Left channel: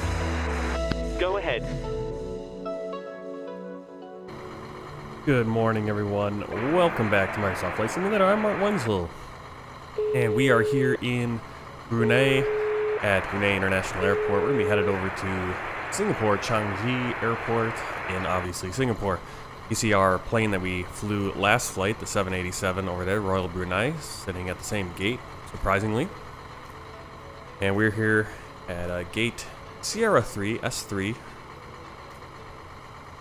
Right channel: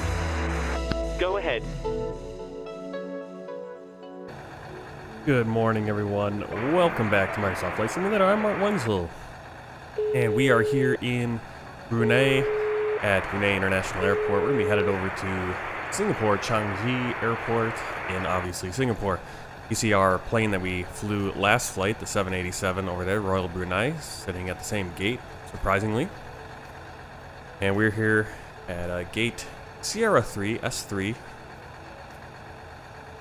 cockpit. Go ahead. Good morning, everyone. Welcome back to Microsoft Flight Simulator. I'm Mark Wenzel, and we are here in Brunei at Brunei International Airport. We're going to be headed over to Singapore, Changi Airport in obviously Singapore. You see our plane that we flew last flight, the 787 over there, Royal Brunei, sitting at the same gate, surprisingly. And we're here at gate Sierra 3, S3.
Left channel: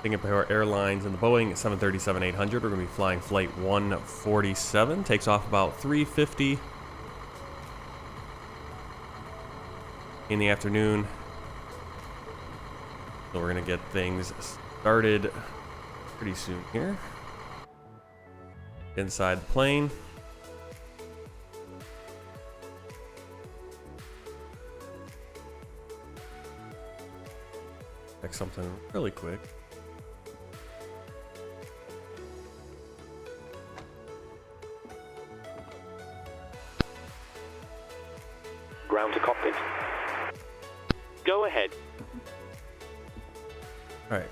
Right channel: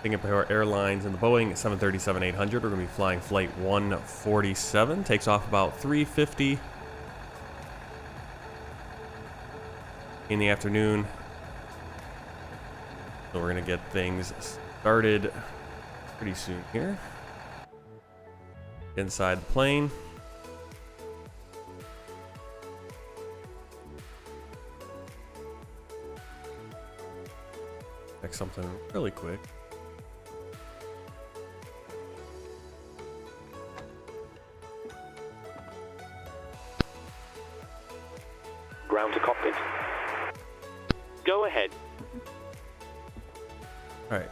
Singapore Airlines and the Boeing 737-800. We're going to be flying flight 147. Takes off about 3:50 in the afternoon. So we're going to get things started pretty soon here. Inside the plane. Check something really quick. Ground to cockpit. Go ahead. Alright.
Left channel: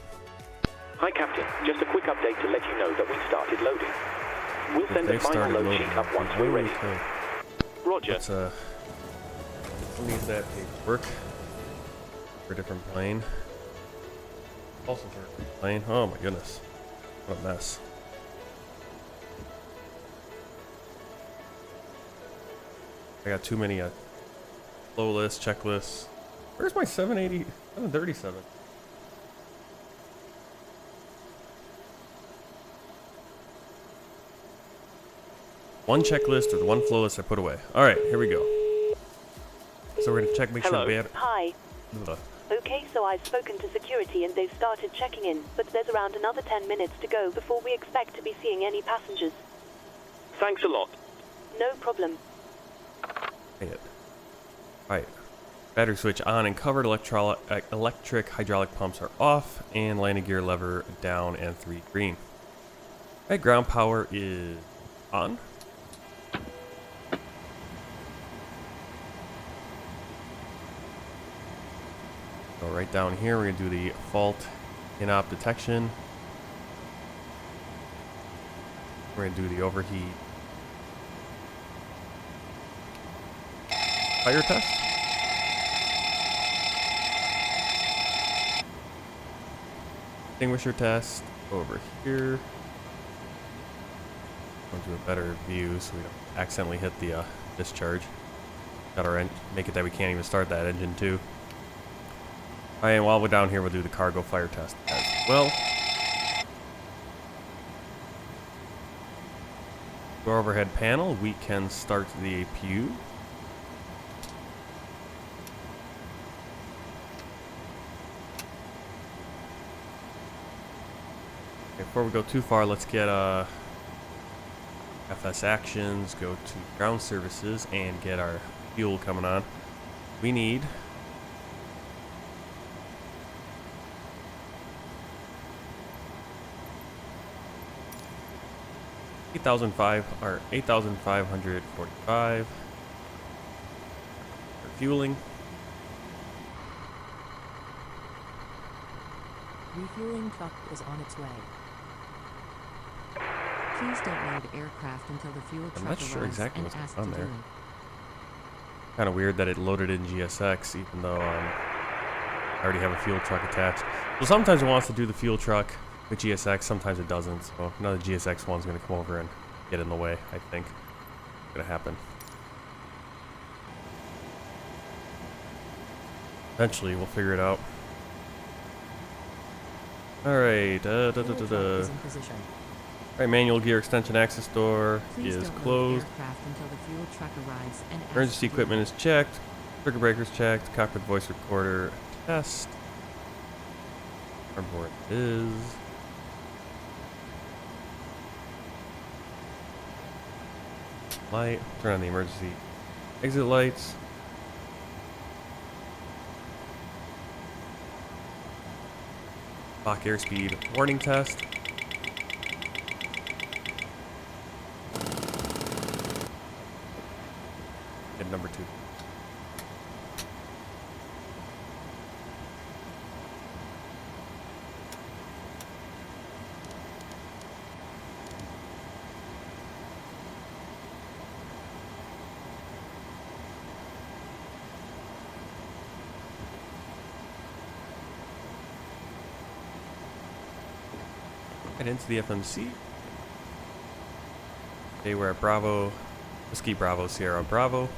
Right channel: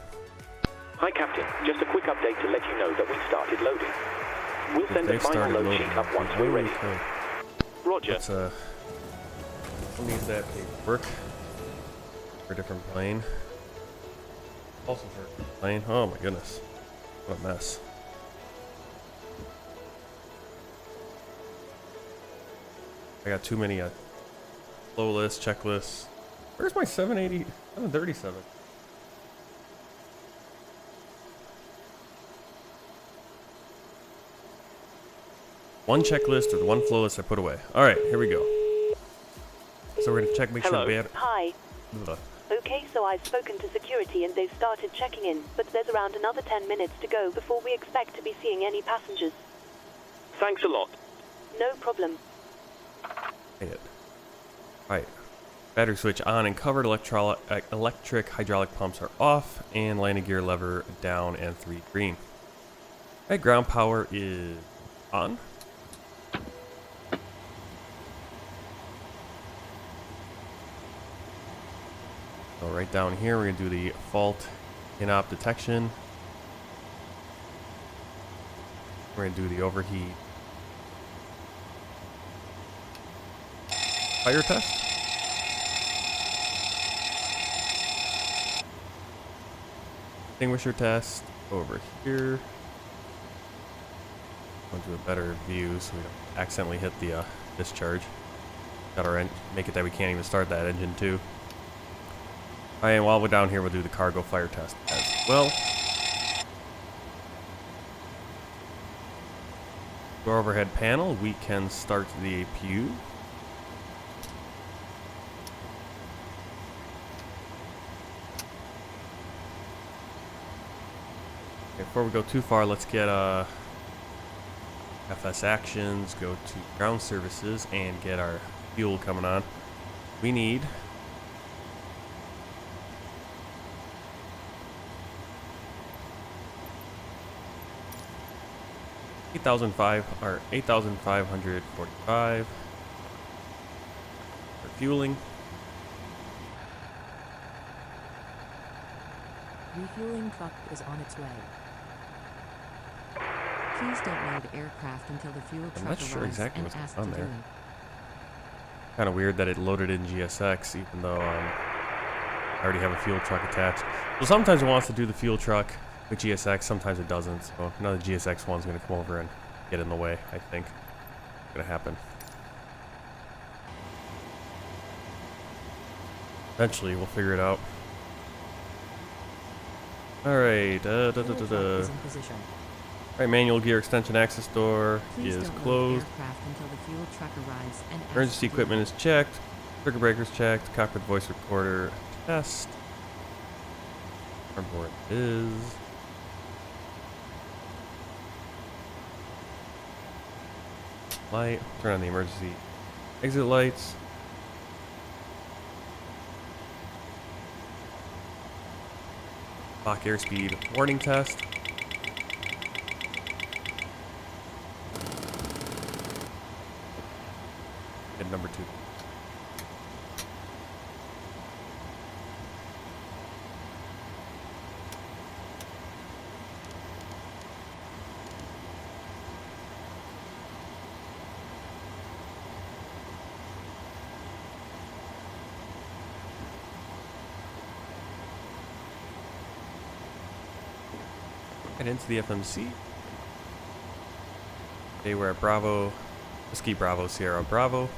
Hi, Captain. Just a quick update to let you know that we started loading. We'll send the final load sheet up once we're ready. Okay. Roger. Let's we'll need that paperwork for a different plane. Also for a different plane. Oh my goodness. What a mess. I got too many flow lists, checklists. Where's my 737? One checklist or one flow list I put away. All right, here we go. So we're gonna check, make Hello. sure Hi. Okay, so I've spoken to security and they've started checking in, but there's around another 10 minutes to go before we expect to be seeing any passengers. Thanks a lot. No problem. Alright. Battery switch on and covered. Electric hydraulic pumps are off, and landing gear lever down and 3 green. Alright, ground power is on. So right down here, we're going to do the fault in-op detection. We're going to do the overheat fire test. Extinguisher test over here. I'll do a better view so we don't accidentally hit the discharge. Got our make it that we can't even start that engine too. Alright, and while we're down here, we'll do the cargo fire test as well. Door overhead panel, we can start the APU. Okay, before we go too far, let's get FS actions, go to ground services, and get our fuel coming on. We need 8,545 for fueling. Refueling truck is on its way. Please don't load aircraft until the fuel truck I'm not sure arrives exactly and what's asked on to there. do it. Kind of weird that it loaded in GSX, even though I already have a fuel truck attached. So sometimes it wants to do the fuel truck with GSX, sometimes it doesn't. So another GSX one's going to come over and get in the way, I think. It's going to happen. Eventually, we'll figure it out. Alright, Fuel truck is in position. Alright, manual gear extension access door Please is don't load closed. aircraft until the fuel truck arrives and asked Emergency to do equipment it. is checked. Circuit breakers checked. Cockpit voice recorder test. Board is. Light. Turn on the emergency exit lights. Lock airspeed warning test. And number 2. Right into the FMC. Today we're at Bravo, Whiskey Bravo, Sierra Bravo.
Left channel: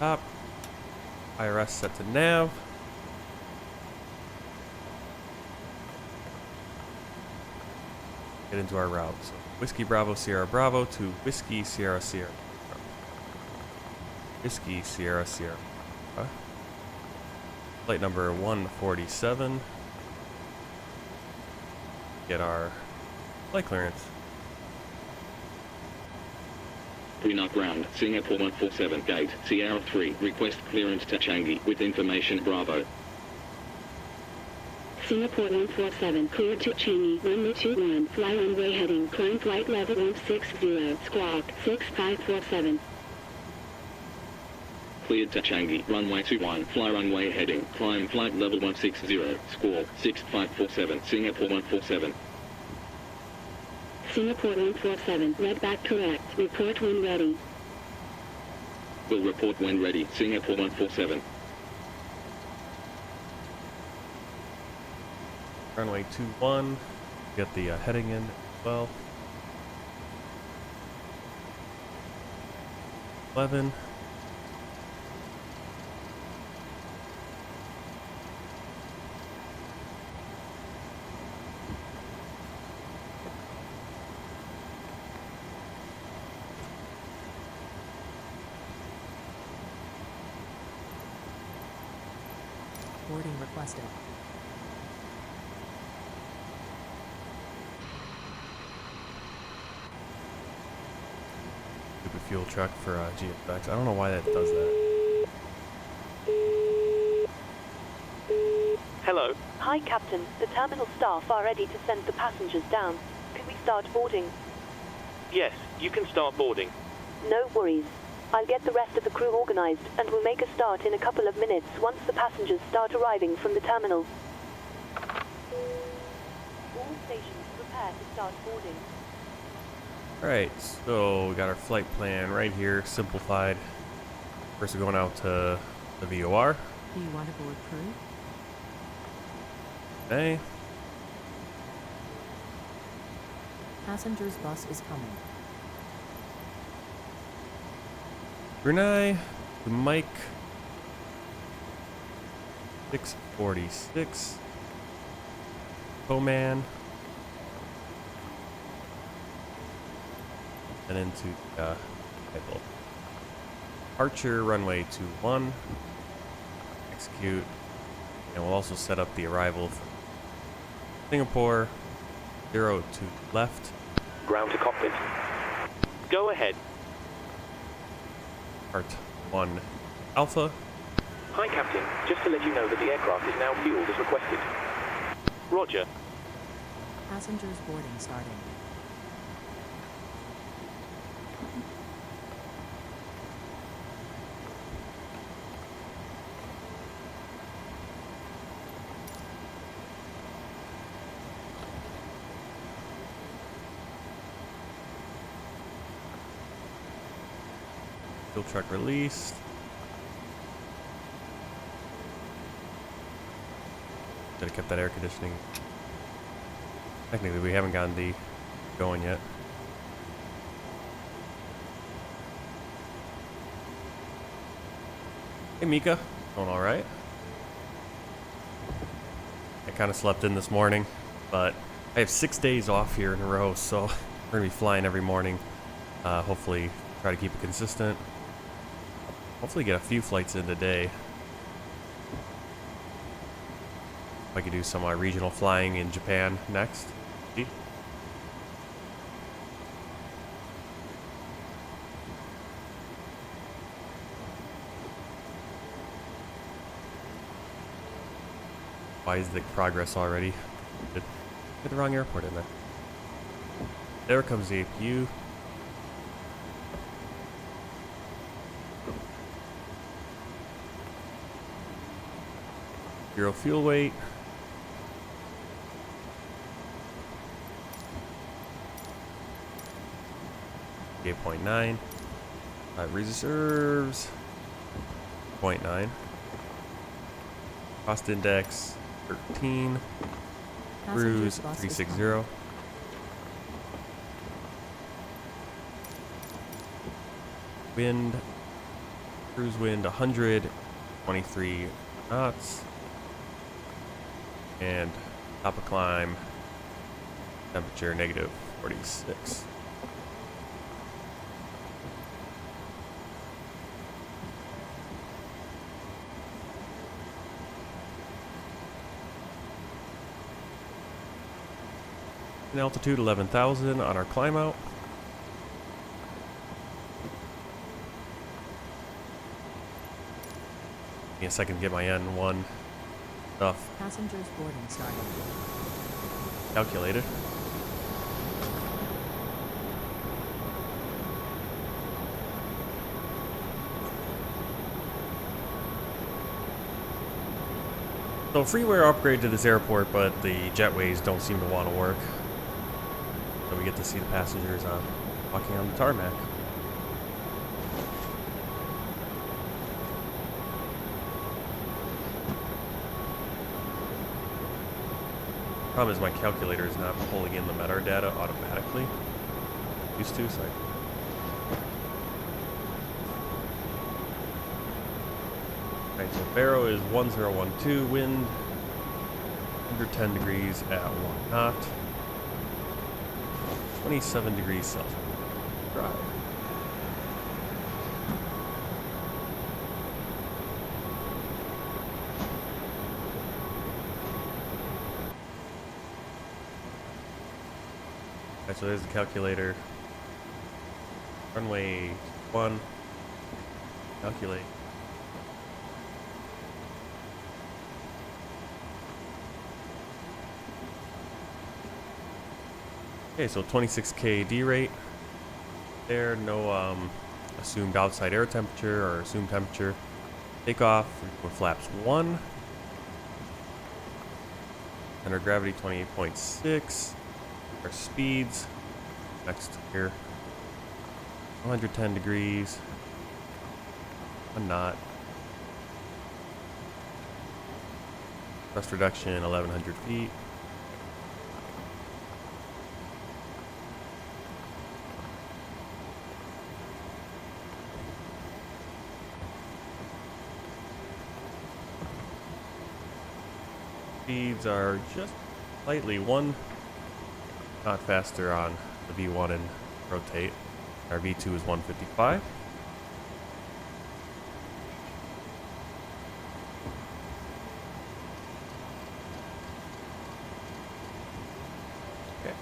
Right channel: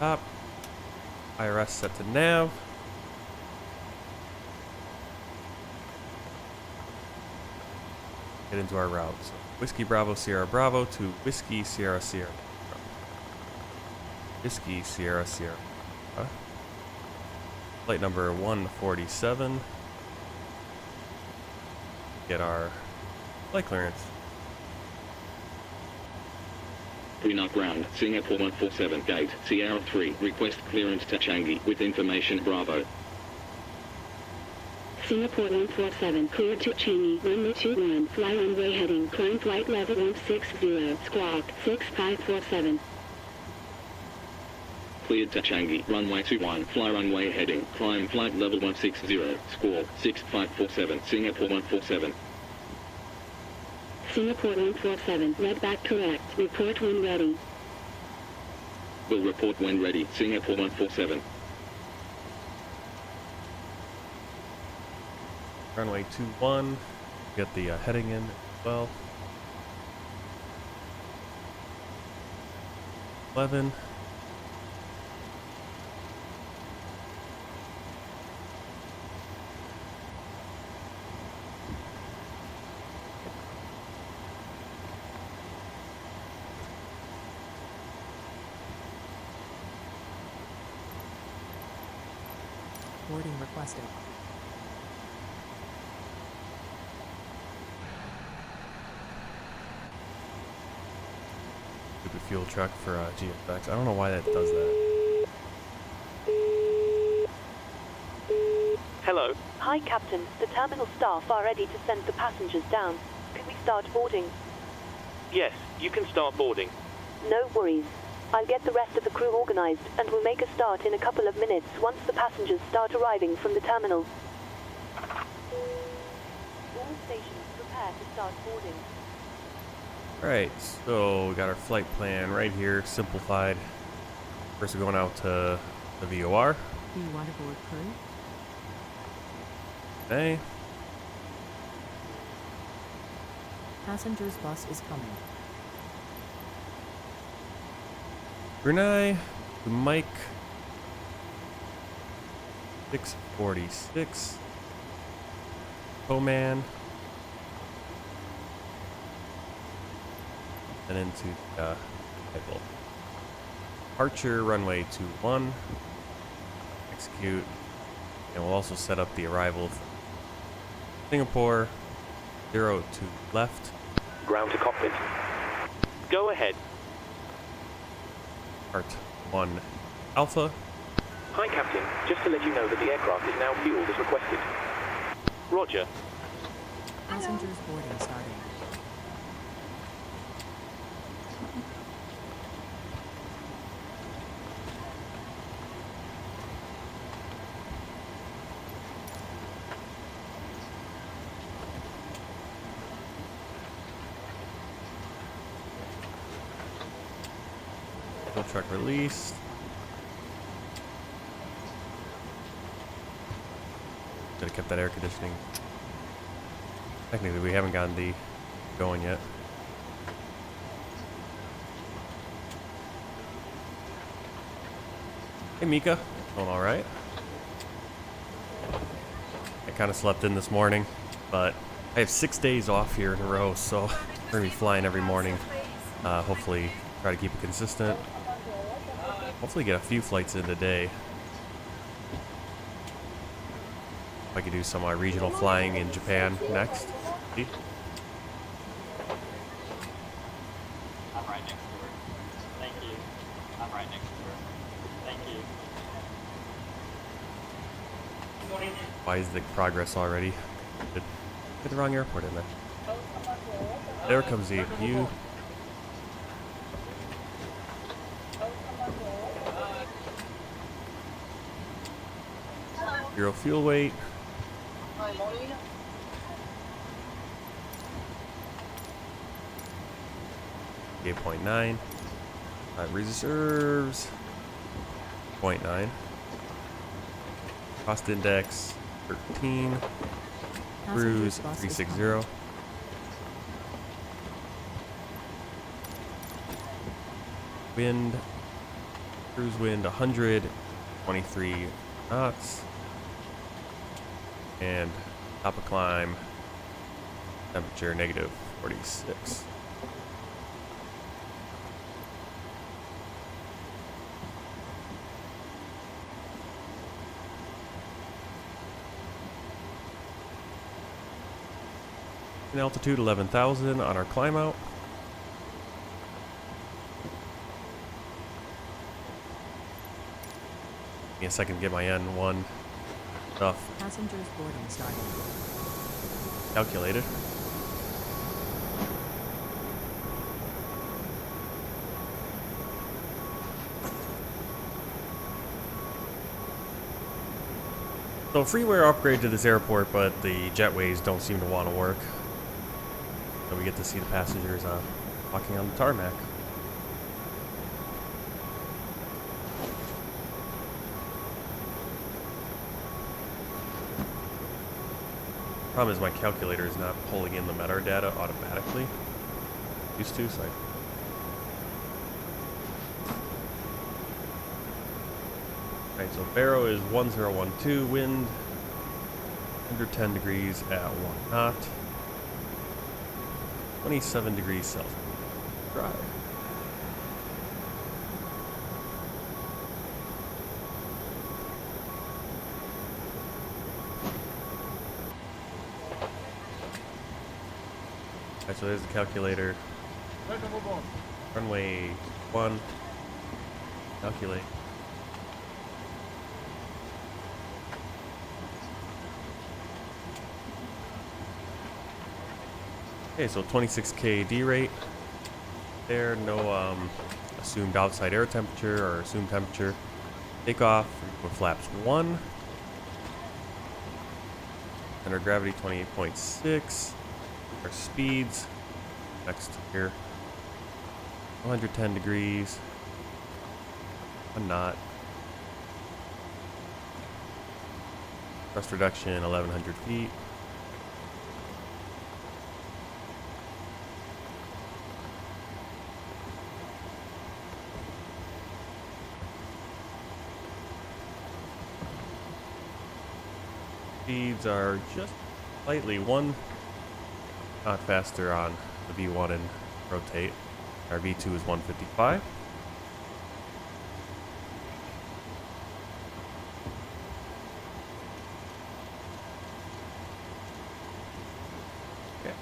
Top. IRS set to nav. Get into our route. So Whiskey Bravo, Sierra Bravo to Whiskey Sierra Sierra. Whiskey Sierra Sierra. Flight number 147. Get our flight clearance. Brunei ground, Singapore 147, gate, Sierra 3, request clearance to Changi, with information Bravo. Singapore 147, cleared to Changi, runway 21, fly runway heading, climb flight level 160, squawk, 6547. Cleared to Changi, runway 21, fly runway heading, climb flight level 160, squawk, 6547, Singapore 147. Singapore 147, read back correct, report when ready. Will report when ready, Singapore 147. Runway 21. Get the heading in as well. 11. Boarding requested. Stupid fuel truck for GFX. I don't know why that does that. Hello. Hi, Captain. The terminal staff are ready to send the passengers down. Can we start boarding? Yes, you can start boarding. No worries. I'll get the rest of the crew organized, and we'll make a start in a couple of minutes once the passengers start arriving from the terminal. All stations prepare to start boarding. Alright, so we got our flight plan right here, simplified. First we're going out to the VOR. Do you want to board crew? Okay. Passengers bus is coming. Brunei to Mike 646. Coman. And into Bible. Archer runway 21. Execute. And we'll also set up the arrival from Singapore 02 left. Ground to cockpit. Go ahead. Part 1 Alpha. Hi, Captain. Just to let you know that the aircraft is now fueled as requested. Roger. Passengers boarding starting. Fuel truck released. Should have kept that air conditioning. Technically, we haven't gotten the going yet. Hey, Mika. Going all right? I kind of slept in this morning, but I have 6 days off here in a row, so we're gonna be flying every morning. Hopefully, try to keep it consistent. Hopefully, get a few flights in today. I could do some regional flying in Japan next. See? Why is the progress already? Get the wrong airport in there. There comes the APU. Zero fuel weight. .9. Reserves. 0.9. Cost index 13. Cruise Passenger's bus is 360. coming. Wind, cruise wind 123 knots. And top of climb, temperature negative 46. And altitude 11,000 on our climb out. Give me a second to get my N1 stuff Passengers boarding starting. calculated. So freeware upgrade to this airport, but the jetways don't seem to want to work. So we get to see the passengers walking on the tarmac. Problem is my calculator is not pulling in the metadata automatically. Used to, so Alright, so Barrow is 1012, wind under 10 degrees at 1 knot. 27 degrees Celsius. Dry. Alright, so there's the calculator. Runway 1. Calculate. Okay, so 26K D rate. There, no assumed outside air temperature or assumed temperature. Takeoff with flaps 1. Center of gravity 28.6. Our speeds next here. 110 degrees. 1 knot. Thrust reduction 1100 feet. Speeds are just slightly 1 knot faster on the V1 and rotate. Our V2 is 155. Okay.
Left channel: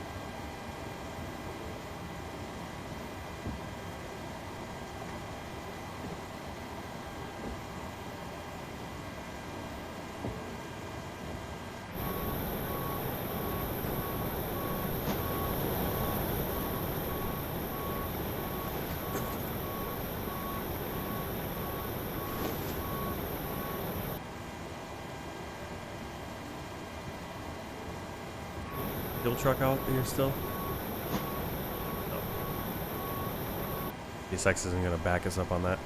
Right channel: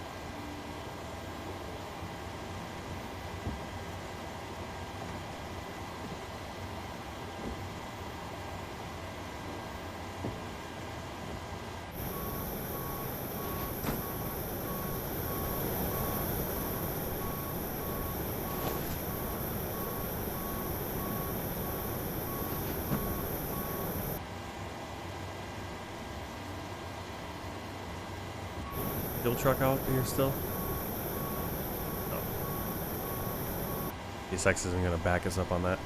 Fuel truck out here still? No. PSX isn't going to back us up on that.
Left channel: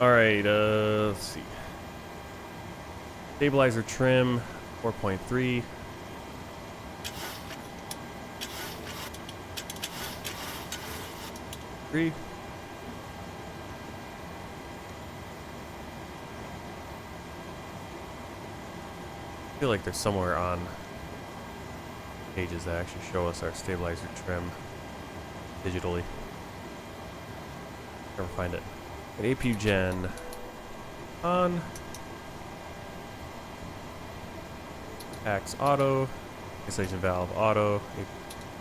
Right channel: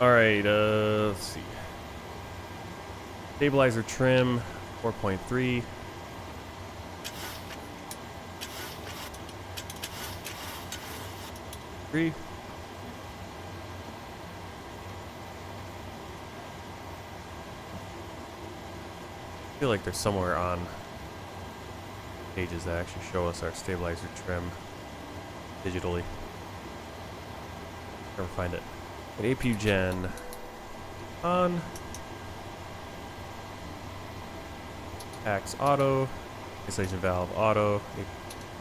Alright, let's see. Stabilizer trim, 4.3. I feel like there's somewhere on pages that actually show us our stabilizer trim digitally. Never find it. An APU gen on. Axe auto. Installation valve auto.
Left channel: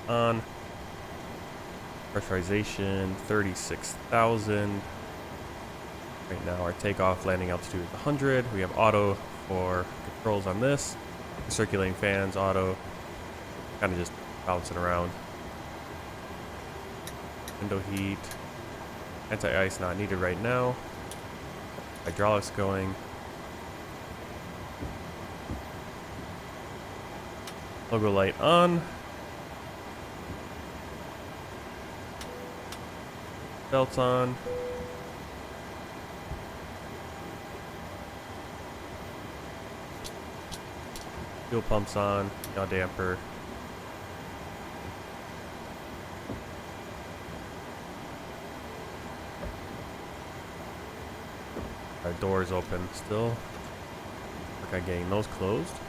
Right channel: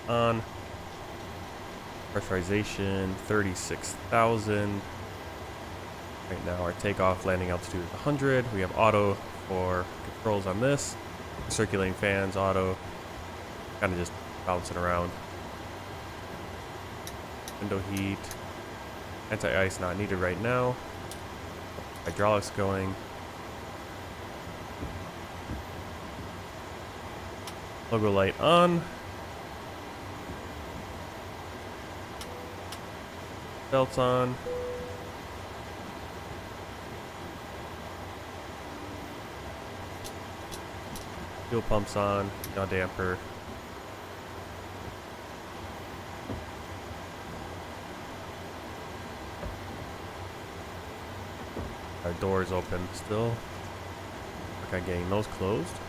On. Pressurization 36,000. Right now our takeoff landing altitude is 100. We have auto for controls on this. Circulating fans auto. Kind of just bouncing around. Window heat. Anti-ice not needed right now. Hydraulics going. Logo light on. Belts on. Fuel pumps on, yaw damper. Our doors open still. Work on getting those closed.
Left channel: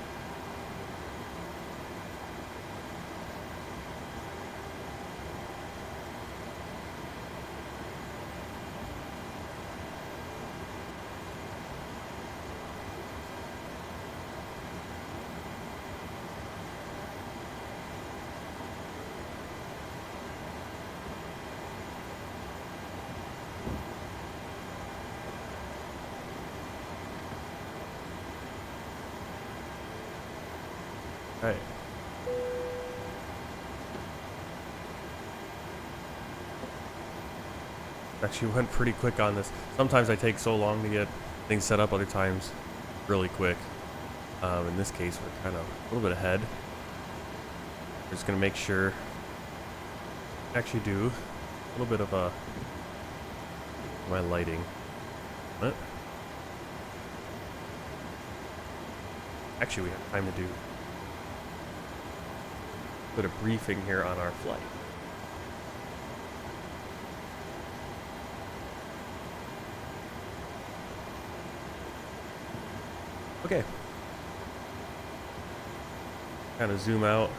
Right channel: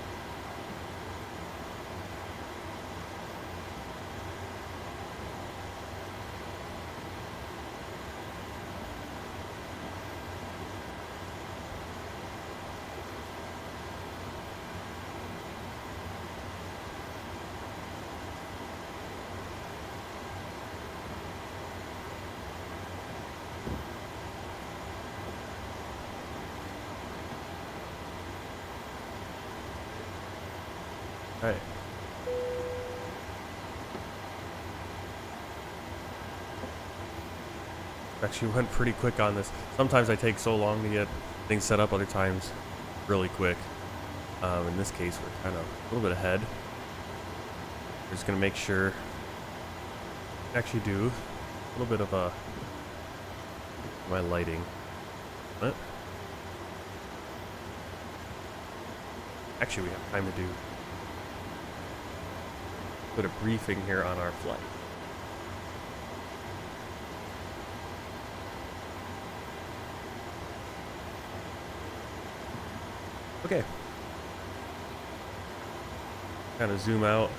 Right. Actually went pretty quick on this. Sometimes I take so long to get things set up, other times really quick. In this case, we're kind of a little bit ahead. We're just going to make sure actually do a little bit of my lighting. What? Actually, we have time to do put a briefing here on our flight. Okay. Kind of zoom out,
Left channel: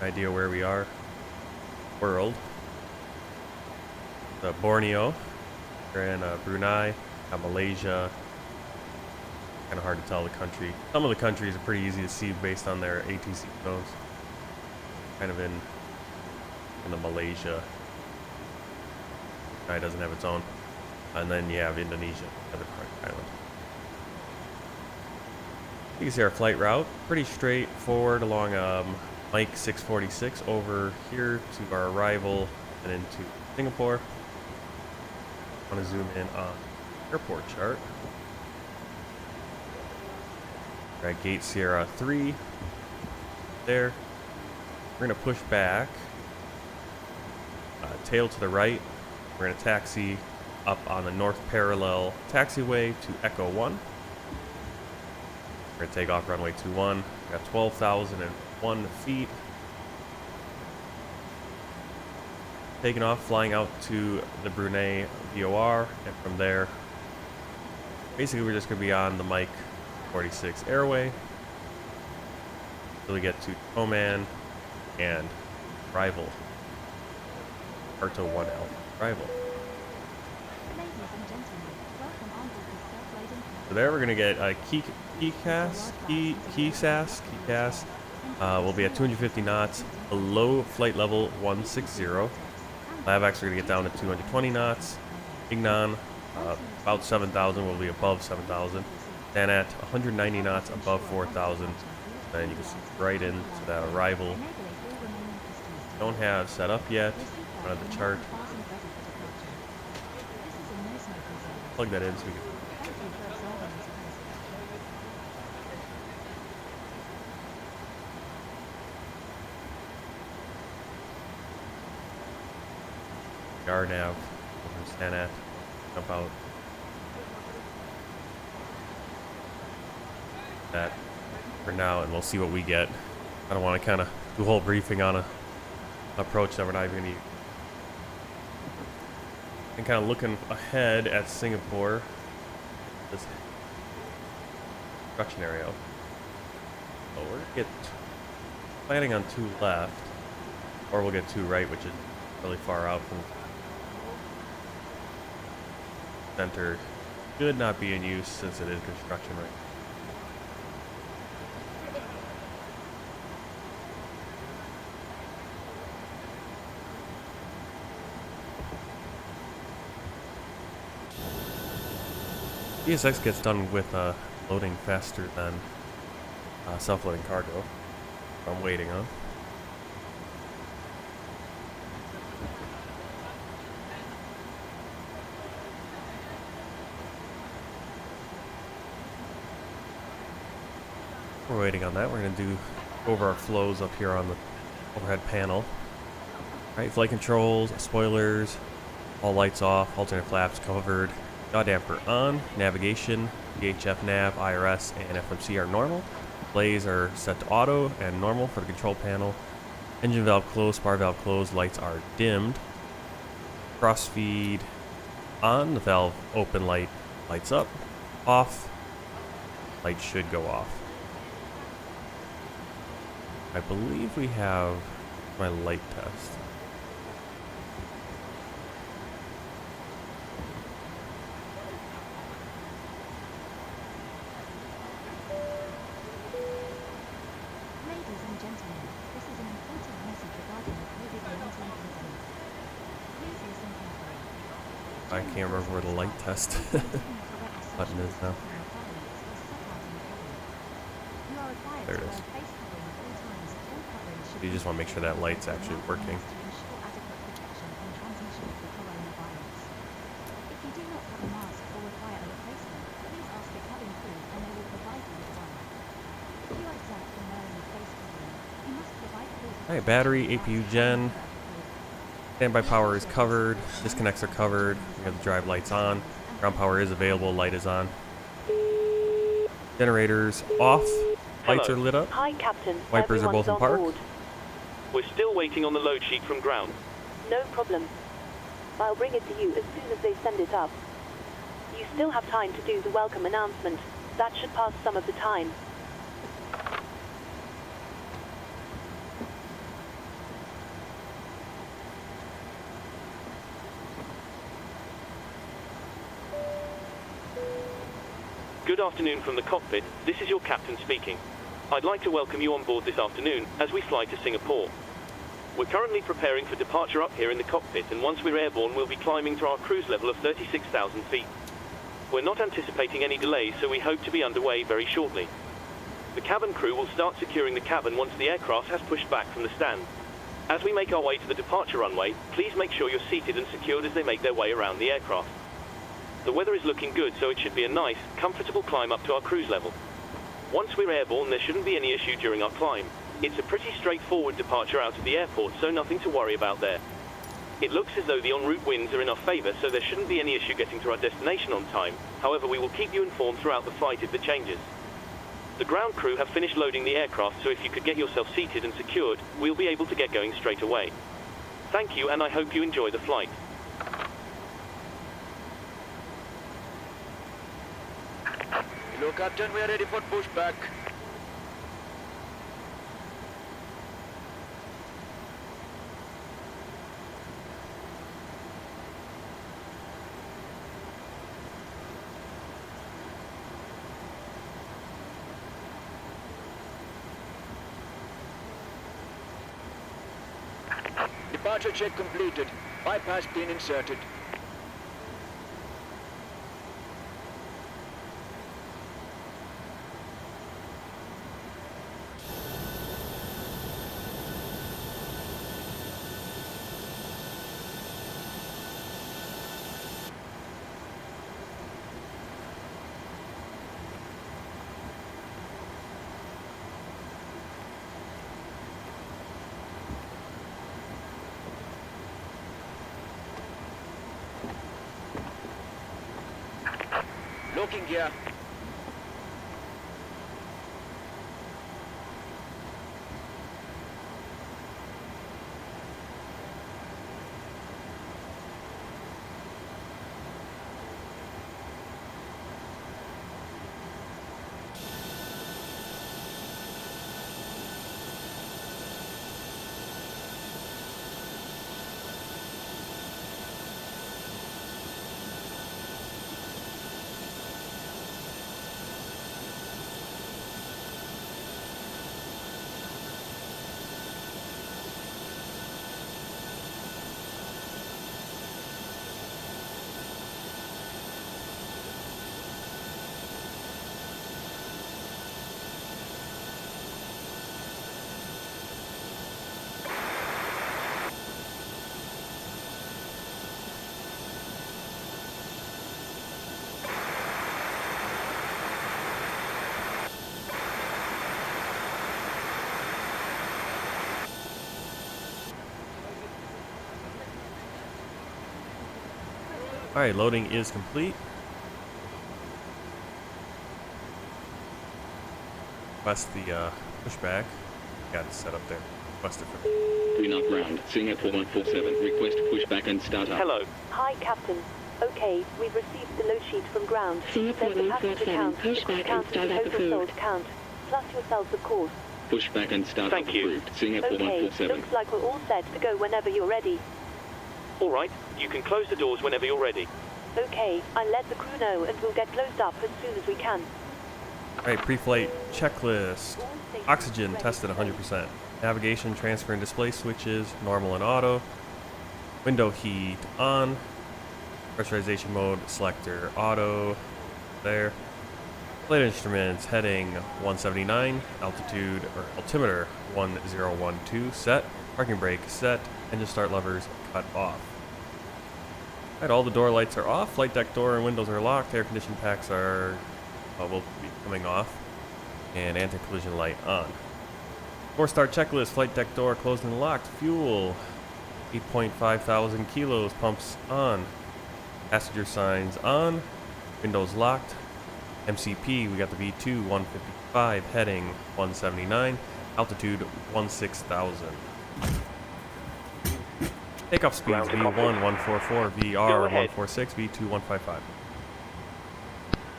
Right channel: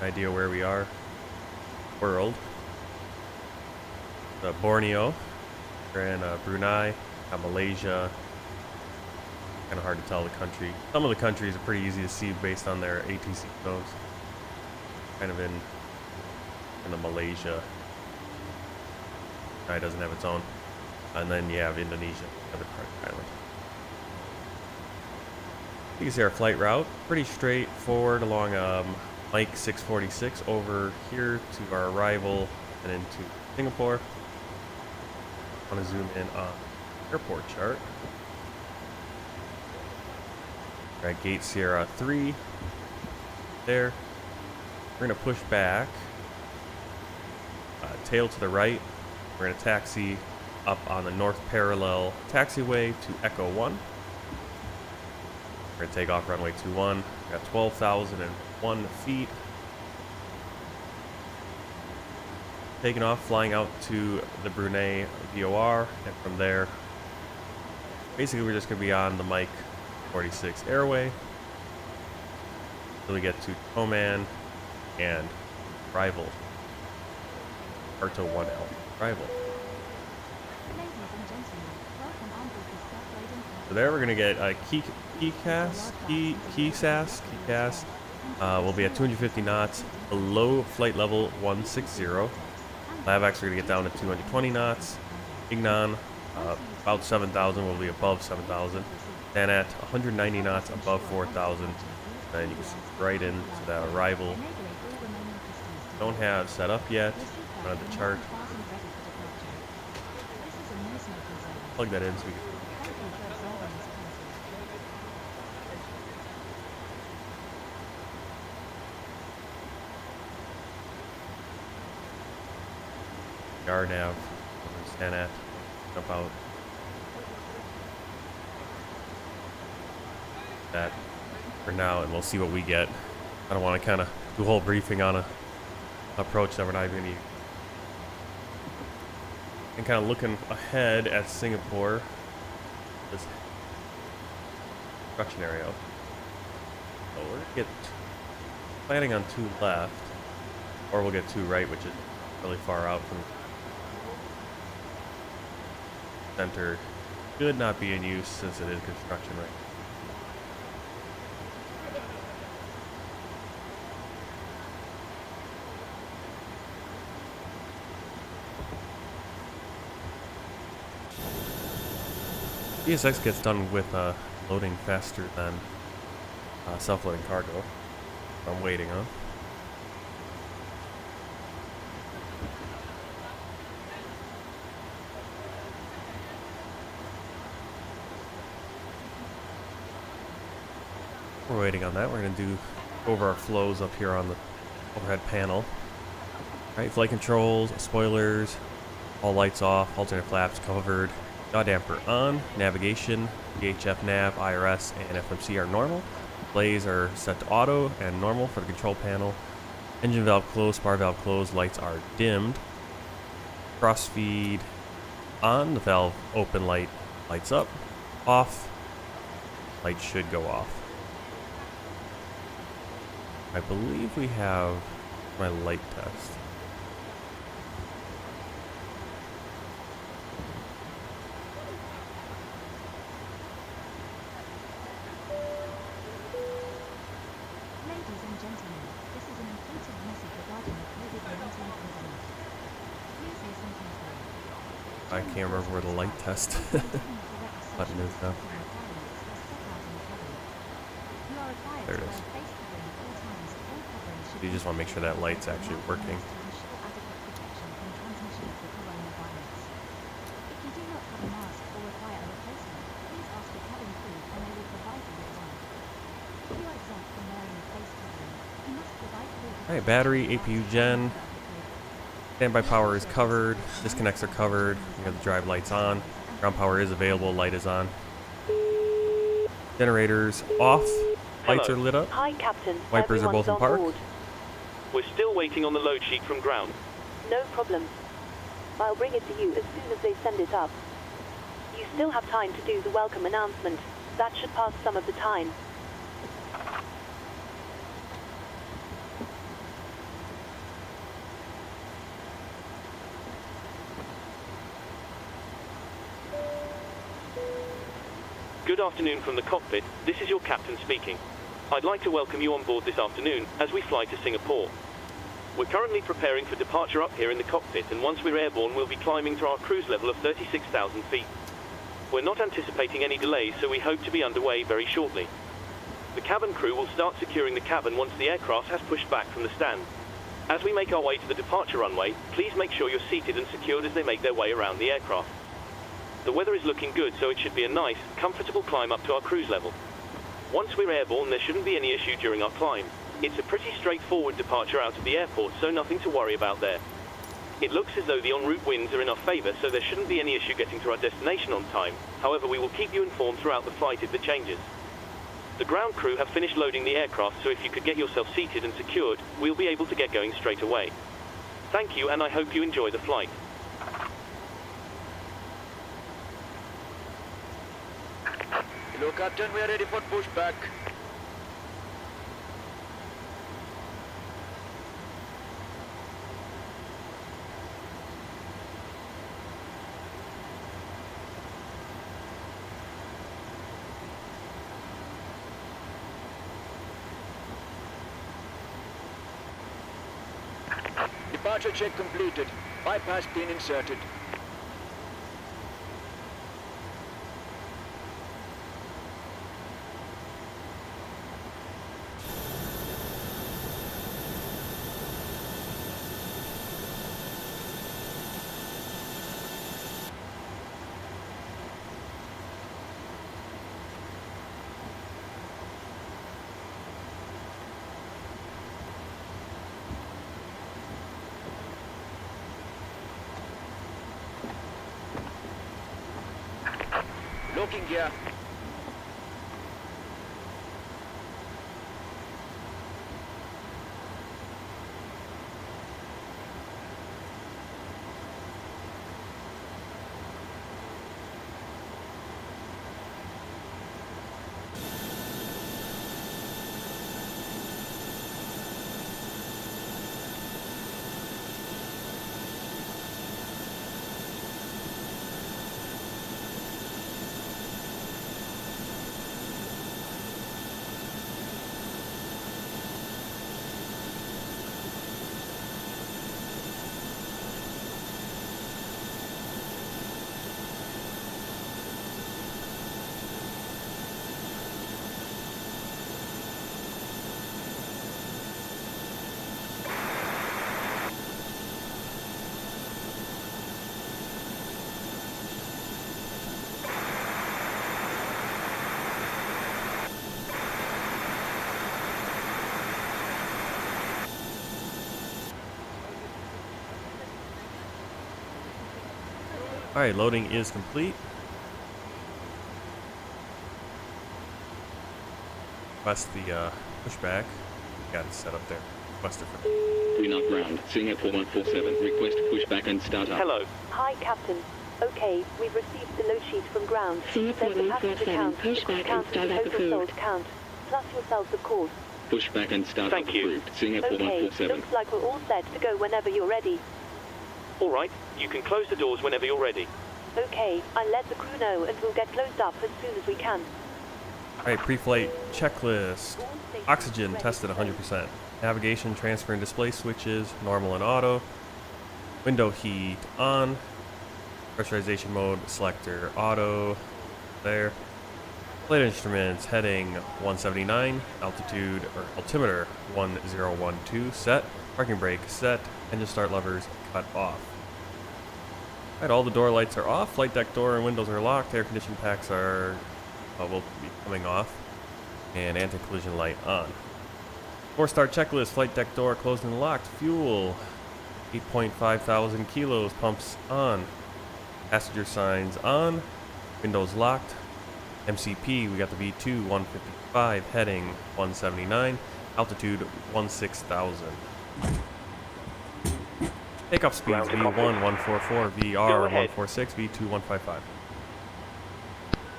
idea where we are. World. Borneo. We're in Brunei, Malaysia. Kind of hard to tell the country. Some of the countries are pretty easy to see based on their ATC codes. Kind of in the Malaysia. It doesn't have its own. And then you have Indonesia, other part of the island. You can see our flight route, pretty straightforward along Mike 646 over here to our arrival and into Singapore. I want to zoom in on the airport chart. We're at Gate Sierra 3 there. We're going to push back, tail to the right. We're going to taxi up on the north parallel taxiway to Echo 1. We're going to take off runway 21. We got 12,001 feet. Taking off, flying out to the Brunei VOR, and from there, basically we're just going to be on the Mike 46 airway until we get to Oman and arrival. Arto 1L arrival. So there we're going to get a KeyCAS. We'll be at 250 knots below flight level 160. LAVAX are going to get down to 220 knots. Ignon, about 7,000, will be above 7,000. Then at 190 knots above 4,000. And you can see right into that arrival. Don't have set up yet. Don't have the chart. Plug that in so we can. RNAV, stand at, jump out. That for now, and we'll see what we get. I don't want to kind of do a whole briefing on a approach that we're not even going to use. And kind of looking ahead at Singapore, this construction area. So we're going to get planning on 2 left, or we'll get 2 right, which is really far out from center. Should not be in use since it is construction right now. ESX gets done with loading faster than self-loading cargo. I'm waiting on. We're waiting on that. We're going to do over our flows up here on the overhead panel. Right, flight controls, spoilers, all lights off, alternate flaps covered, yaw damper on, navigation, VHF nav, IRS, and FMC are normal. Displays are set to auto and normal for the control panel. Engine valve closed, spar valve closed, lights are dimmed. Crossfeed on, the valve open light lights up, off, light should go off. I believe we have my light test. Ladies and gentlemen, this is an important message regarding the COVID-19 pandemic. Please listen carefully. I can't remember where the light test button is now. There it is. You just want to make sure that light's actually working. Alright, battery, APU gen. Standby power is covered. Disconnects are covered. We have the drive lights on. Ground power is available. Light is on. Generators off. Lights are lit up. Hi, Captain. Wipers are both in Everyone's on park. board. We're still waiting on the load sheet from ground. No problem. I'll bring it to you as soon as they send it up. You still have time to do the welcome announcement. That should pass some of the time. Good afternoon from the cockpit. This is your captain speaking. I'd like to welcome you on board this afternoon as we fly to Singapore. We're currently preparing for departure up here in the cockpit, and once we're airborne, we'll be climbing to our cruise level of 36,000 feet. We're not anticipating any delays, so we hope to be underway very shortly. The cabin crew will start securing the cabin once the aircraft has pushed back from the stand. As we make our way to the departure runway, please make sure you're seated and secured as they make their way around the aircraft. The weather is looking good, so it should be a nice, comfortable climb up to our cruise level. Once we're airborne, there shouldn't be any issue during our climb. It's a pretty straightforward departure out of the airport, so nothing to worry about there. It looks as though the en route winds are in our favor, so there shouldn't be any issue getting to our destination on time. However, we will keep you informed throughout the flight if there changes. The ground crew have finished loading the aircraft, so if you could get yourself seated and secured, we'll be able to get going straight away. Thank you, and I hope you enjoy the flight. Hello, Captain. We are ready for pushback. Departure check completed. Bypass pin inserted. Looking gear. Alright, loading is complete. request the pushback. Got it set up there. Request it for Green up ground, Singapore 147, request pushback and start up. Hello. Hi, Captain. Okay, we've received the load sheet from ground. Singapore There's the passenger 147, count, pushback and count, start up total approved. sold count, plus yourselves, of course. Pushback and start Thank up you. approved. Singapore Okay, 147. looks like we're all set to go whenever you're ready. All right. You can close the doors whenever you're ready. Okay, I'll let the crew know and we'll get closed up as soon as we can. Alright, pre-flight checklist. All stations Oxygen ready tested to go. 100%. Navigation, transfer, and display switches, normal and auto. Window heat on. Pressurization mode, selector, auto. There. Flight instruments, heading 179. Altitude, or altimeter 1012, set. Parking brake, set. Engine start levers, cut off. Alright, all the door lights are off. Flight deck door and windows are locked. Air conditioning packs are will be coming off. And anti-collision light on. 4-star checklist. Flight deck door closed and locked. Fuel 8.5 thousand kilos. Pumps on. Passenger signs on. Windows locked. MCP, we got the V2 155, heading 179, altitude 16,000. Takeoff speeds Ground to V1 copy. 144, Go VR ahead. 146, V2 155.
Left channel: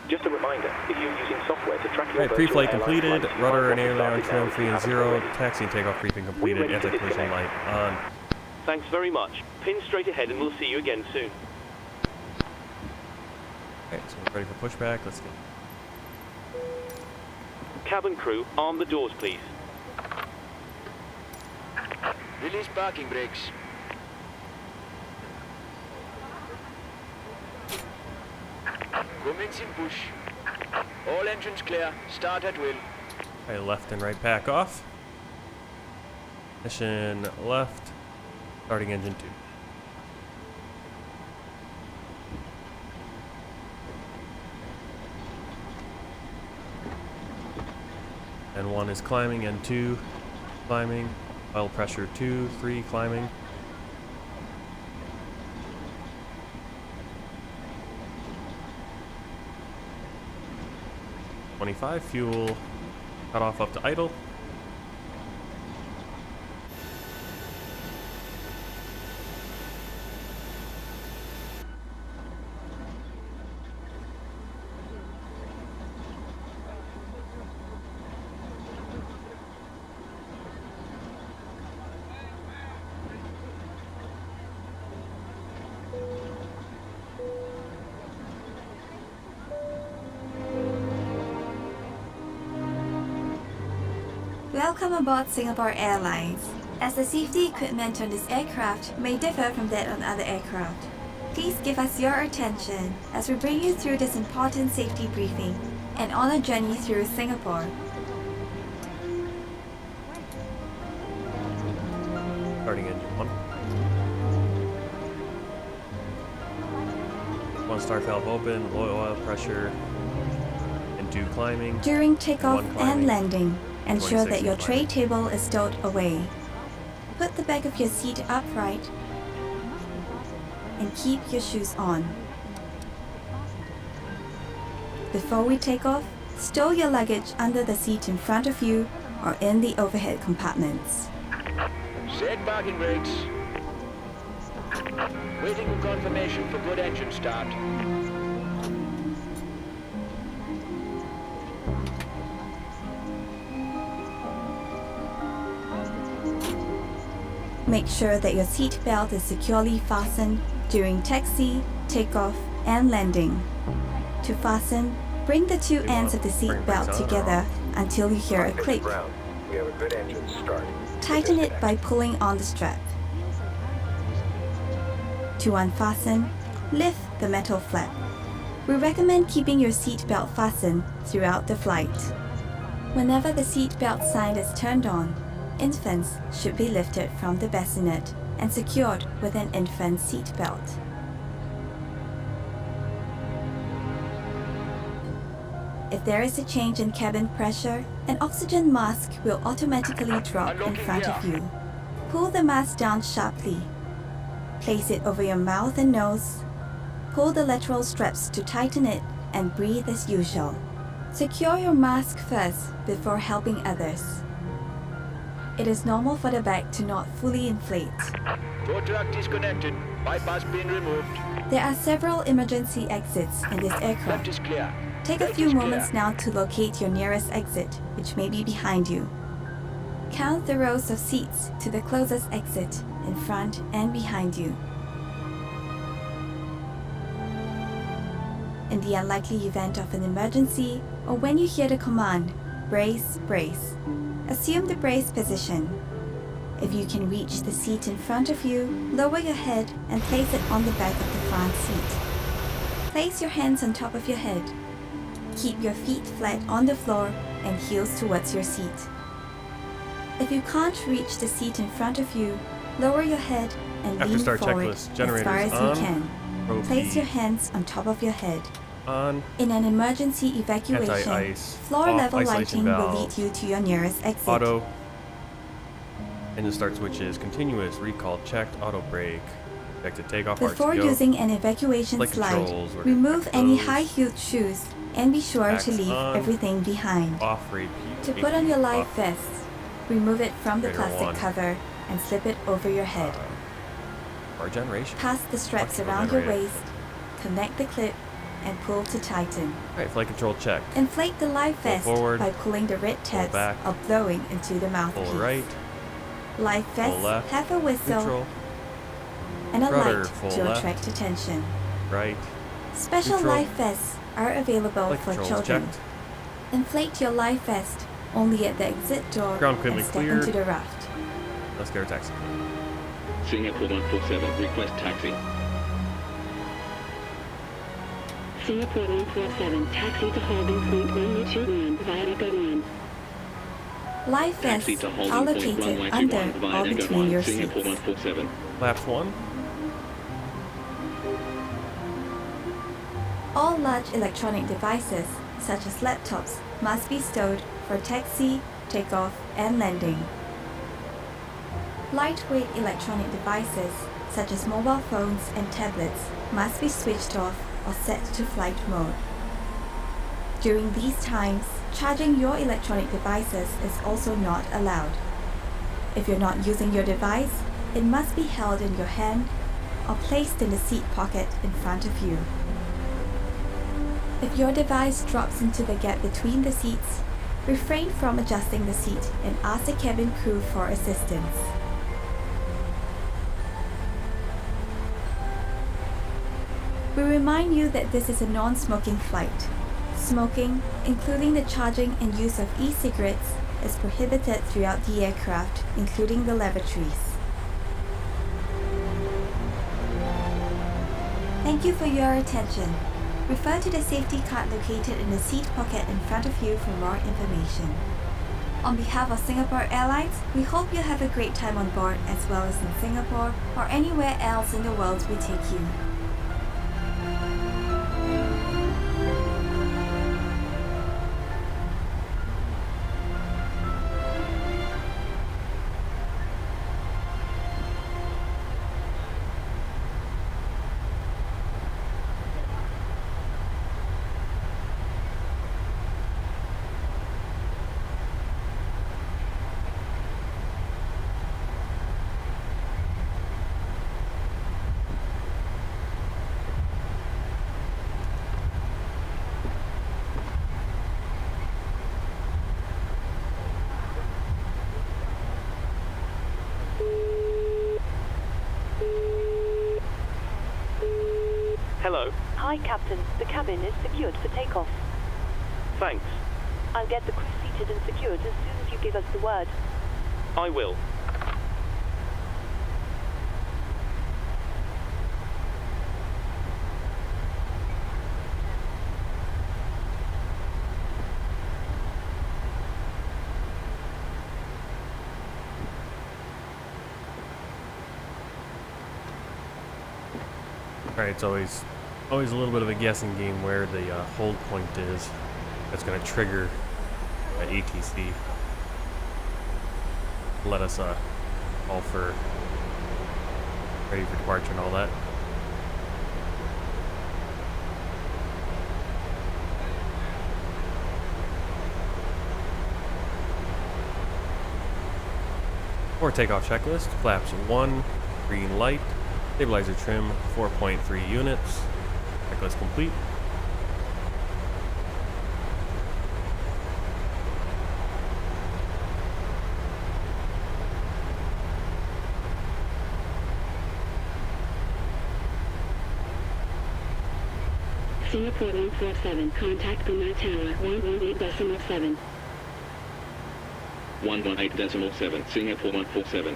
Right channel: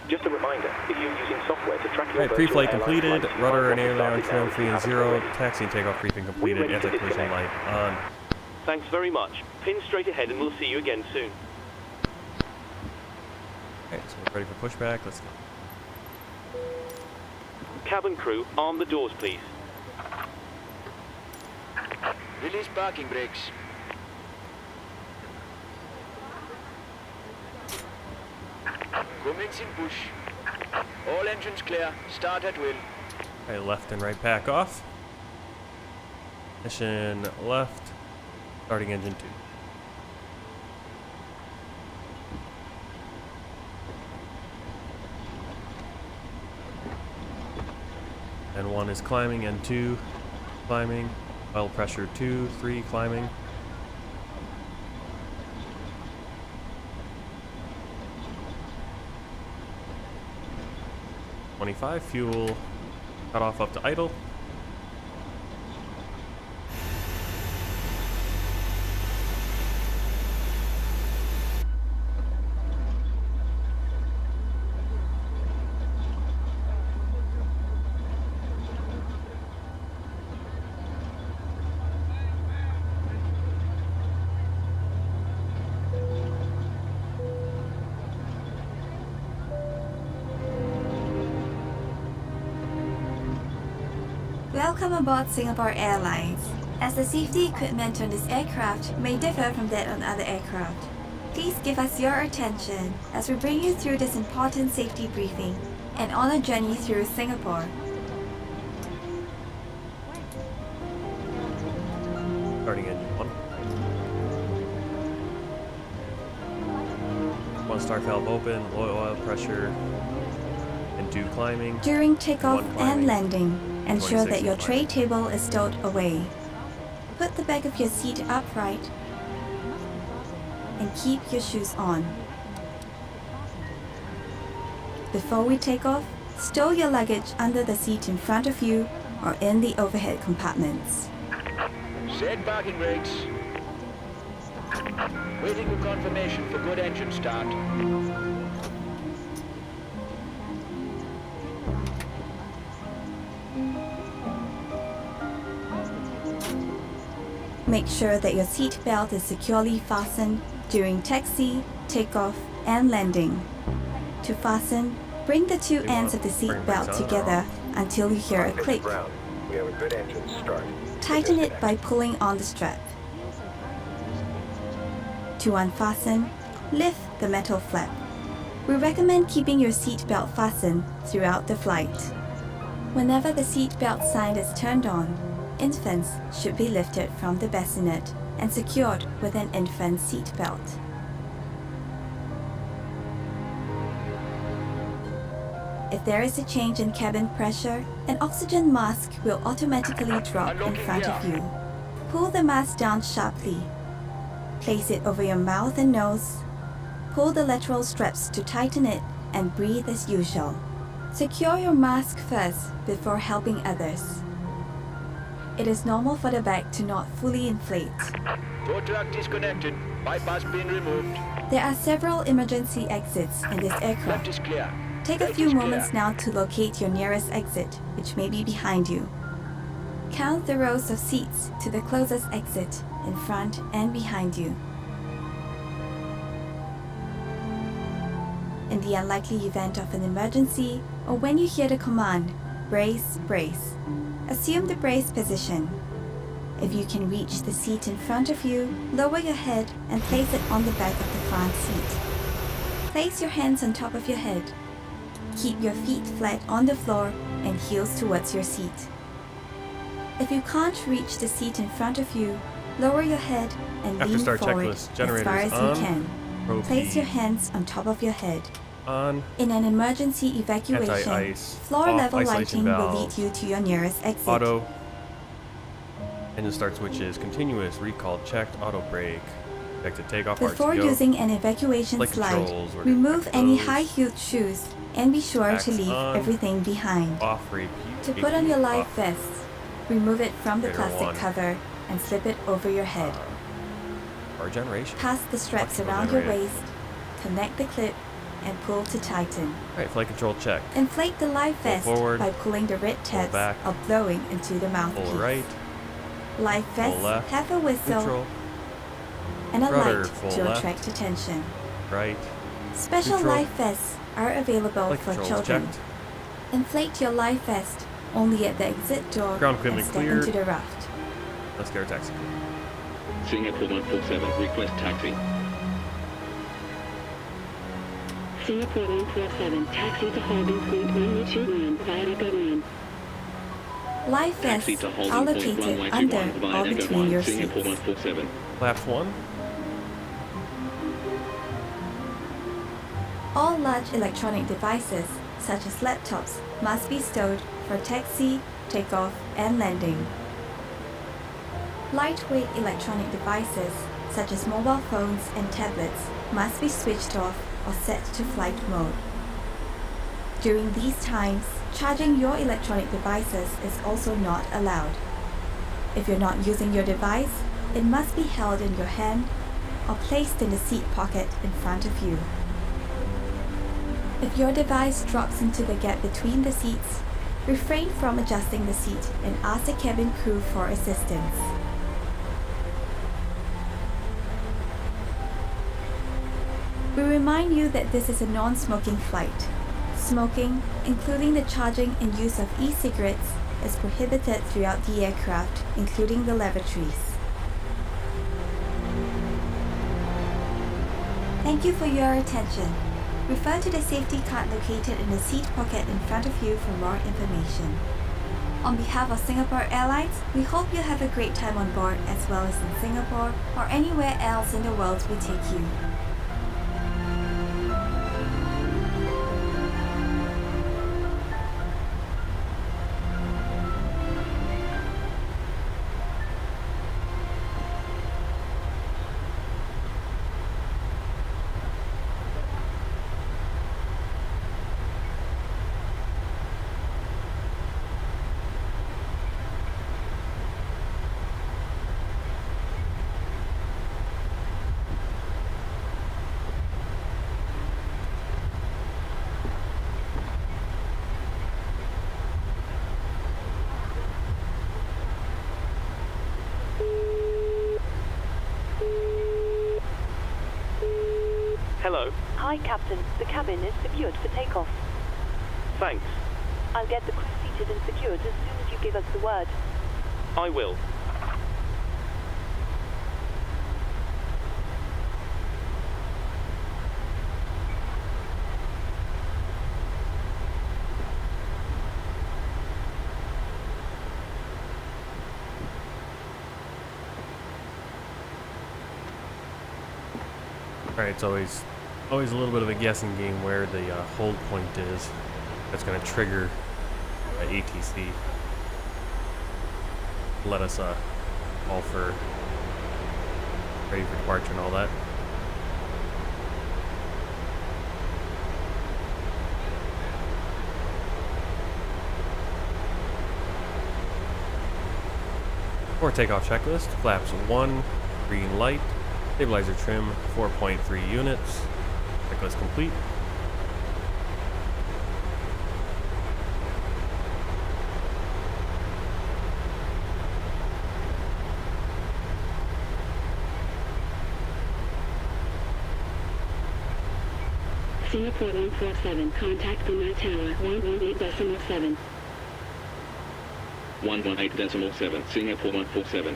Just a reminder, if you're using software to track your Alright, virtual pre-flight airline completed. flights, you Rudder might and want to aileron start trim it free now and if you haven't zero. already. Taxi and takeoff briefing completed. We're ready to Anti-collision light disconnect. on. Thanks very much. Pin straight ahead and we'll see you again soon. Okay, so we're ready for pushback. Let's go. Cabin crew, arm the doors, please. Release parking brakes. Commencing push. All engines clear. Start at will. Okay, left and right pack off. Ignition left. Starting engine 2. And 1 is climbing, and 2 climbing. Oil pressure 2, 3 climbing. $25 fuel. Cut off up to idle. Welcome aboard Singapore Airlines. As the safety equipment on this aircraft may differ from that on other aircraft, please give us your attention as we bring you through this important safety briefing and on a journey through Singapore. Starting engine 1. 1 start valve open, low oil pressure, and 2 climbing. During takeoff One climbing. and landing, ensure 26 that your is tray climbing. table is stowed away. Put the back of your seat upright and keep your shoes on. Before we take off, stow your luggage under the seat in front of you or in the overhead compartments. Set parking brakes. Waiting for confirmation for good engine start. Make sure that your seat belt is securely fastened during taxi, takeoff, and landing. To fasten, bring the two you ends want of the seat bring belt brakes on or together off? until you hear a click. We have a good engine start. Tighten it by pulling on the strap. To unfasten, lift the metal flap. We recommend keeping your seat belt fastened throughout the flight. Whenever the seat belt sign is turned on, infants should be lifted from the bassinet and secured with an infant seat belt. If there is a change in cabin pressure, an oxygen mask will automatically drop in front of you. Pull the mask down sharply. Place it over your mouth and nose. Pull the lateral straps to tighten it and breathe as usual. Secure your mask first before helping others. It is normal for the bag to not fully inflate. Tow truck disconnected. Bypass pin removed. There are several emergency exits in this Left aircraft. is clear. Take a Right few is moments clear. now to locate your nearest exit, which may be behind you. Count the rows of seats to the closest exit in front and behind you. In the unlikely event of an emergency, or when you hear the command, brace, brace, assume the brace position. If you can reach the seat in front of you, lower your head and place it on the back of the front seat. Place your hands on top of your head. Keep your feet flat on the floor and heels towards your seat. If you can't reach the seat in front of you, lower your head and After lean start forward checklist, as generators far as on, you can. probe Place B your hands on top of your head. on, In an emergency evacuation, anti-ice, floor off, level isolation lighting will lead valves, you to your nearest exit. auto, engine start switches, continuous, recall, checked, auto brake, detected takeoff, Before RTO, using an evacuation flight slide, controls, we're gonna remove check any those. high-heeled shoes and be sure to Axe leave on, everything behind. off, rape, To put on your life off, vest, remove it from the Radar plastic one. cover and slip it over your head. Power generation. Pass the straps Electrical around your generator. waist, connect the clip, and pull to tighten. Alright, flight control check. Inflate the life Pull vest forward, by pulling the red pull tabs back, or blowing into the mouthpiece. Full right, Life vests left, have a whistle neutral, and a rudder, light full to left. attract attention. right, Special neutral. life vests are available flight for controls children. checked. Inflate your life vest only at the exit door Ground and equipment step cleared. into the raft. Let's get our taxi. Singapore 147, request taxi. Singapore 147, taxi to holding point 121 via Begawan. Life vests Taxi to holding are point located runway under 21 via or between your Begawan, Singapore seats. 147. Flaps 1, All large electronic devices, such as laptops, must be stowed for taxi, takeoff, and landing. Lightweight electronic devices, such as mobile phones and tablets, must be switched off or set to flight mode. During these times, charging your electronic devices is also not allowed. If you're not using your device, it must be held in your hand or placed in the seat pocket in front of you. If your device drops into the gap between the seats, refrain from adjusting the seat and ask the cabin crew for assistance. We remind you that this is a non-smoking flight. Smoking, including the charging and use of e-cigarettes, is prohibited throughout the aircraft, including the lavatories. Thank you for your attention. Refer to the safety card located in the seat pocket in front of you for more information. On behalf of Singapore Airlines, we hope you have a great time on board as well as in Singapore or anywhere else in the world we take you. Hello. Hi, Captain. The cabin is secured for takeoff. Thanks. I'll get the crew seated and secured as soon as you give us the word. I will. Alright, it's always a little bit of a guessing game where the hold point is. That's going to trigger ATC. Let us call for ready for departure and all that. For takeoff checklist, flaps 1, green light, stabilizer trim 4.3 units, checklist complete. Singapore 147, contact Brunei Tower 118.7. 118.7, Singapore 147.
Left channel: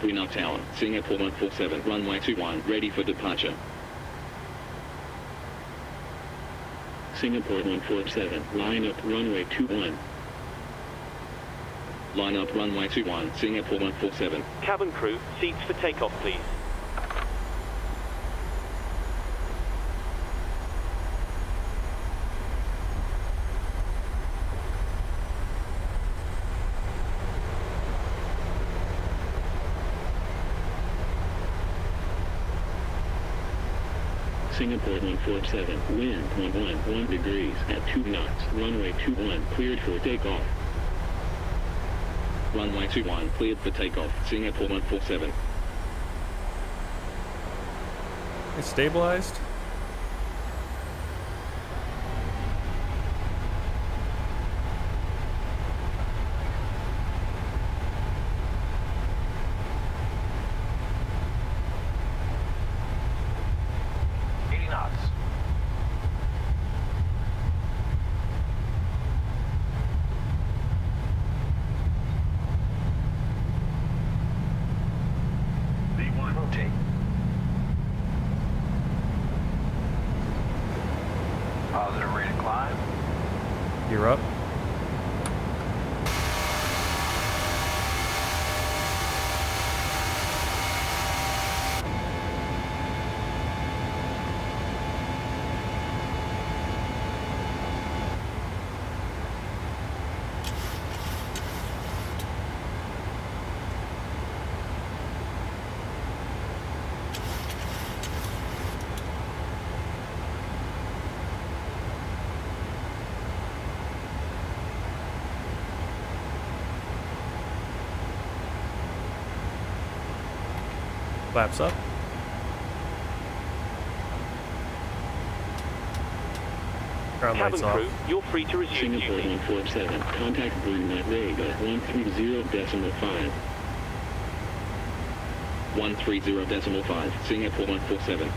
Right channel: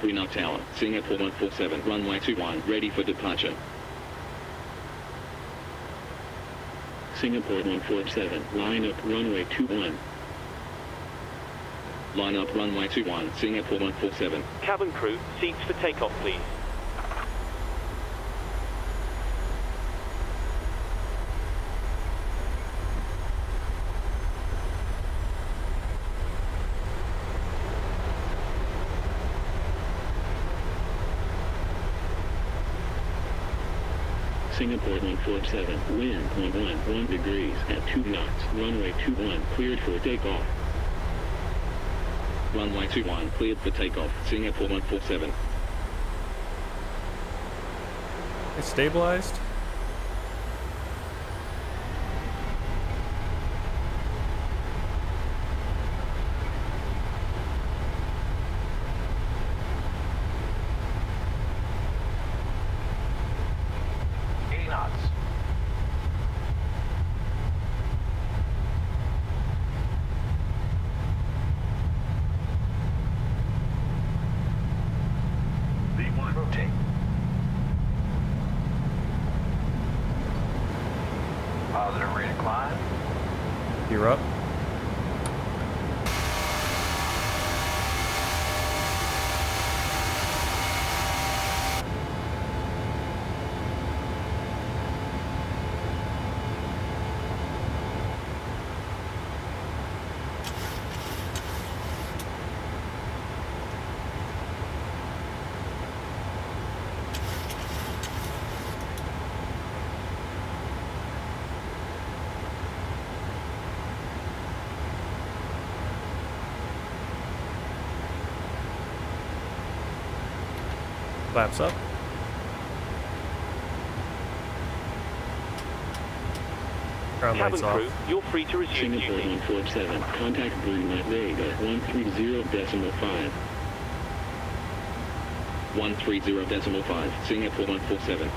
Brunei Tower, Singapore 147, runway 21, ready for departure. Singapore 147, line up runway 21. Line up runway 21, Singapore 147. Cabin crew, seats for takeoff, please. Singapore 147, wind 1 degrees at 2 knots, runway 21 cleared for takeoff. Runway 21 cleared for takeoff, Singapore 147. It's stabilized. Positive rate of climb. You're up. Flaps up. Ground lights Cabin crew, off. you're free to resume Singapore duty. 147, contact Brunei Darussalam 130.5. 130.5, Singapore 147.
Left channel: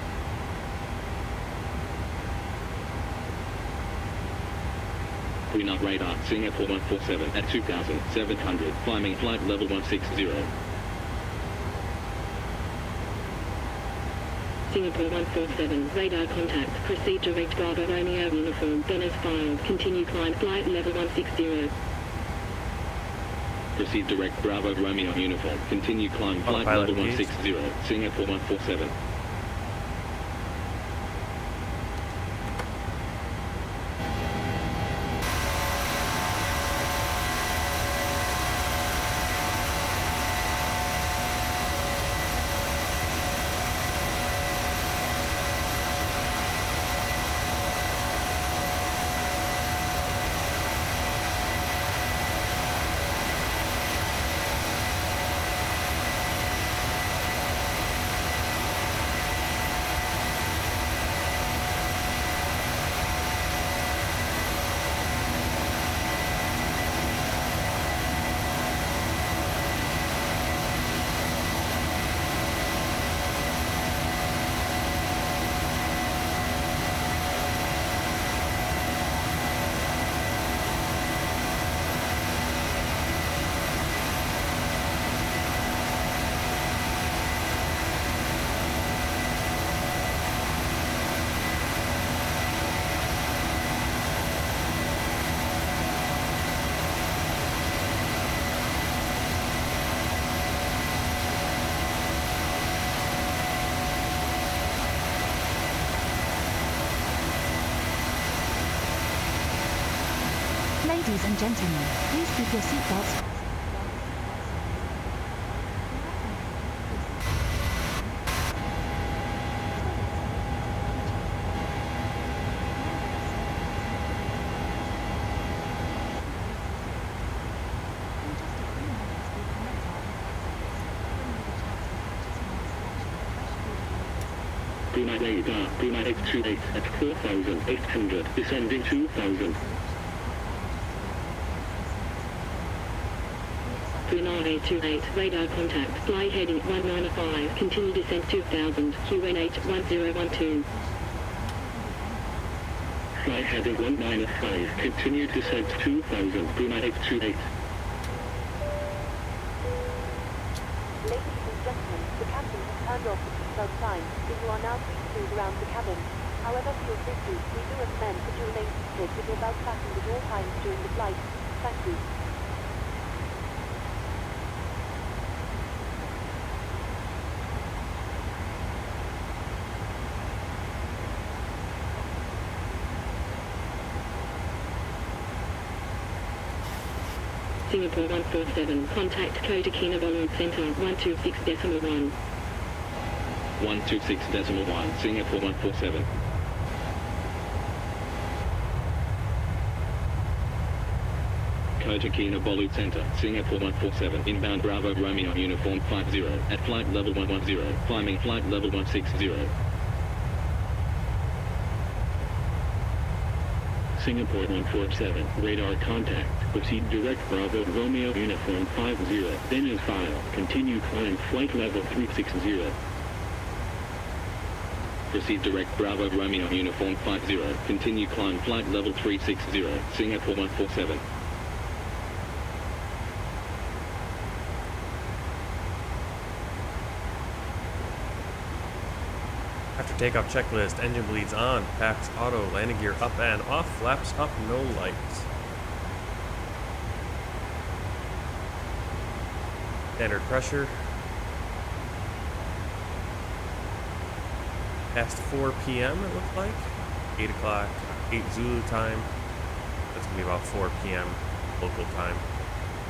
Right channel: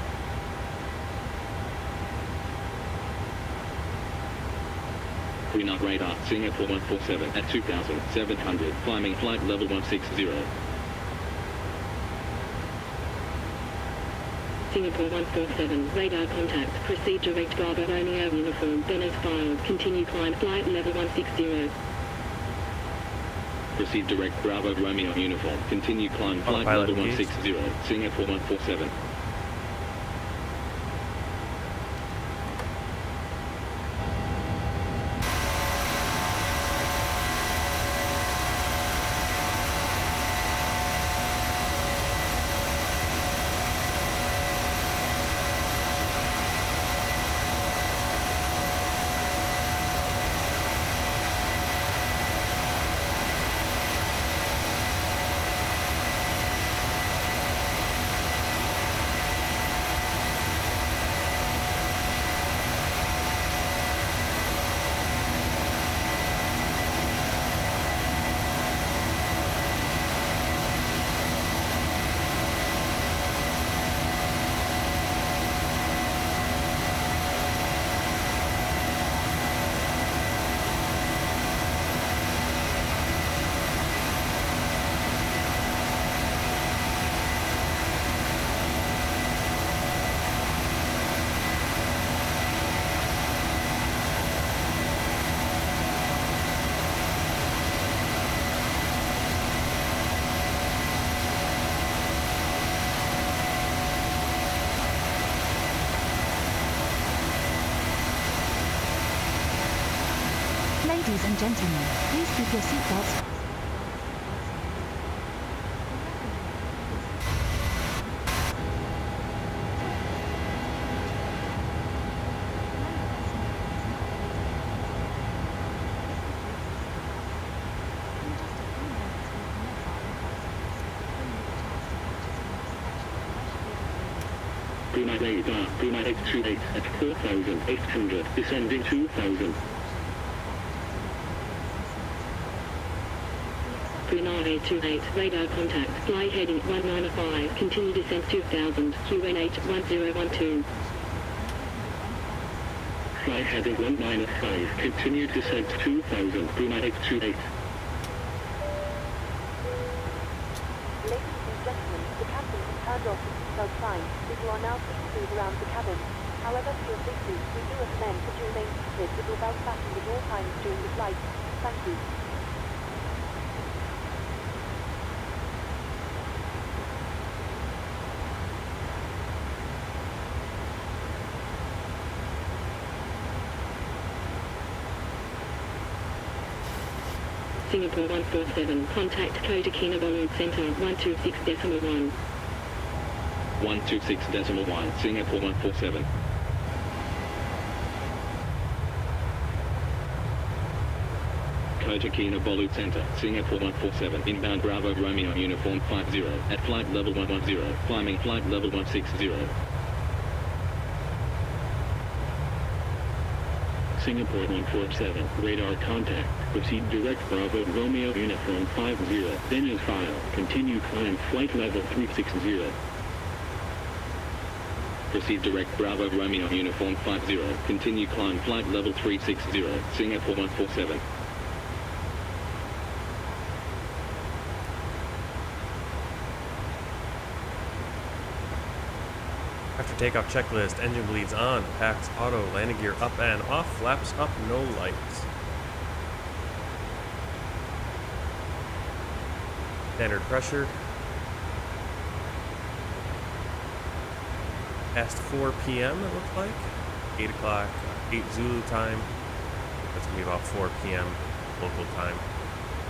Brunei radar, Singapore 147 at 2,700, climbing flight level 160. Singapore 147, radar contact, proceed direct Bravo Romeo uniform, Bandar filed, continue climb flight level 160. Proceed direct Bravo Romeo uniform, continue climb flight Autopilot level engaged. 160, Singapore 147. Ladies and gentlemen, please keep your seatbelts. Brunei Radar, Brunei 828 at 4,800, descending 2,000. Brunei 828, radar contact, fly heading 195, continue descent 2000, QNH 1012. Fly heading 195, continue descent 2000, Brunei 828. Ladies and gentlemen, the captain has turned off the seatbelt sign, so you are now free to move around the cabin. However, for your safety, we do recommend that you remain seated with your belt fastened at all times during the flight. Thank you. Singapore 147, contact Kota Kinabalu Center 126.1. 126.1, Singapore 147. Kota Kinabalu Center, Singapore 147, inbound Bravo Romeo Uniform 50, at flight level 110, climbing flight level 160. Singapore 147, radar contact, proceed direct Bravo Romeo Uniform 50, then as file, continue climb flight level 360. Proceed direct Bravo Romeo Uniform 50, continue climb flight level 360, Singapore 147. After takeoff checklist, engine bleeds on, packs auto, landing gear up and off, flaps up, no lights. Standard pressure. Past 4 p.m. it looks like. 8 o'clock, 8 Zulu time. That's gonna be about 4 p.m. local time.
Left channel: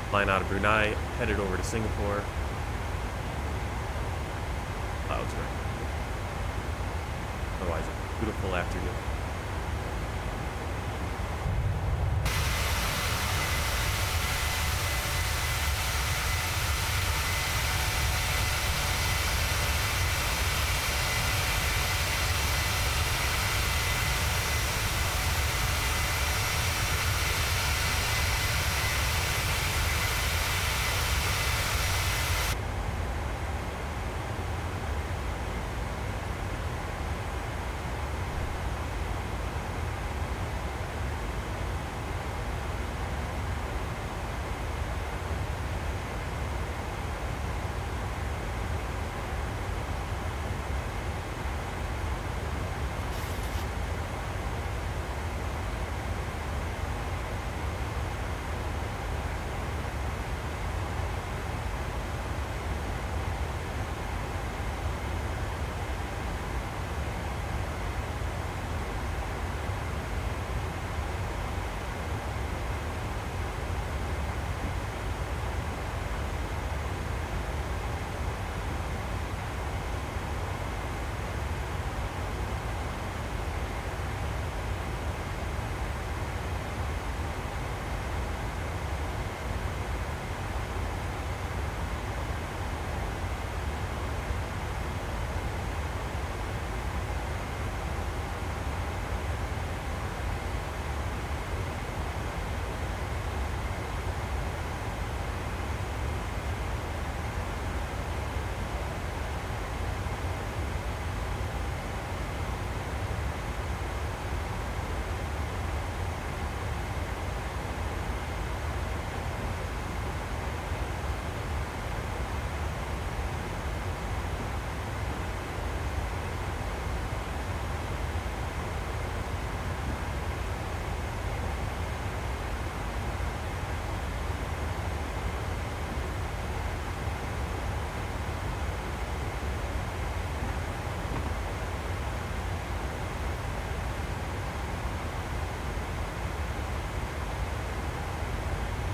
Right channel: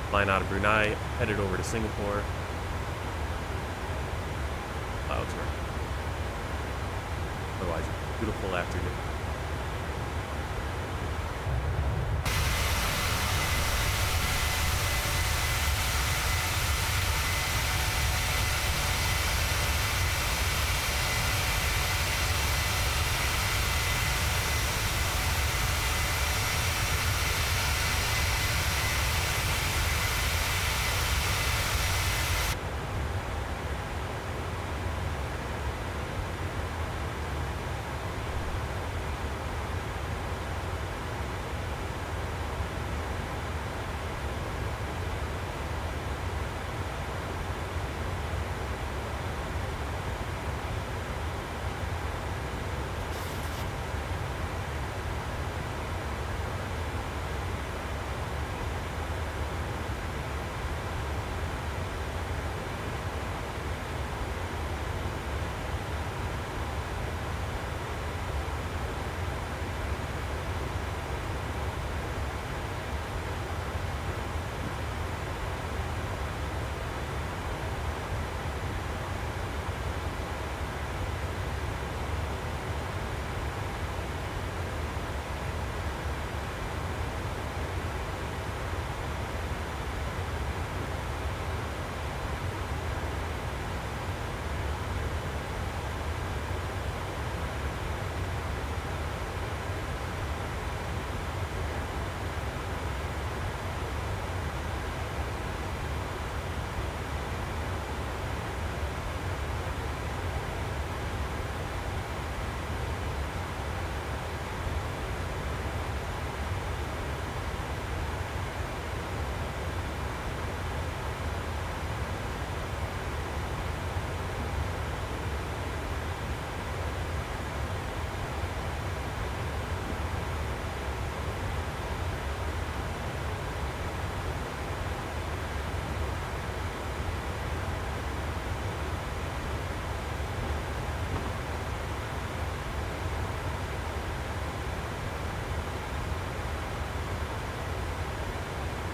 Flying out of Brunei, headed over to Singapore. Clouds right. Otherwise, a beautiful afternoon.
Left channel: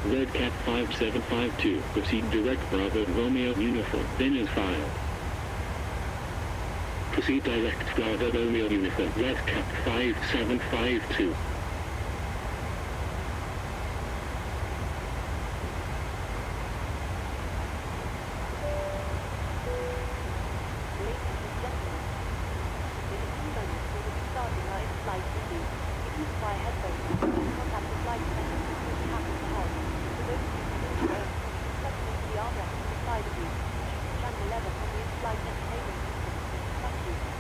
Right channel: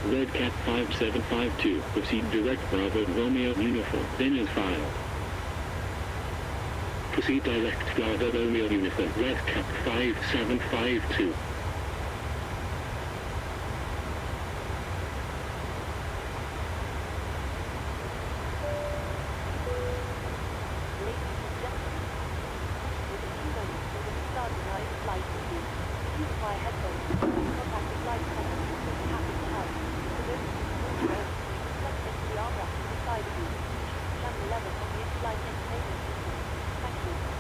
Red Cat 5752, proceed direct Bravo Romeo Uniform, then as filed. Proceed direct Bravo Romeo Uniform, Red Cat 5752. in-flight entertainment system. Thank you.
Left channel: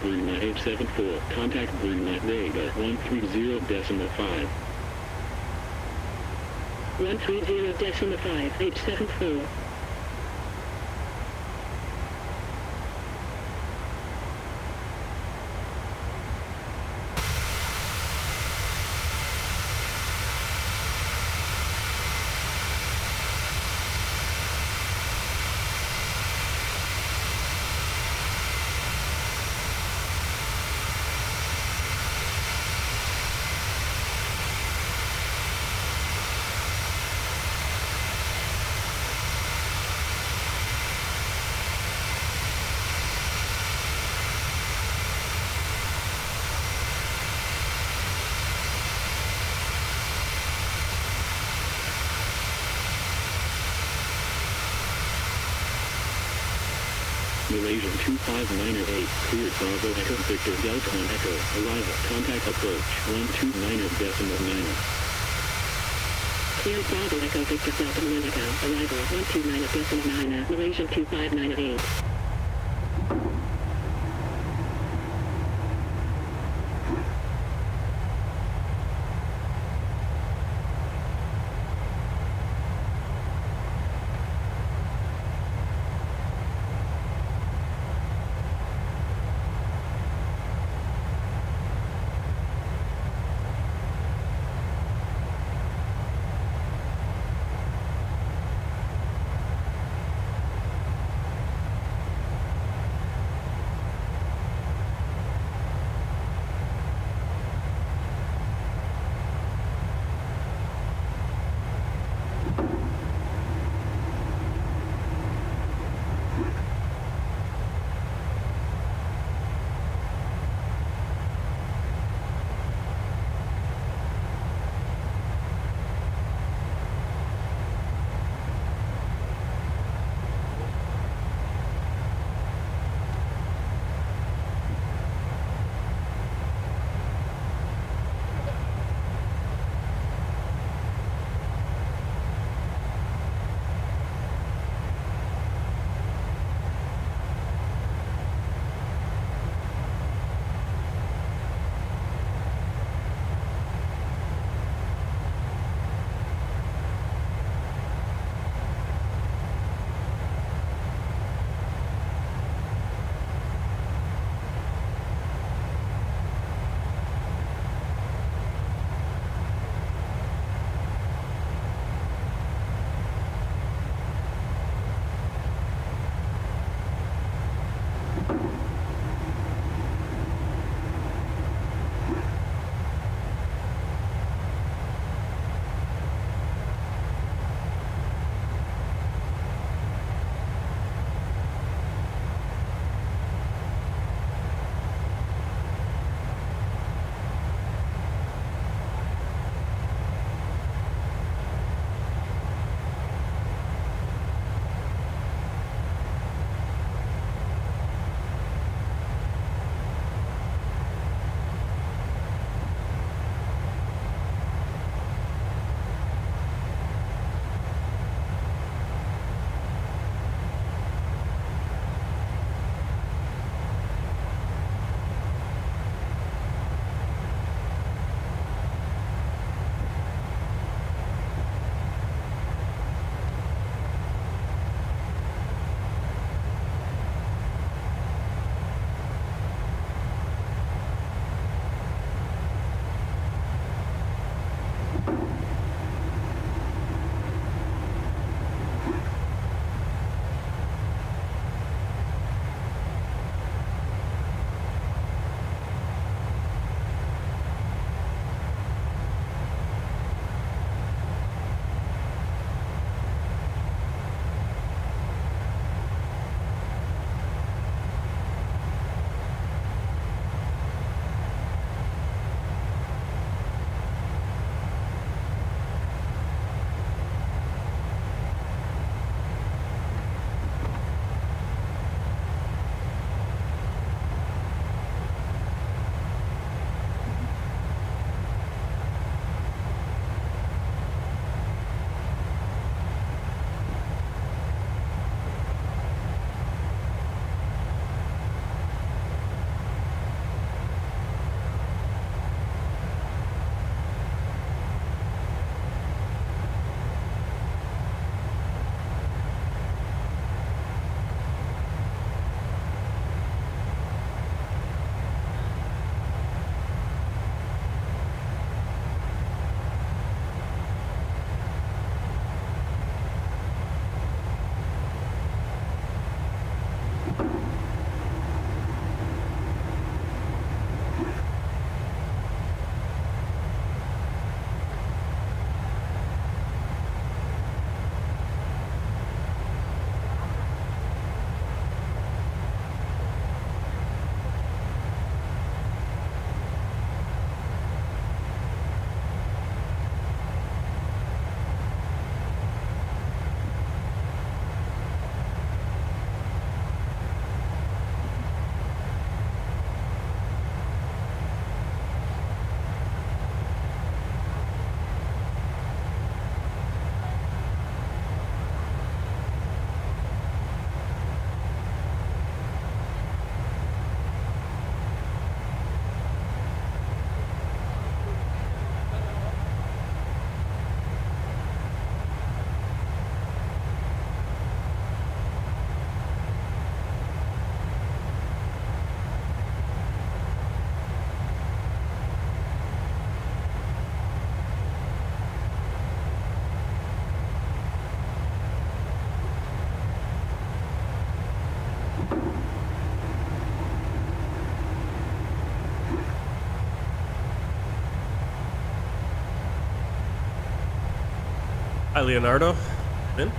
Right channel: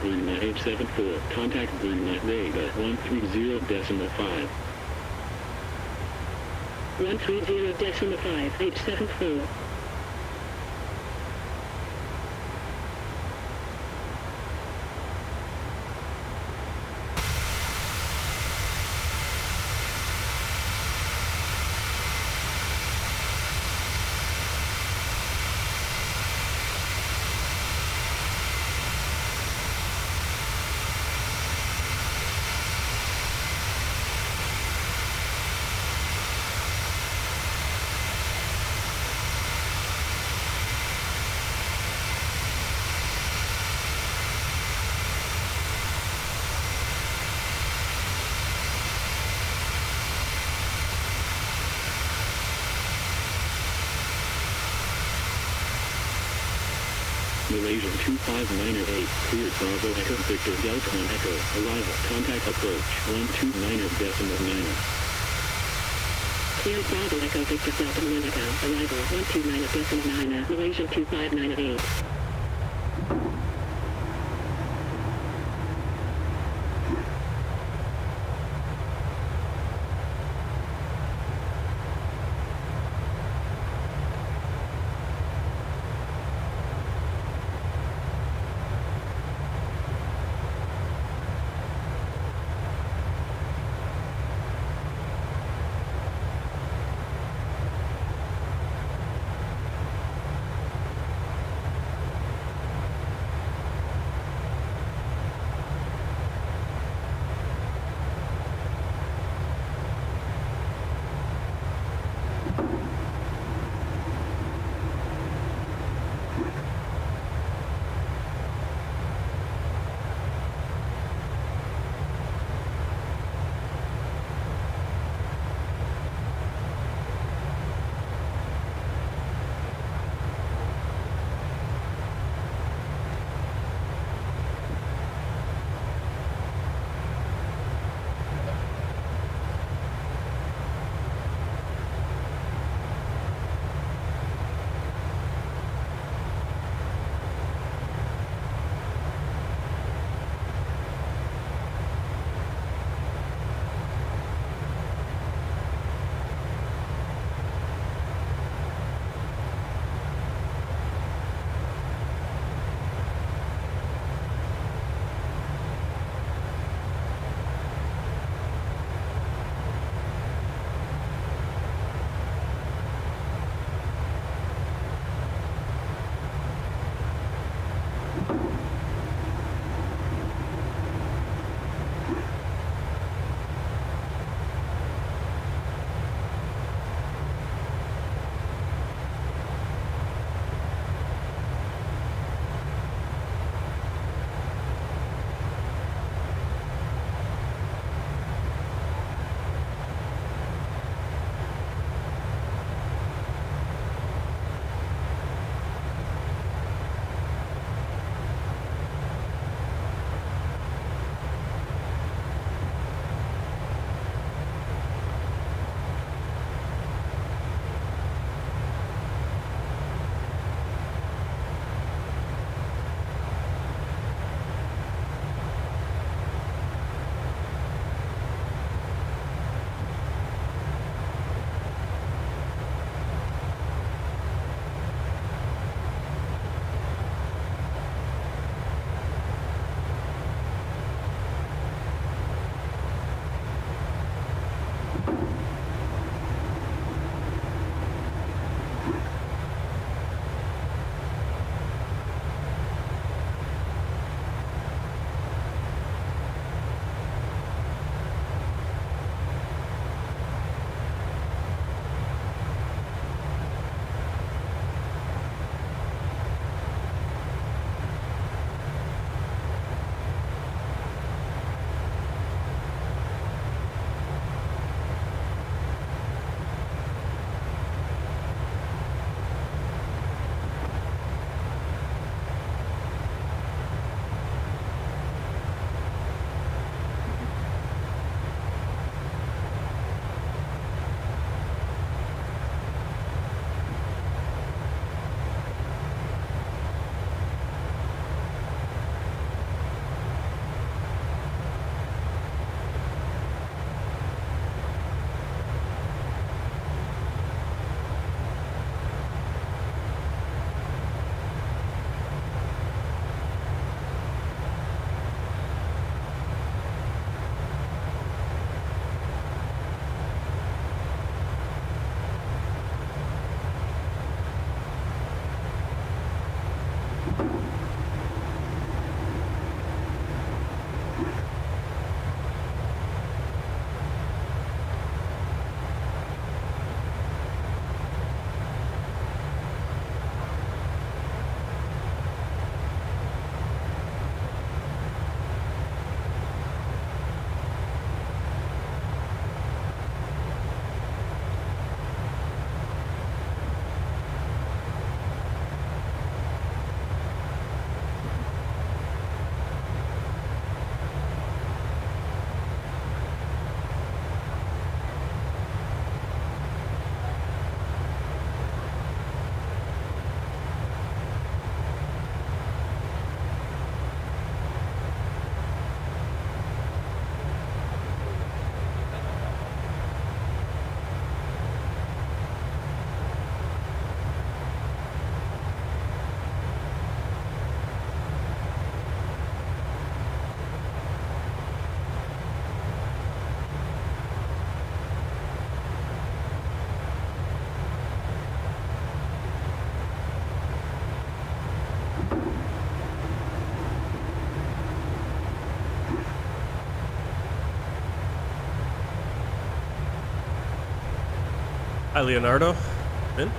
Brunei 874, contact Brunei Radar 130.5. 130.5, 874. Malaysian 25908, cleared Bravo Echo Victor Delta on Echo, arrival, contact approach 129.9. Cleared Bravo Echo Victor Delta 1 Echo, arrival 129.9, Malaysian 2598. Hi, Leonardo. In?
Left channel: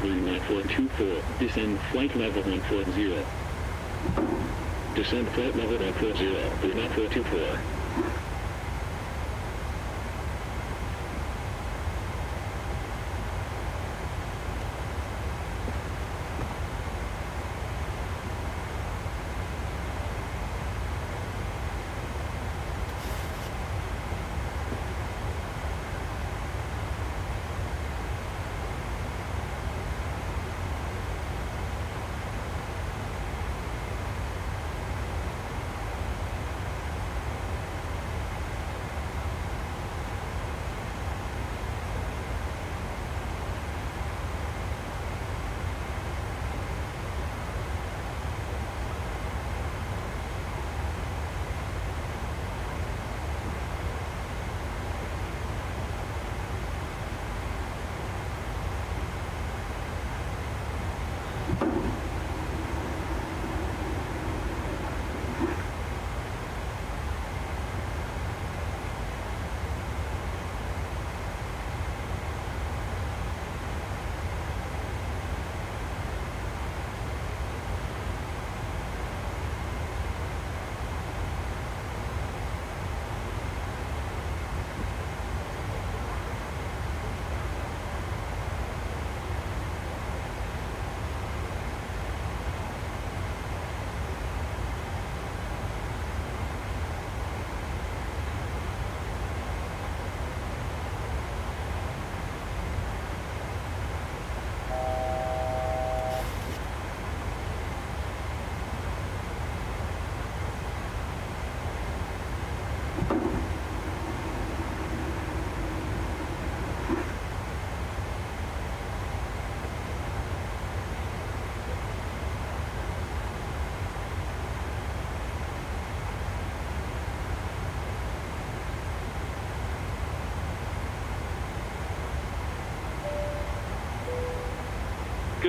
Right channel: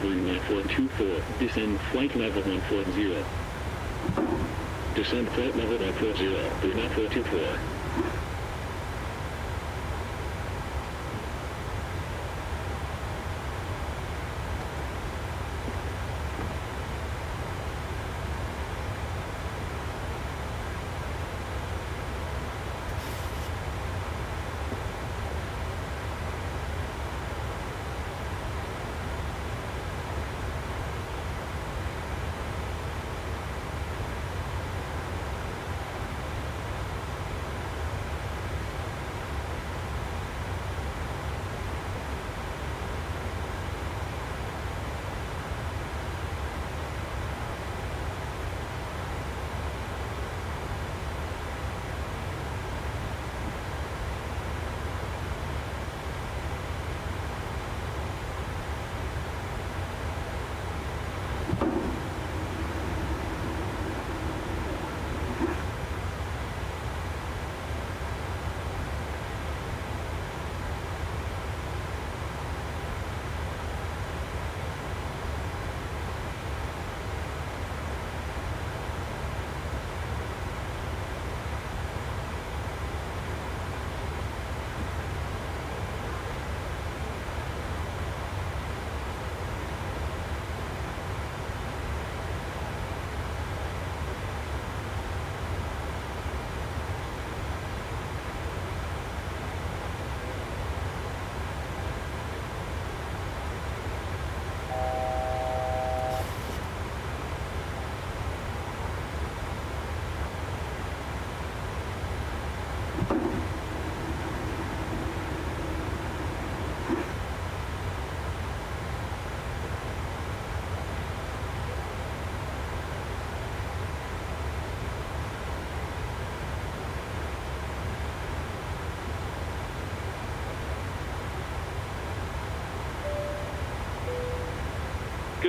Brunei 424, descend flight level 140. Descend flight level 140, Brunei 424.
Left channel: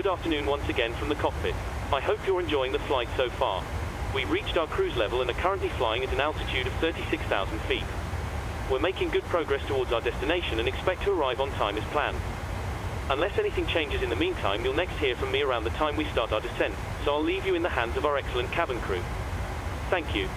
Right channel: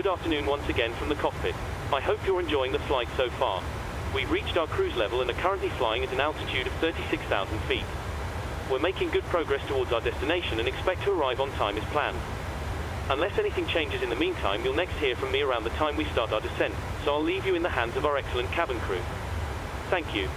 good afternoon once again from the cockpit. I hope you're enjoying the flight so far. We've reached our cruise level and are currently flying at an altitude of 36,000 feet. We're making good progress towards our destination and expect to arrive on time as planned. Unless anything changes in the meantime, you'll next hear from me around the time we start our descent, so I'll leave you in the hands of our excellent cabin crew. Thank you.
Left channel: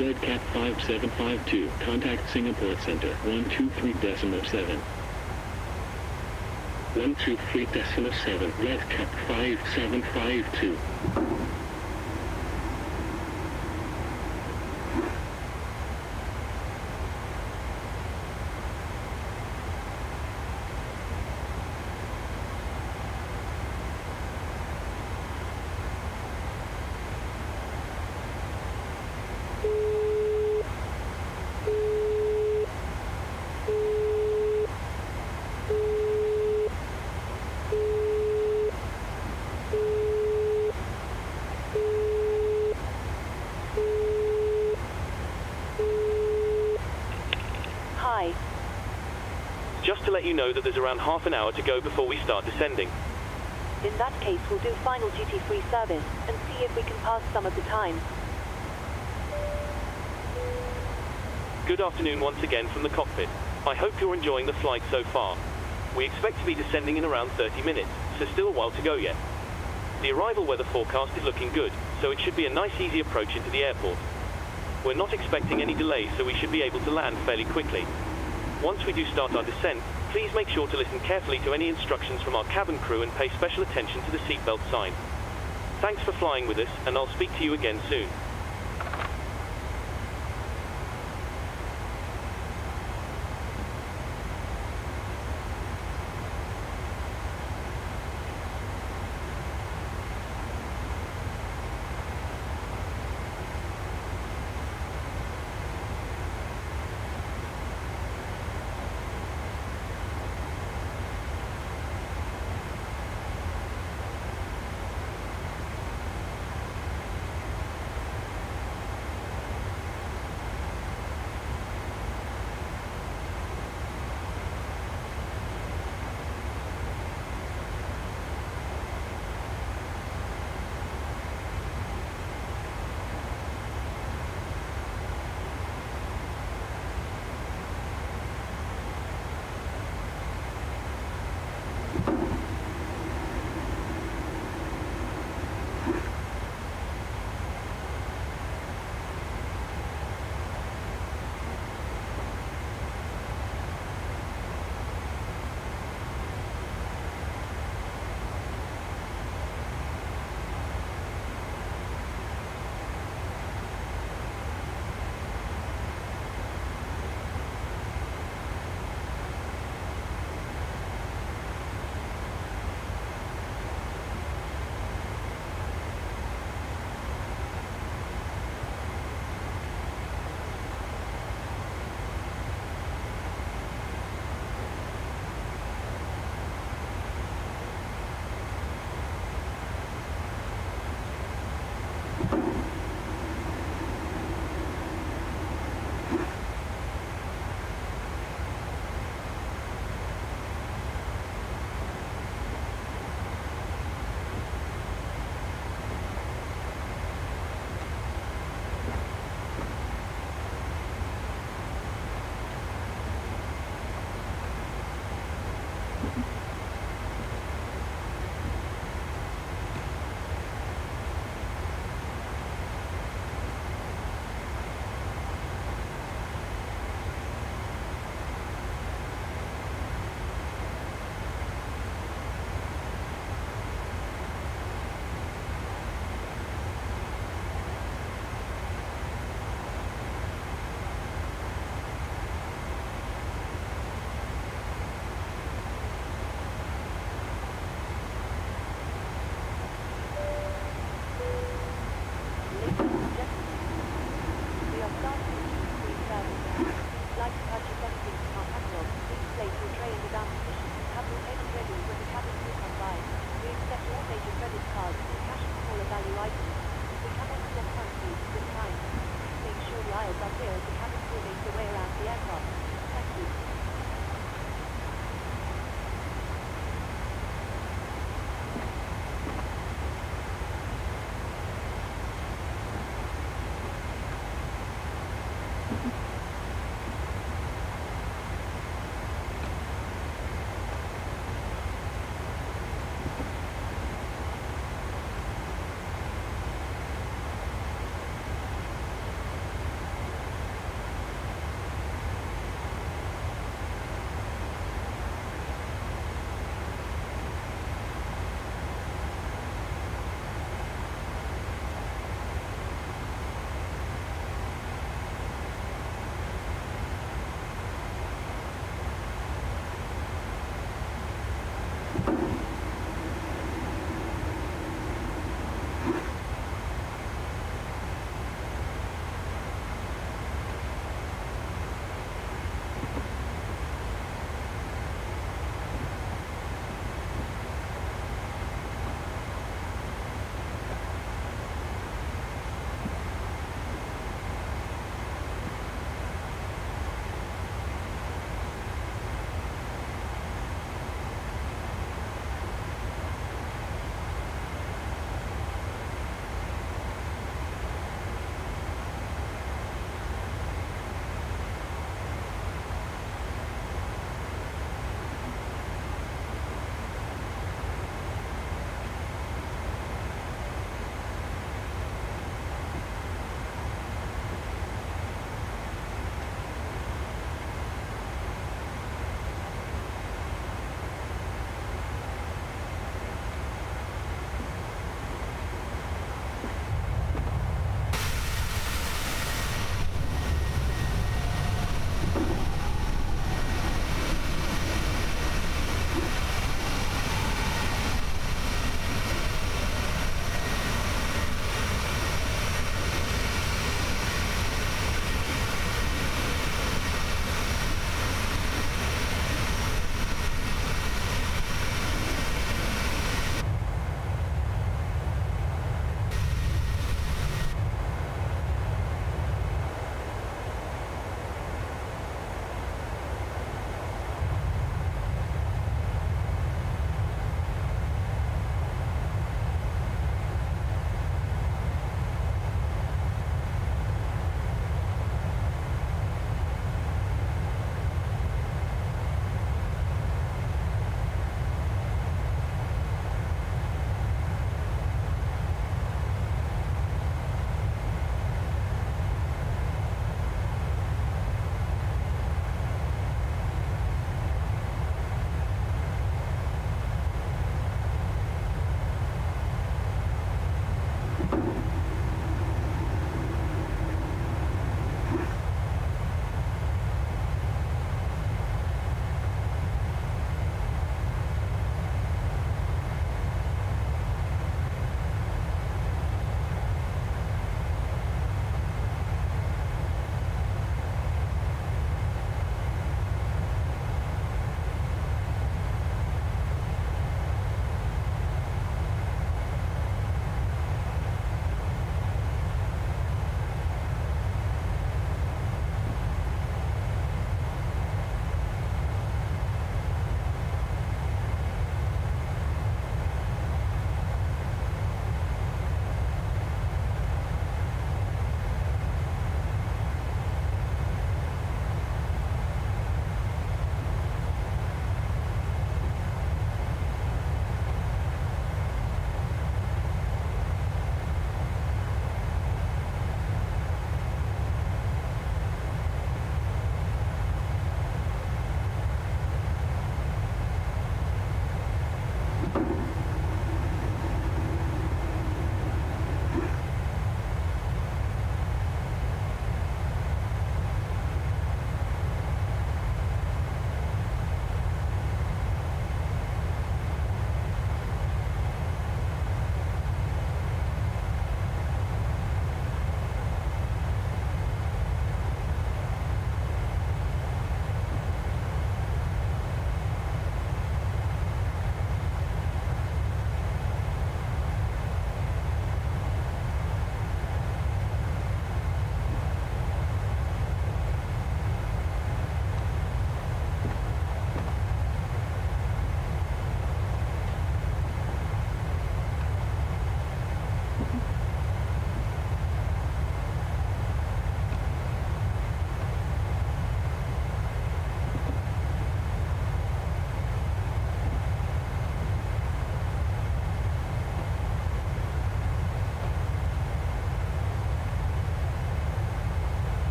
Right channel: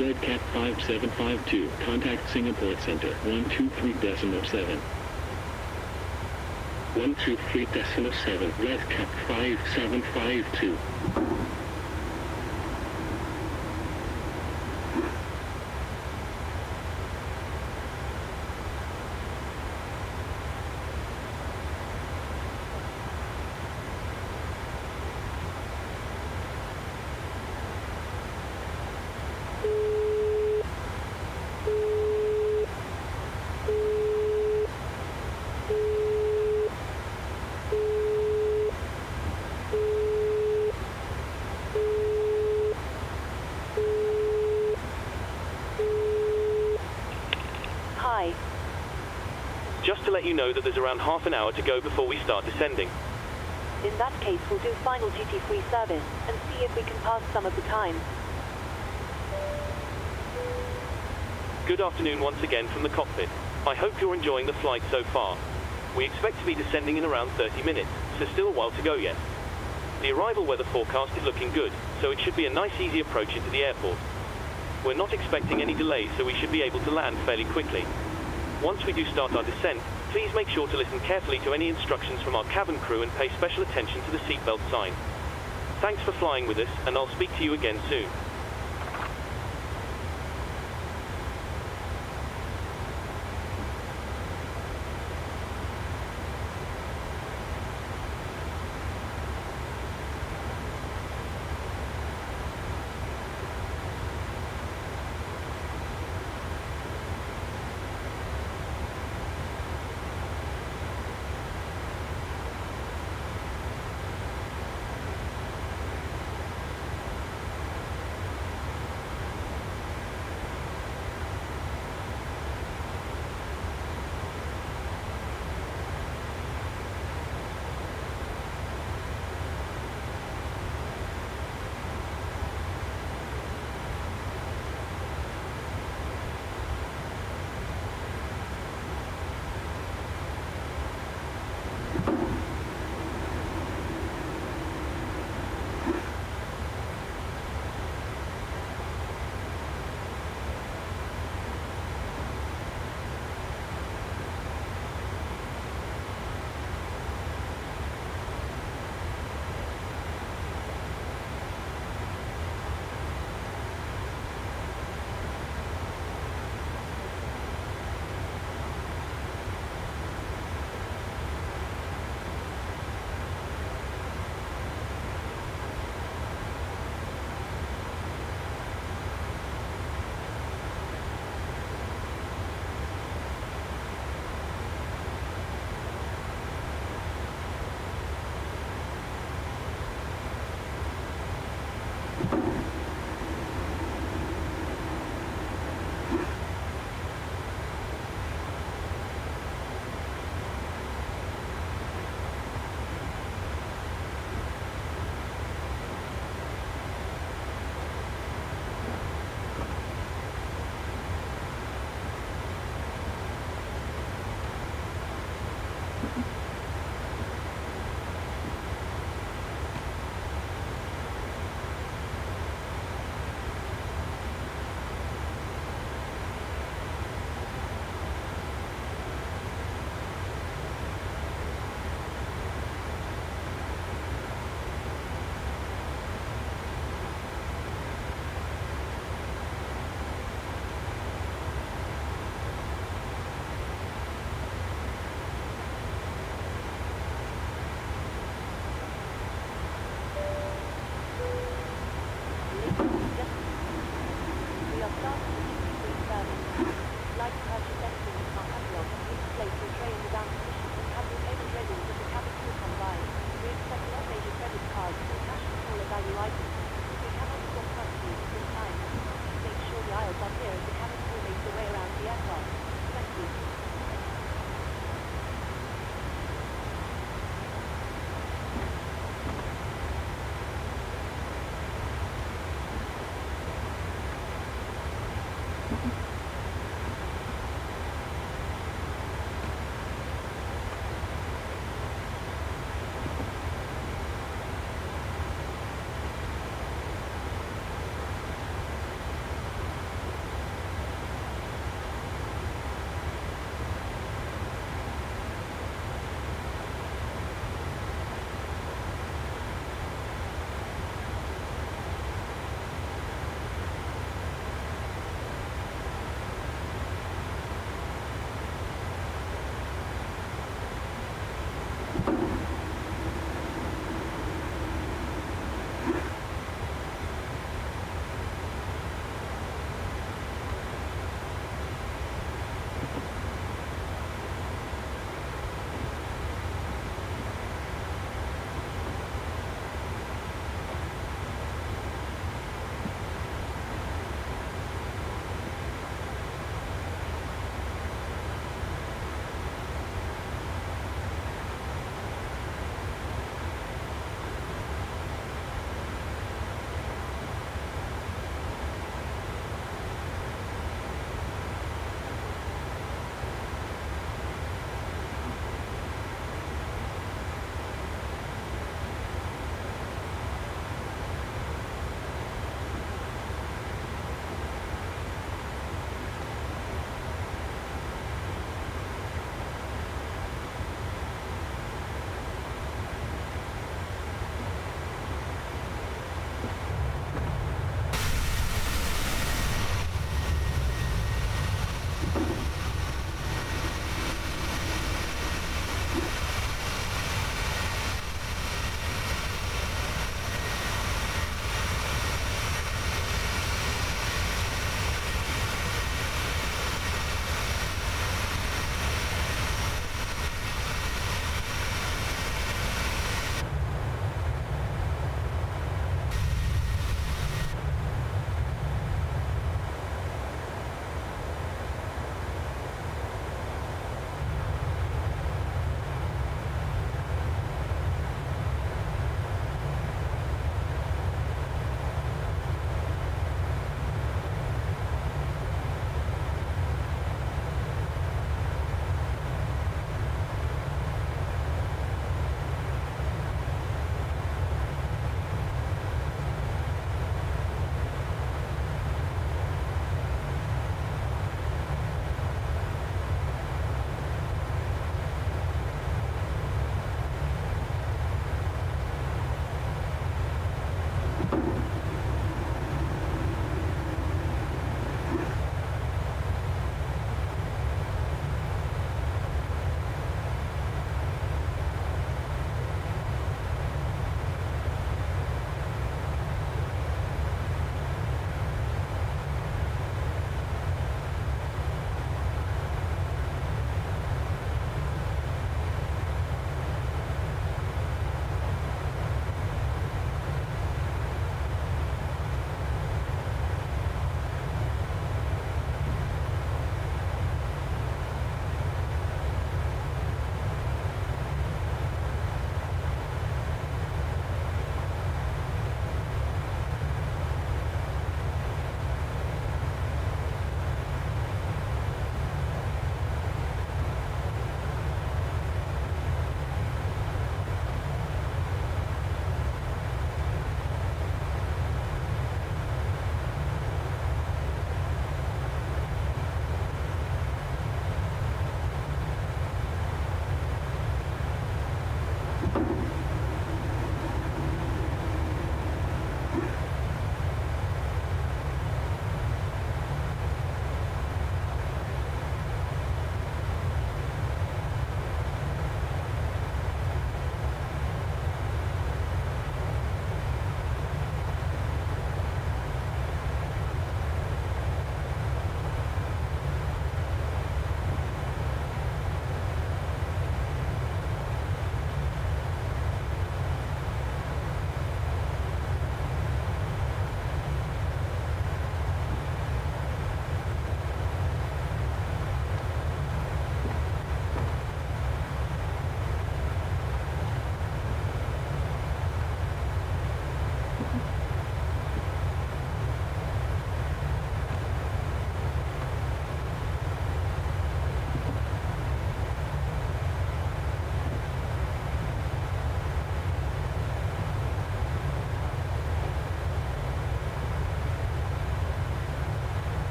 Red Cat 5752. Contact Singapore Center 123.7. 123.7. Red Cat 5752. Hi. Just to let you know that there's around half an hour to go before we start descending. In that case, we'll do final duty-free service and see if we can pass some of the time. Good afternoon once again from the cockpit. I hope you're enjoying the flight so far. We expect to be descending in around 30 minutes, so still a while to go yet. The arrival weather forecast is looking good, so it should be a nice easy approach into the airport. We're not expecting any delays, so we should be able to land fairly quickly. Once we do start our descent, please make sure to listen carefully to any instructions from our cabin crew and pay special attention to the seatbelt sign. Thanks for flying with us, and I'll speak to you again soon.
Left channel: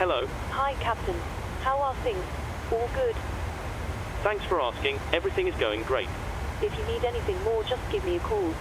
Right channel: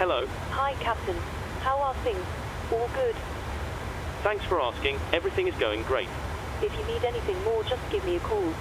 Hello. Hi, Captain. How are things? All good? Thanks for asking. Everything is going great. If you need anything more, just give me a call.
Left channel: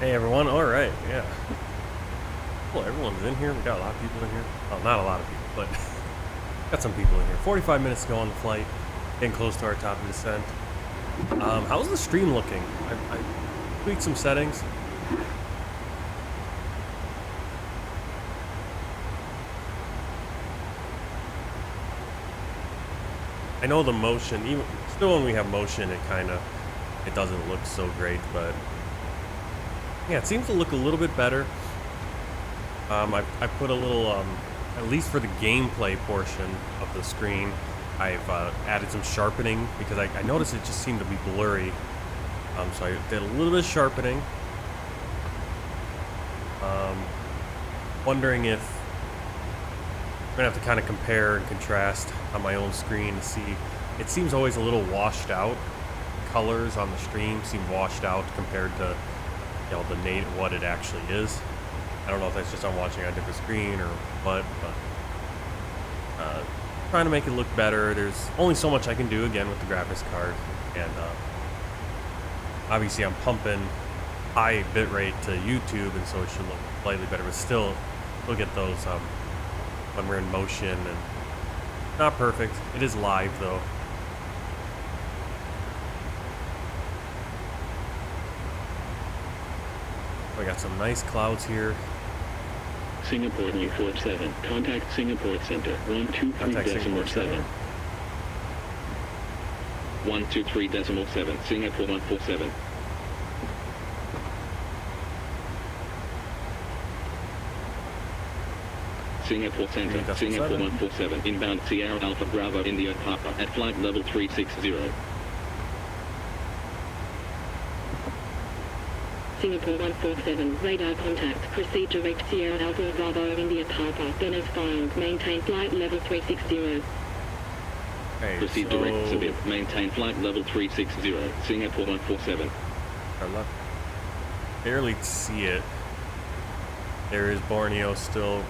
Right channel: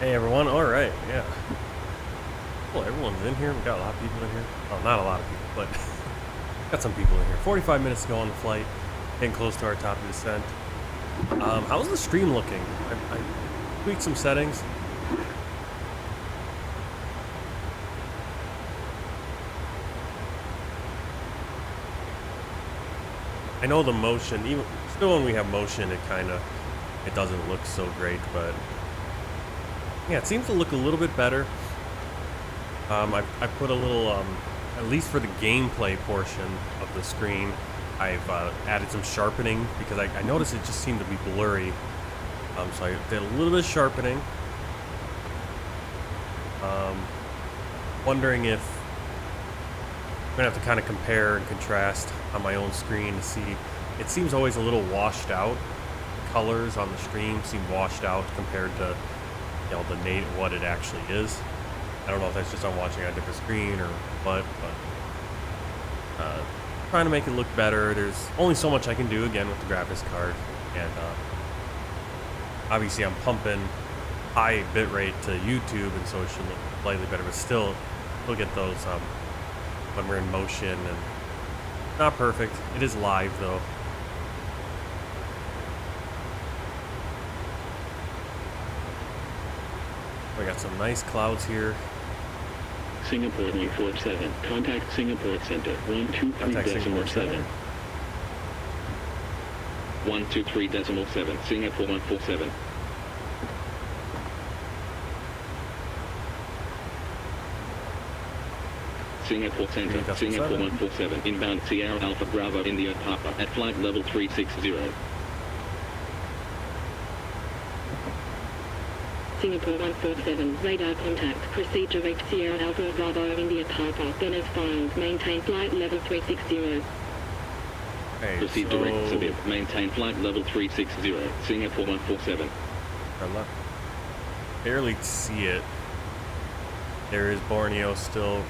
Hey everyone, alright, yeah. Well, everyone's in here. We got a lot of people in here. Well, not a lot of people, but got some people in here. 45 minutes to go on the flight. Getting close to our top of descent. How's the stream looking? I tweaked some settings. I know the motion, even still when we have motion, it doesn't look so great, but yeah, it seems to look a little bit better. I put a little, at least for the gameplay portion of the screen, I've added some sharpening because I noticed it just seemed to be blurry. So I did a little bit of sharpening. Wondering if I'm gonna have to kind of compare and contrast on my own screen to see. It seems always a little washed out. The colors on the stream seem washed out compared to you know, what it actually is. I don't know if that's just I'm watching on a different screen or what, but trying to make it look better. There's only so much I can do again with the graphics card, and obviously I'm pumping high bitrate to YouTube, and so it should look slightly better, but still we'll get those when we're in motion, and not perfect. It is live though. We got some nice clouds here. Singapore 147. Contact Singapore Center 123.7. 123.7. Singapore 147. Singapore Center, Singapore 147. Inbound Sierra Alpha Bravo India Papa at flight level 360. Singapore 147, radar contact, proceed direct Sierra Alpha Bravo India Papa, then as filed, maintain flight level 360. Okay, proceed so direct Seville, maintain flight level 360, Singapore 147. Barely see it. There is Borneo still,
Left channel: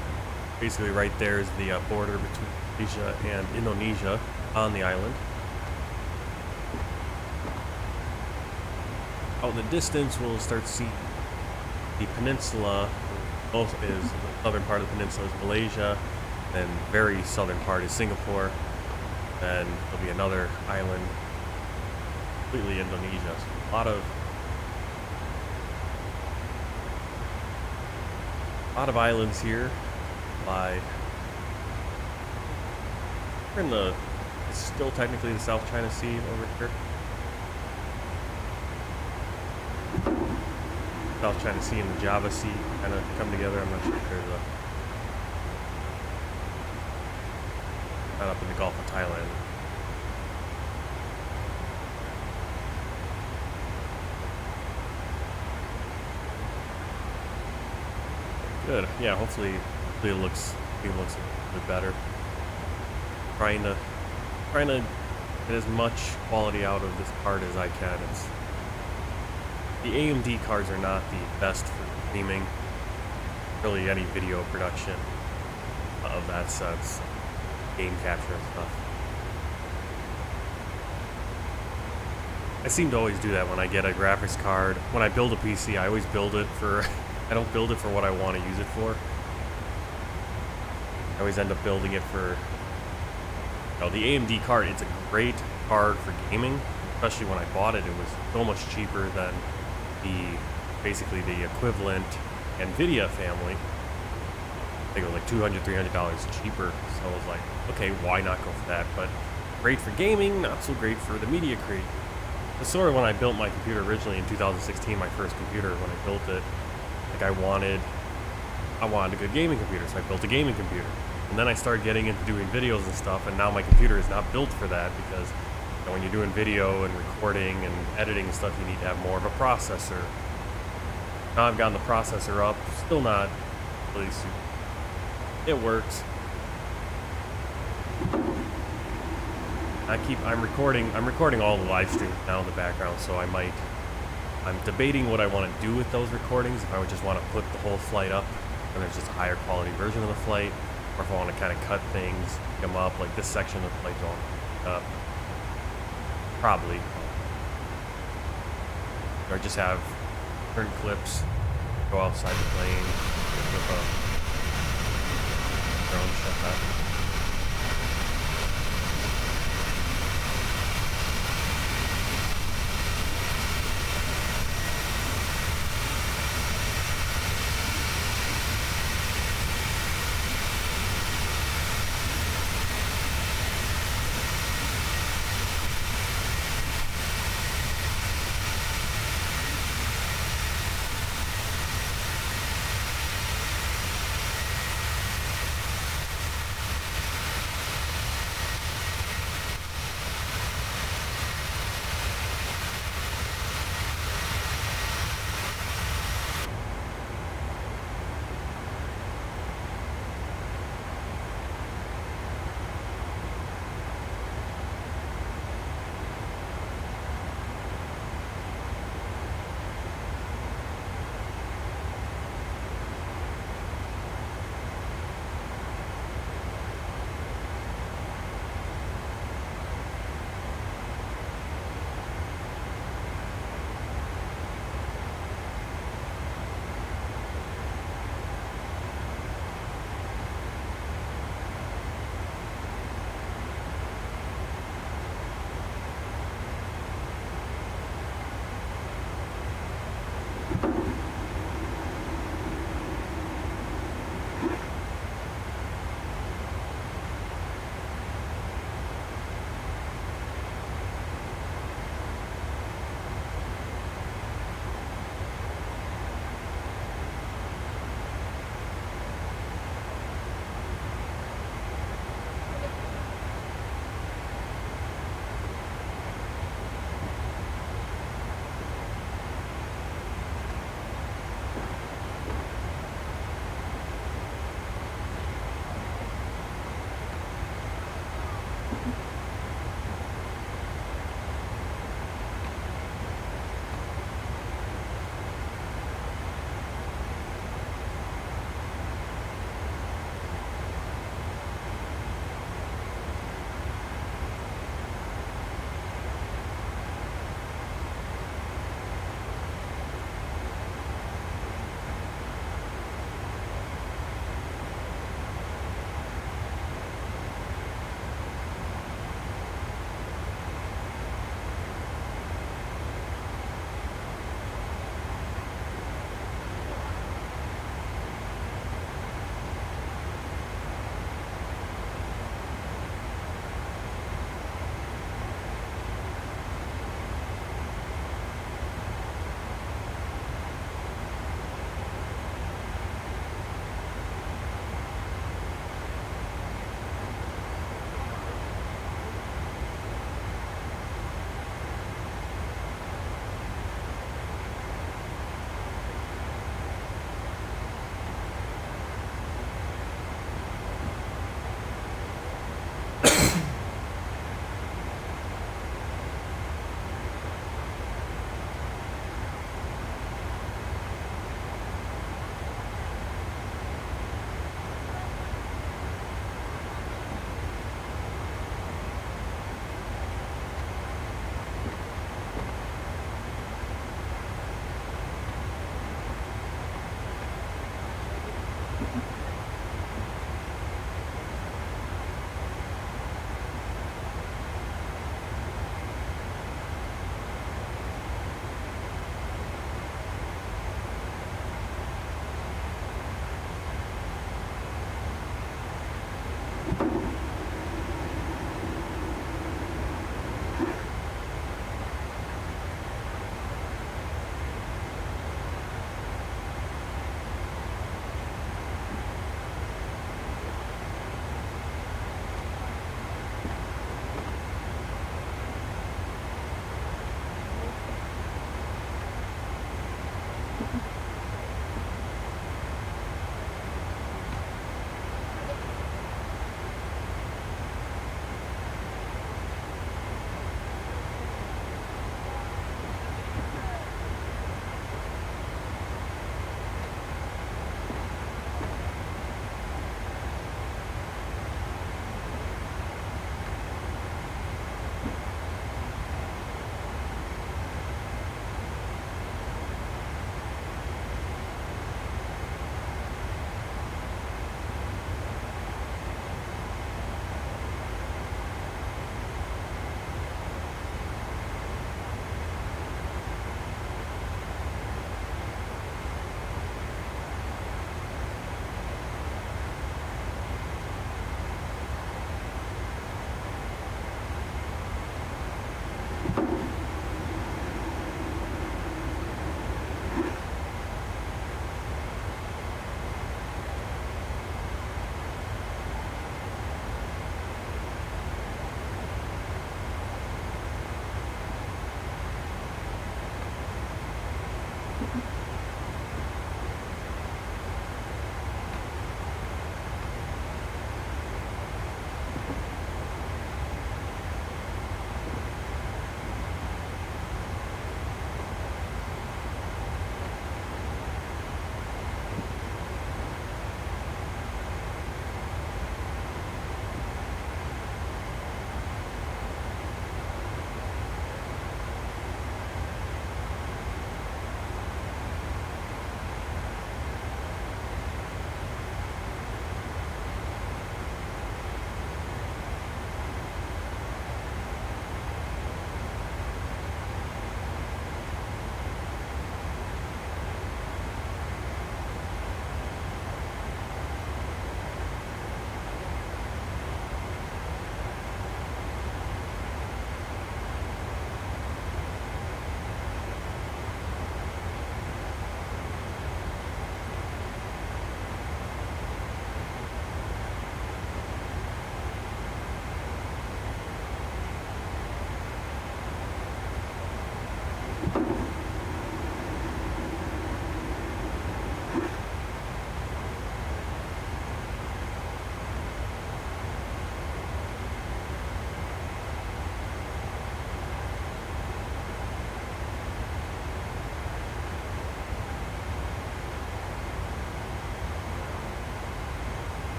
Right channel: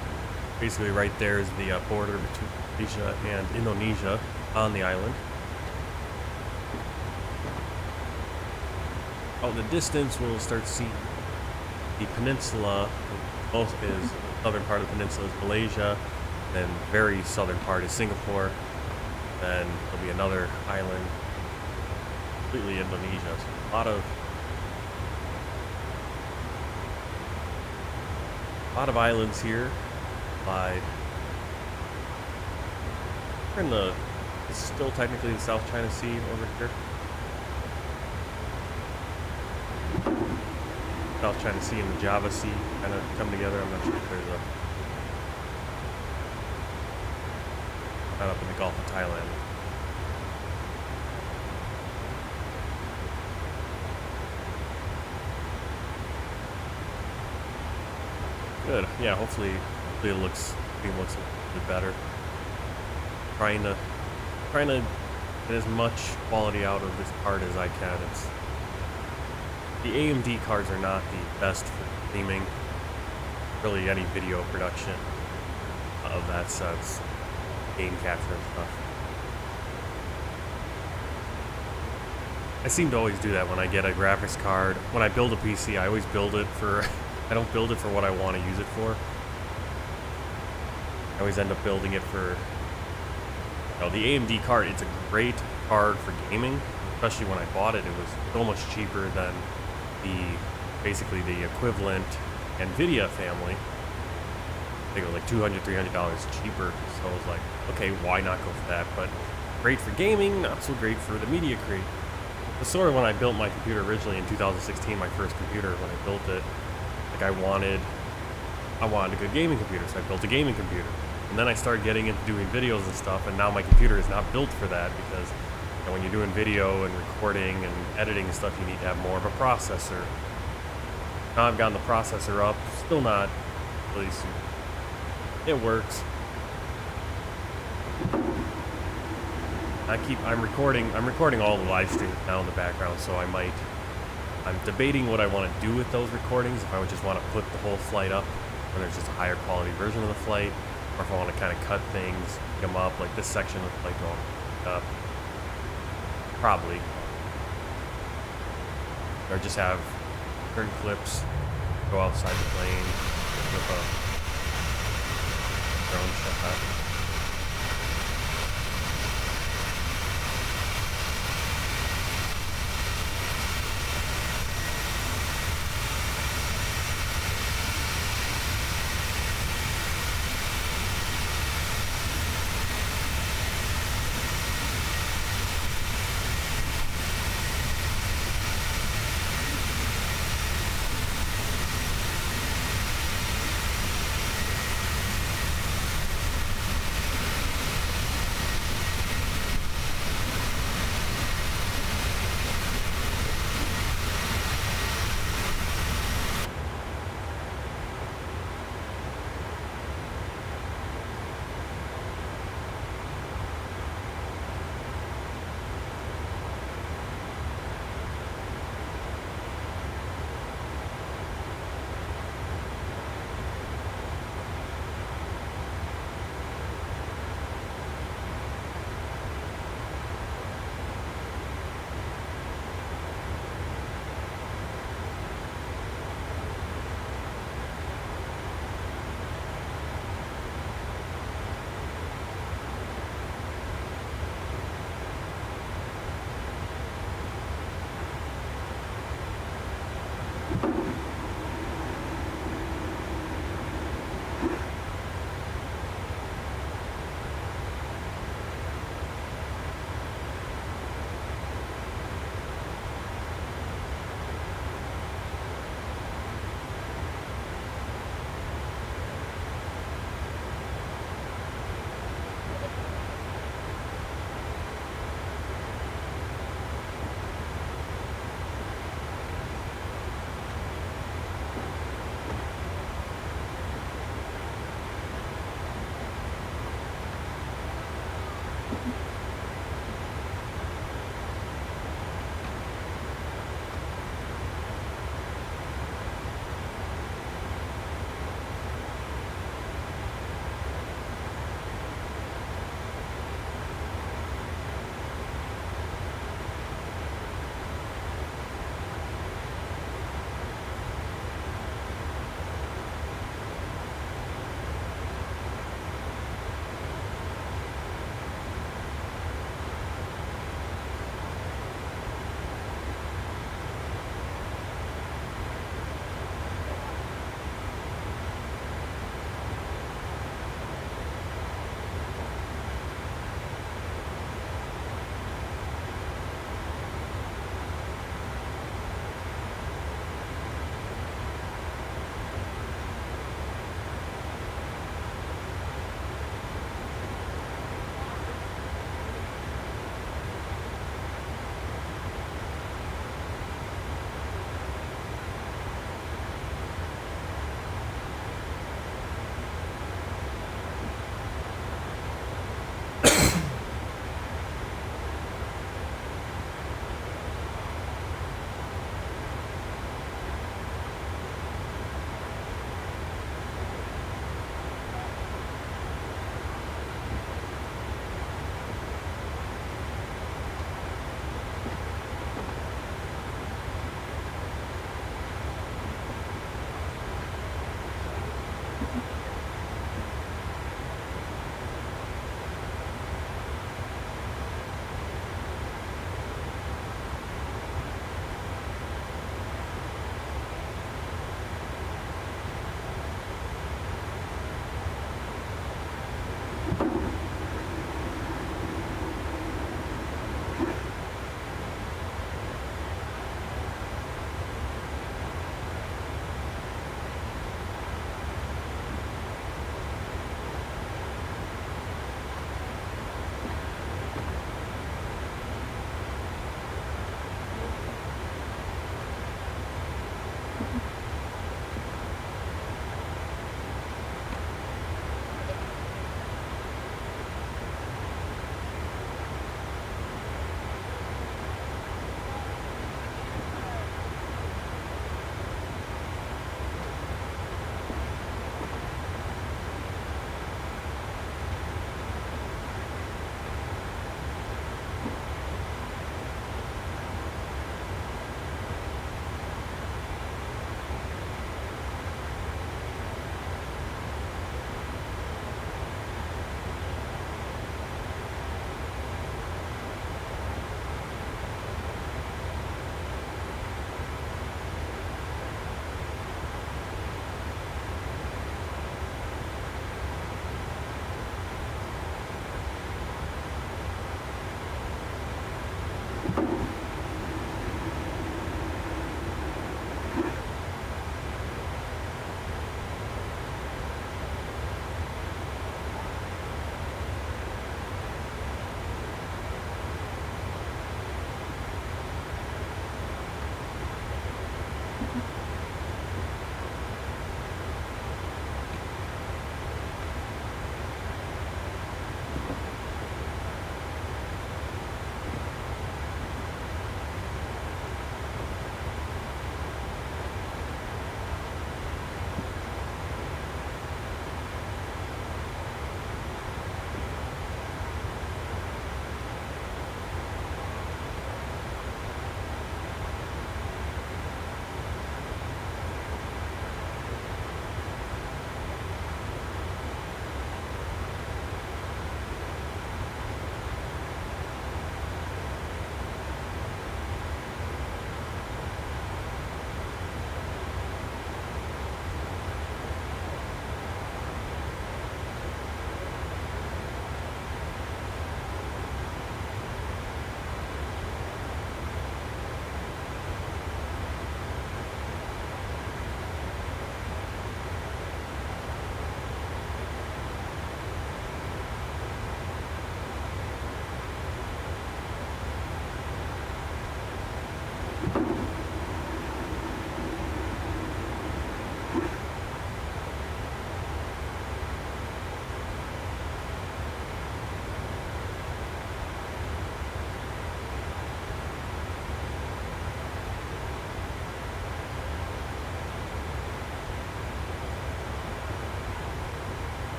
basically right there is the border between Malaysia and Indonesia on the island. Out in the distance, we'll start seeing the peninsula. Both is the southern part of the peninsula is Malaysia, and very southern part is Singapore. Then there'll be another island, completely Indonesia. So a lot of islands here. We're in the, it's still technically the South China Sea over here. South China Sea and the Java Sea kind of come together. I'm not sure if there's not up in the Gulf of Thailand. Good. Yeah, hopefully it looks a little bit better. Trying to get as much quality out of this card as I can. The AMD cards are not the best for gaming, really any video production of that sense, game capture and stuff. I seem to always do that when I get a graphics card. When I build a PC, I always build it for, I don't build it for what I want to use it for. I always end up building it for, you know, the AMD card. It's a great card for gaming, especially when I bought it. It was so much cheaper than basically the equivalent NVIDIA family. I think it was like $200, $300 cheaper. So I was like, okay, why not go for that? But great for gaming, not so great for the media create. It's sort of when I built my computer originally in 2016, my first computer, when I built it, like I wanted a good gaming computer, so I built a gaming computer. And then I started getting into doing videos and stuff, and now my computer is not built for that because when you're doing video and recording and editing and stuff, you need to have more of a processor. Now I've gotten the processor up, still not really super. It works. I'm recording all the live streams now in the background, so I'm debating what I want to do with those recordings. If I would just want to put the whole flight up and there's just a higher quality version of the flight, or if I want to kind of cut things, pick them up, like this section of the flight don't up. Probably. Or just have certain clips go outside the plane with a drone shot.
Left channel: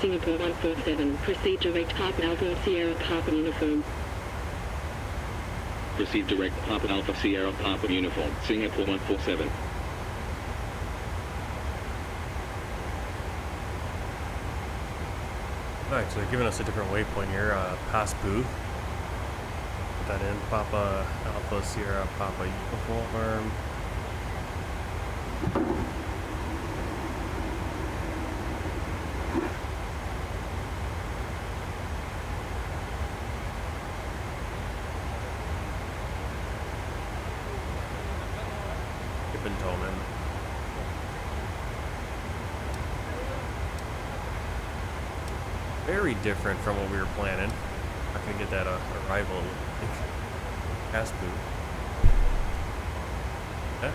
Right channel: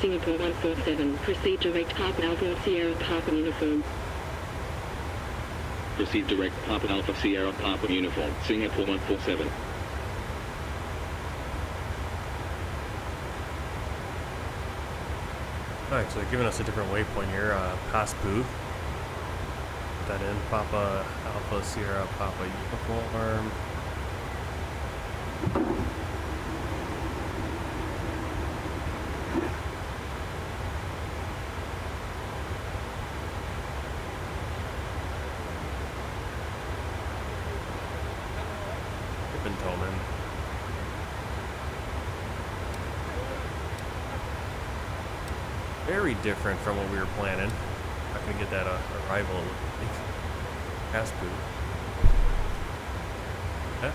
Singapore 147. Proceed direct Papa Alpha Sierra Papa Uniform. Proceed direct Papa Alpha Sierra Papa Uniform, Singapore 147. Alright, so they're giving us a different waypoint here. Paspu. Put that in. Papa Alpha Sierra Papa Uniform. Tolman. Very different from what we were planning. Not gonna get that arrival. Paspu. Yeah.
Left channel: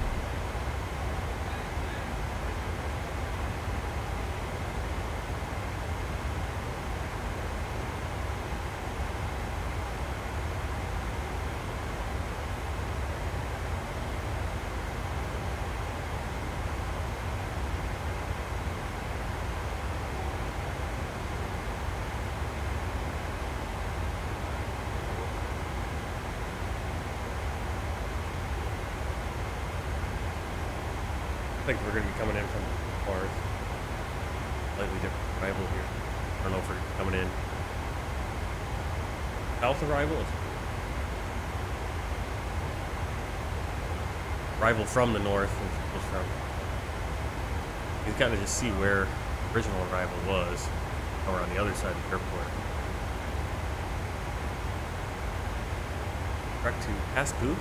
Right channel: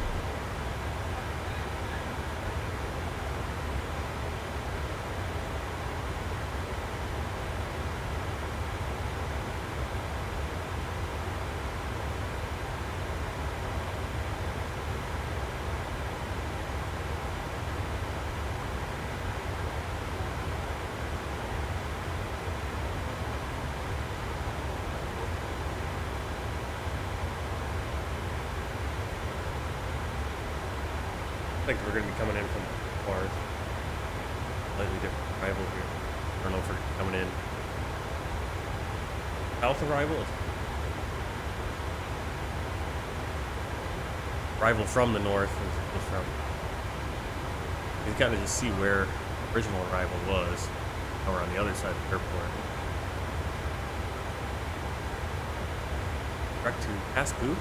I think we're going to be coming in from the north. Slightly different arrival here. I don't know if we're coming in south arrival. Arrival from the north is from. He's got to just see where original arrival was. Now we're on the other side of the airport. Direct to Paspu.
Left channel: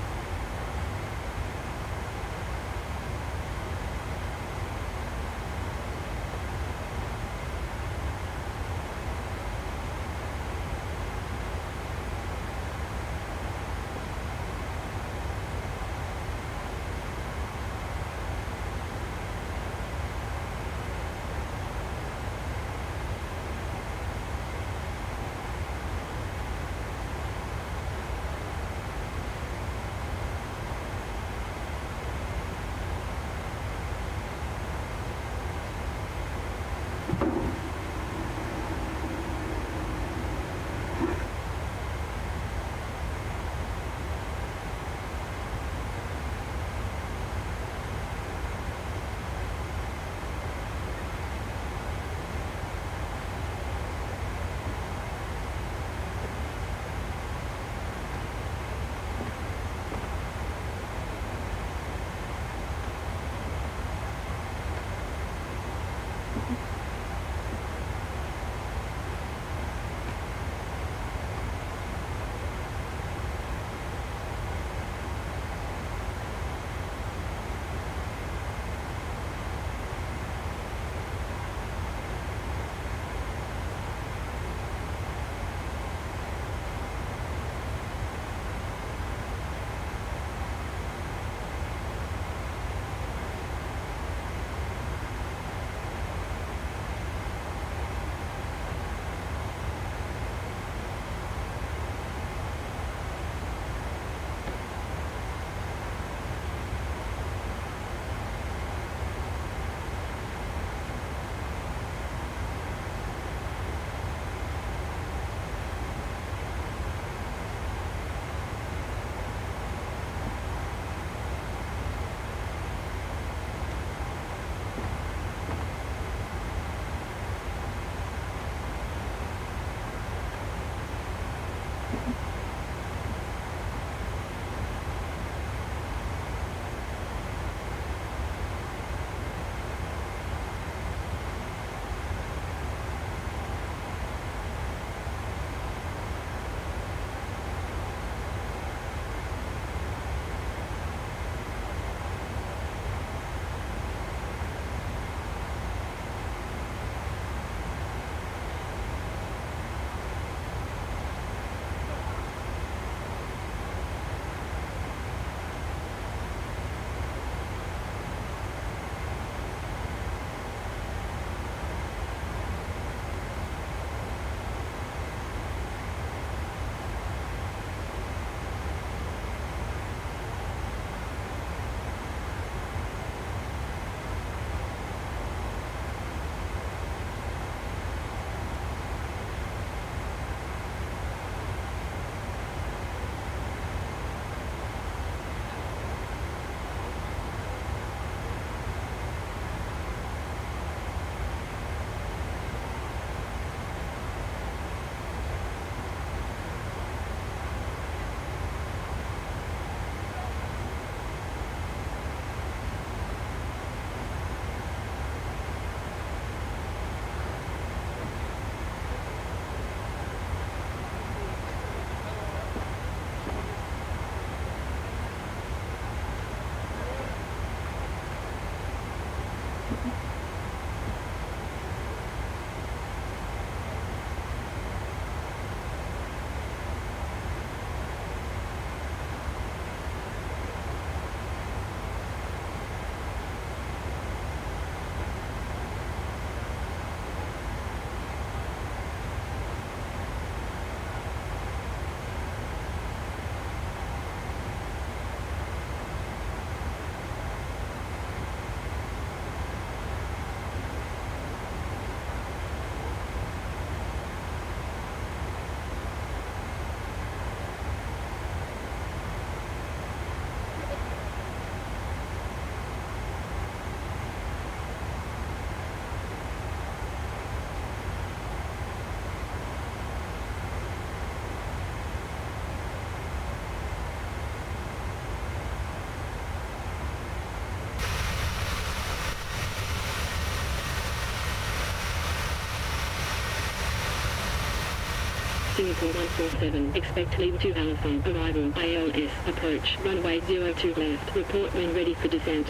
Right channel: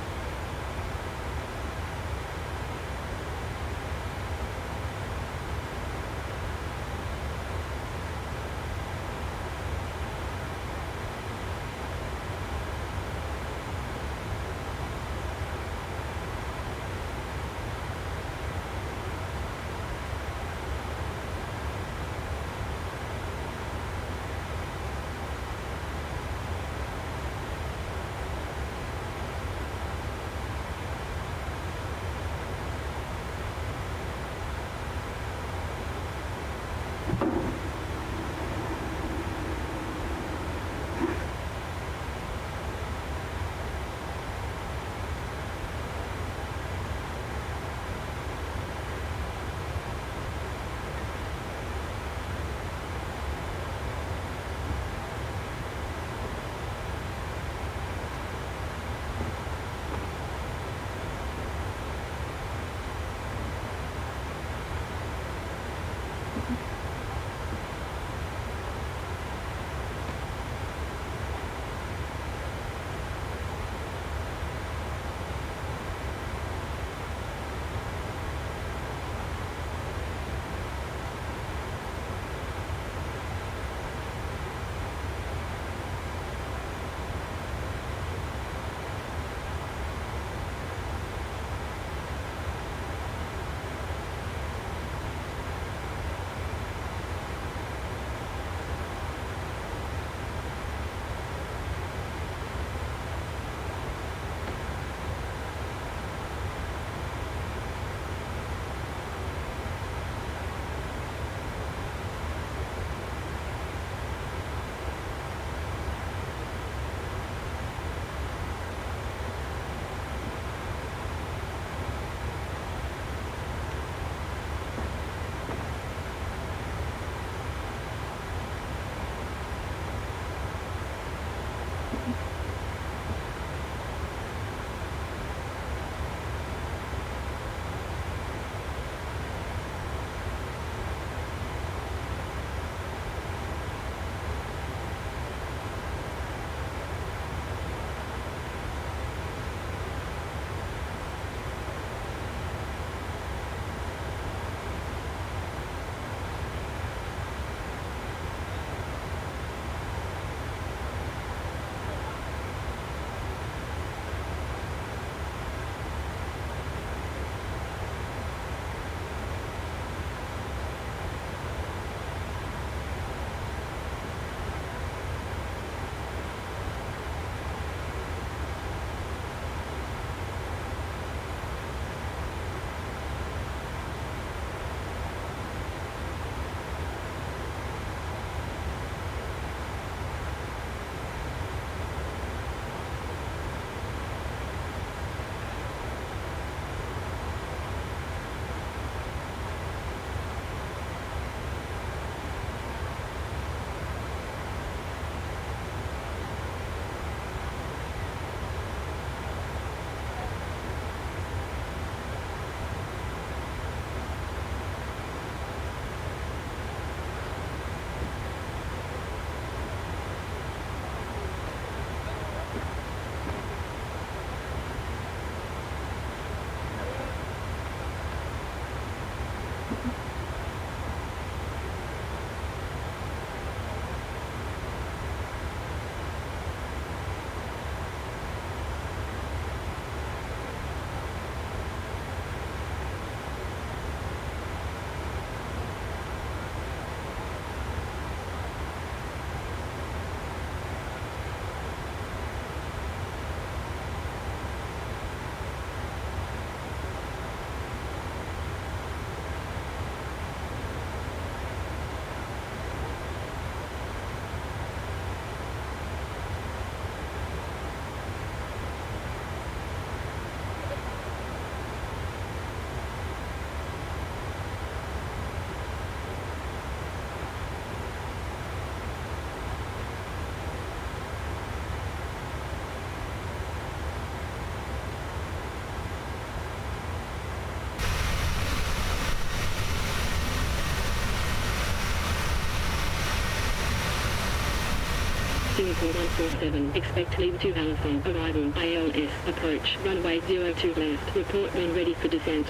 Singapore 147, expect Lima 2 Alpha, arrival, ILS, approach, runway 02 left, report when ready for descent.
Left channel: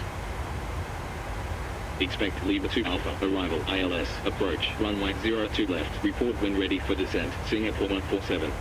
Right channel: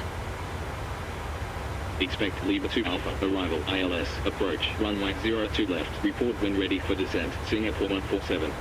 Expect Lima 2 Alpha, arrival, ILS, approach, runway 02 left, report when ready for descent, Singapore 147.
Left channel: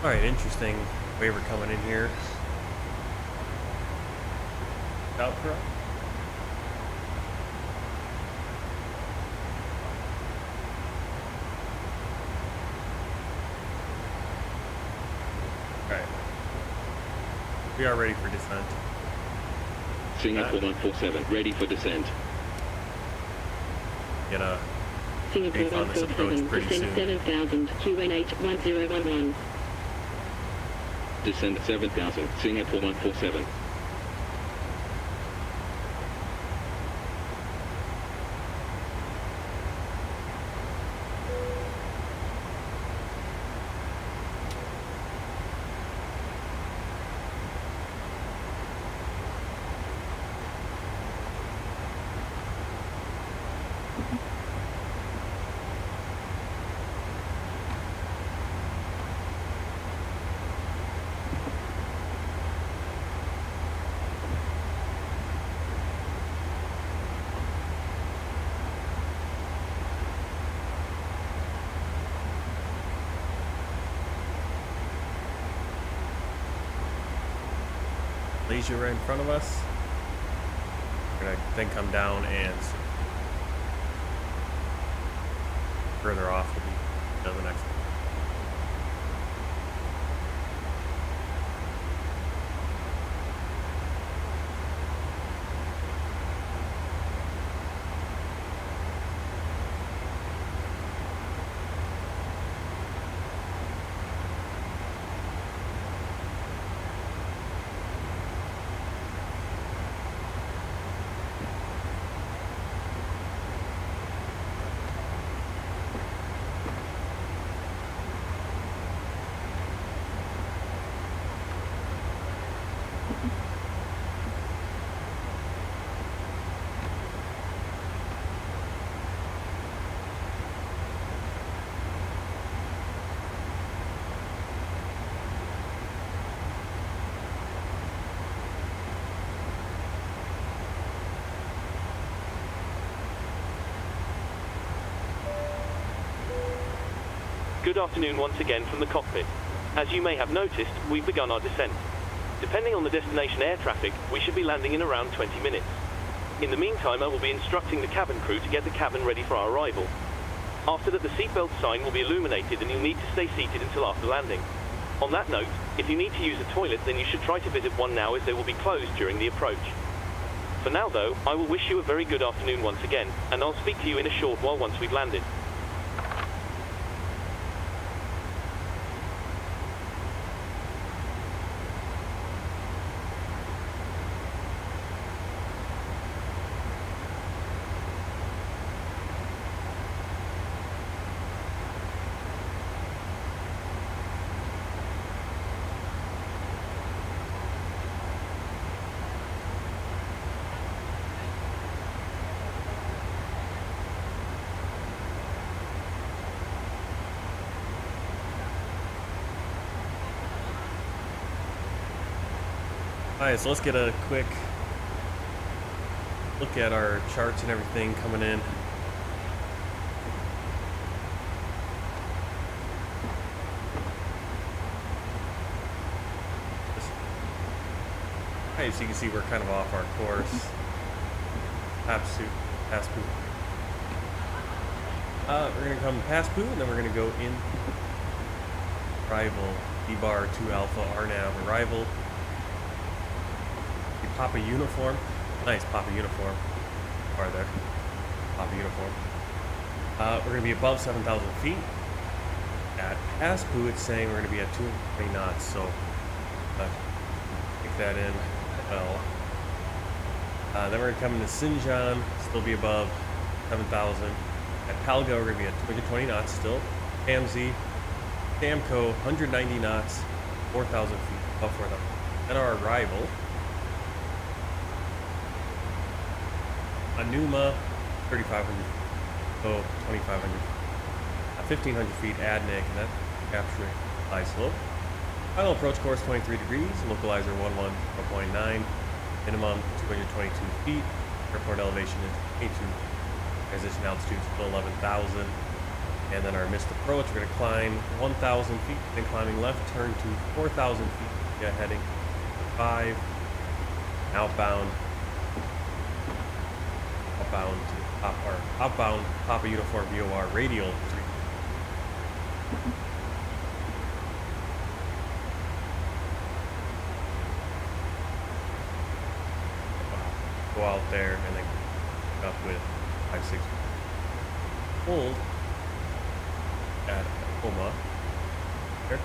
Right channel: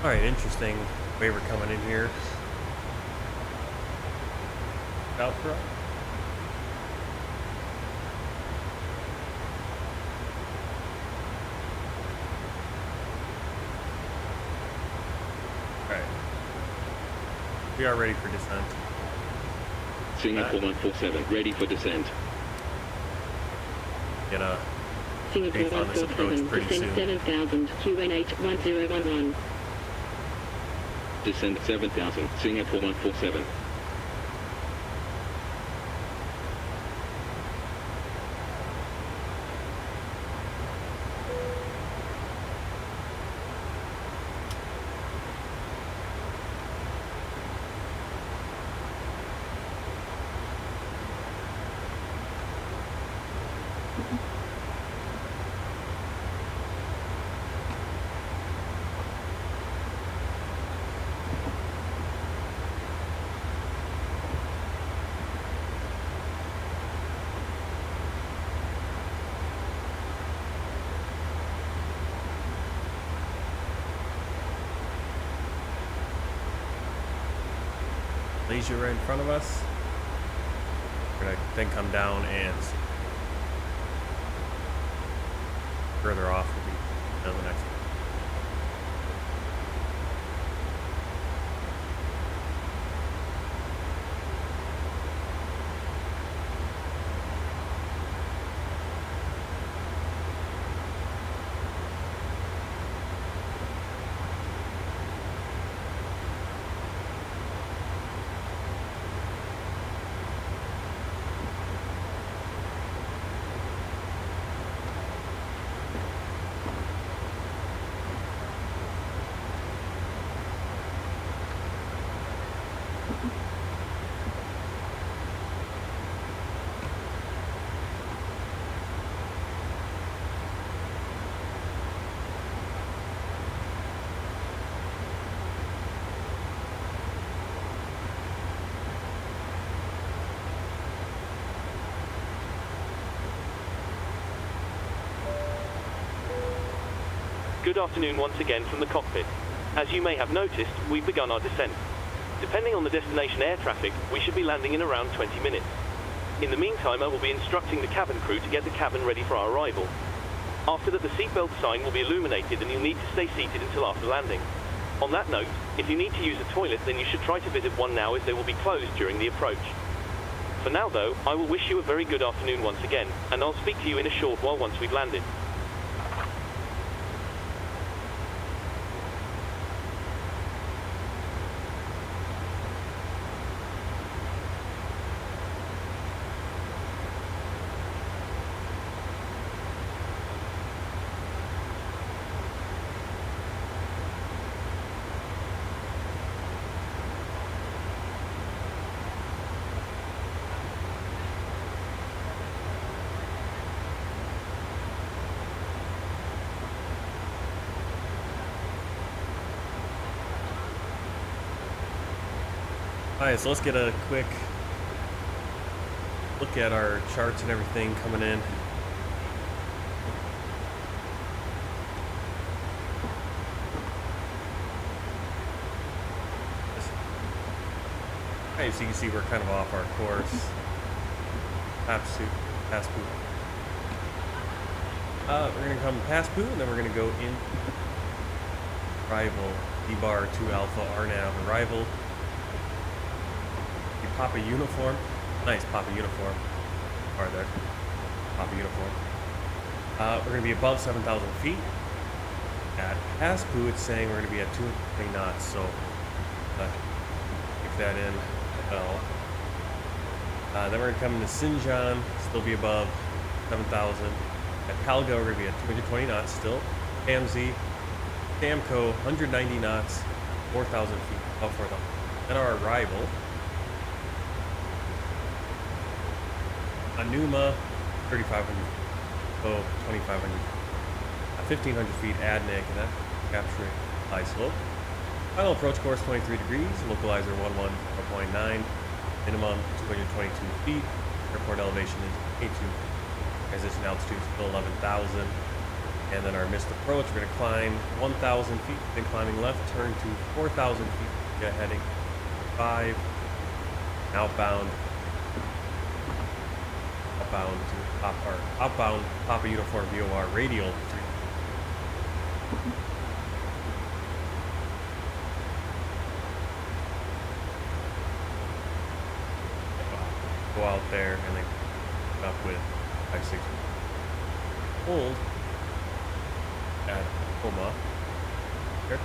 Alright, interesting waiver coming in here. Out for us. Alright. We are ready for descent. Singapore 147, ready for descent. Get a Singapore brief on this approach 147, pretty descent soon. 7000, QNH 1011. Descend 7000, Singapore 147. Malaysia right in front of us. We're gonna then come down and see. Further off will be the next one. Good afternoon once again from the cockpit. As you may have noticed, we've begun our descent. Depending on the destination air traffic, we should be landing in around 20 minutes. In the meantime, I will be instructing the cabin crew to get the cabin ready for our arrival. After that, the seatbelt sign will be illuminated and you'll need to stay seated until after landing. On that note, if you need to use a toilet, then you should try to visit one now as they will be closed during the approach. For now though, I will wish you a very good afternoon once again, and I'll speak to you in a short while once we've landed. Alright, so let's get a quick look at our charts and everything coming in. Alright, so you can see we're kind of off our course. Past Poo. We're going to come past Poo, and then we're going to go in. Arrival, D-bar 2 Alpha, RNAV, arrival. Papa uniform. Nice Papa uniform. Are there? Papa uniform. We're going to be above 7,000 feet. At Paspu, it's saying we're going to be at 220 knots, so take that in well. Then we're going to come into Xinjiang, still be above 7,000. At Palga, we're going to be at 220 knots still. AMZ, Samco, 190 knots, 4,000 feet, above 4,000. Then our arrival, Anuma, 3,500 feet, oh, 2,500 feet. 1,500 feet Adnic, and that's capturing high slope. Final approach course 23 degrees, localizer 110.9, minimum 222 feet, airport elevation is 82, transition altitude is still 11,000, and then our missed approach, we're going to climb 1,000 feet, then climbing left, turn to 4,000 feet, yeah, heading 5, outbound to outbound Papa Uniform VOR radial 3. Go out there and then up with 5-6. Hold at Oma. Here.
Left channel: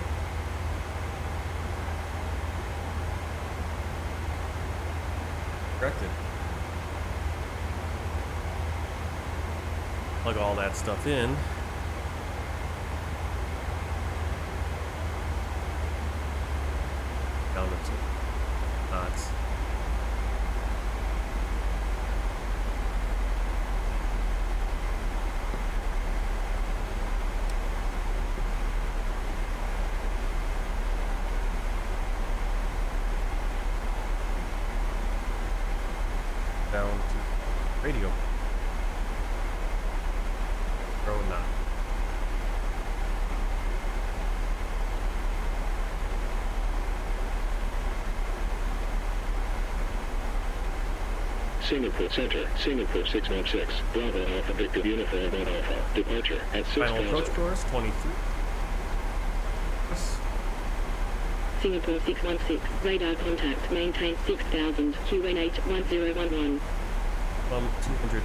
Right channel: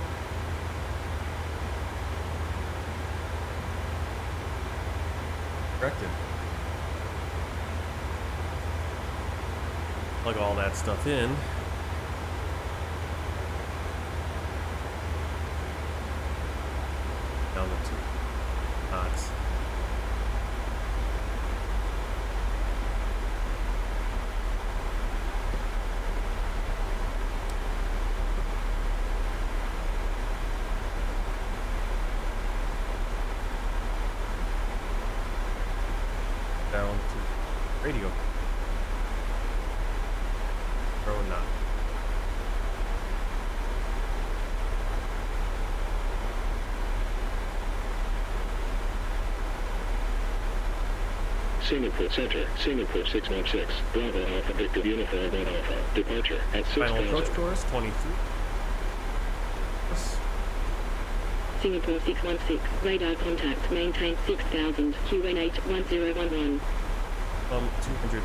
Corrected. Plug all that stuff in. Down to 2 knots. Down to radio. Row 9. Singapore Center, Singapore 616, Bravo Alpha Victor Uniform 1 Alpha, departure at 6,000. Final approach course 23. Singapore 616, radar contact, maintain 6,000, QN8 1011. 200.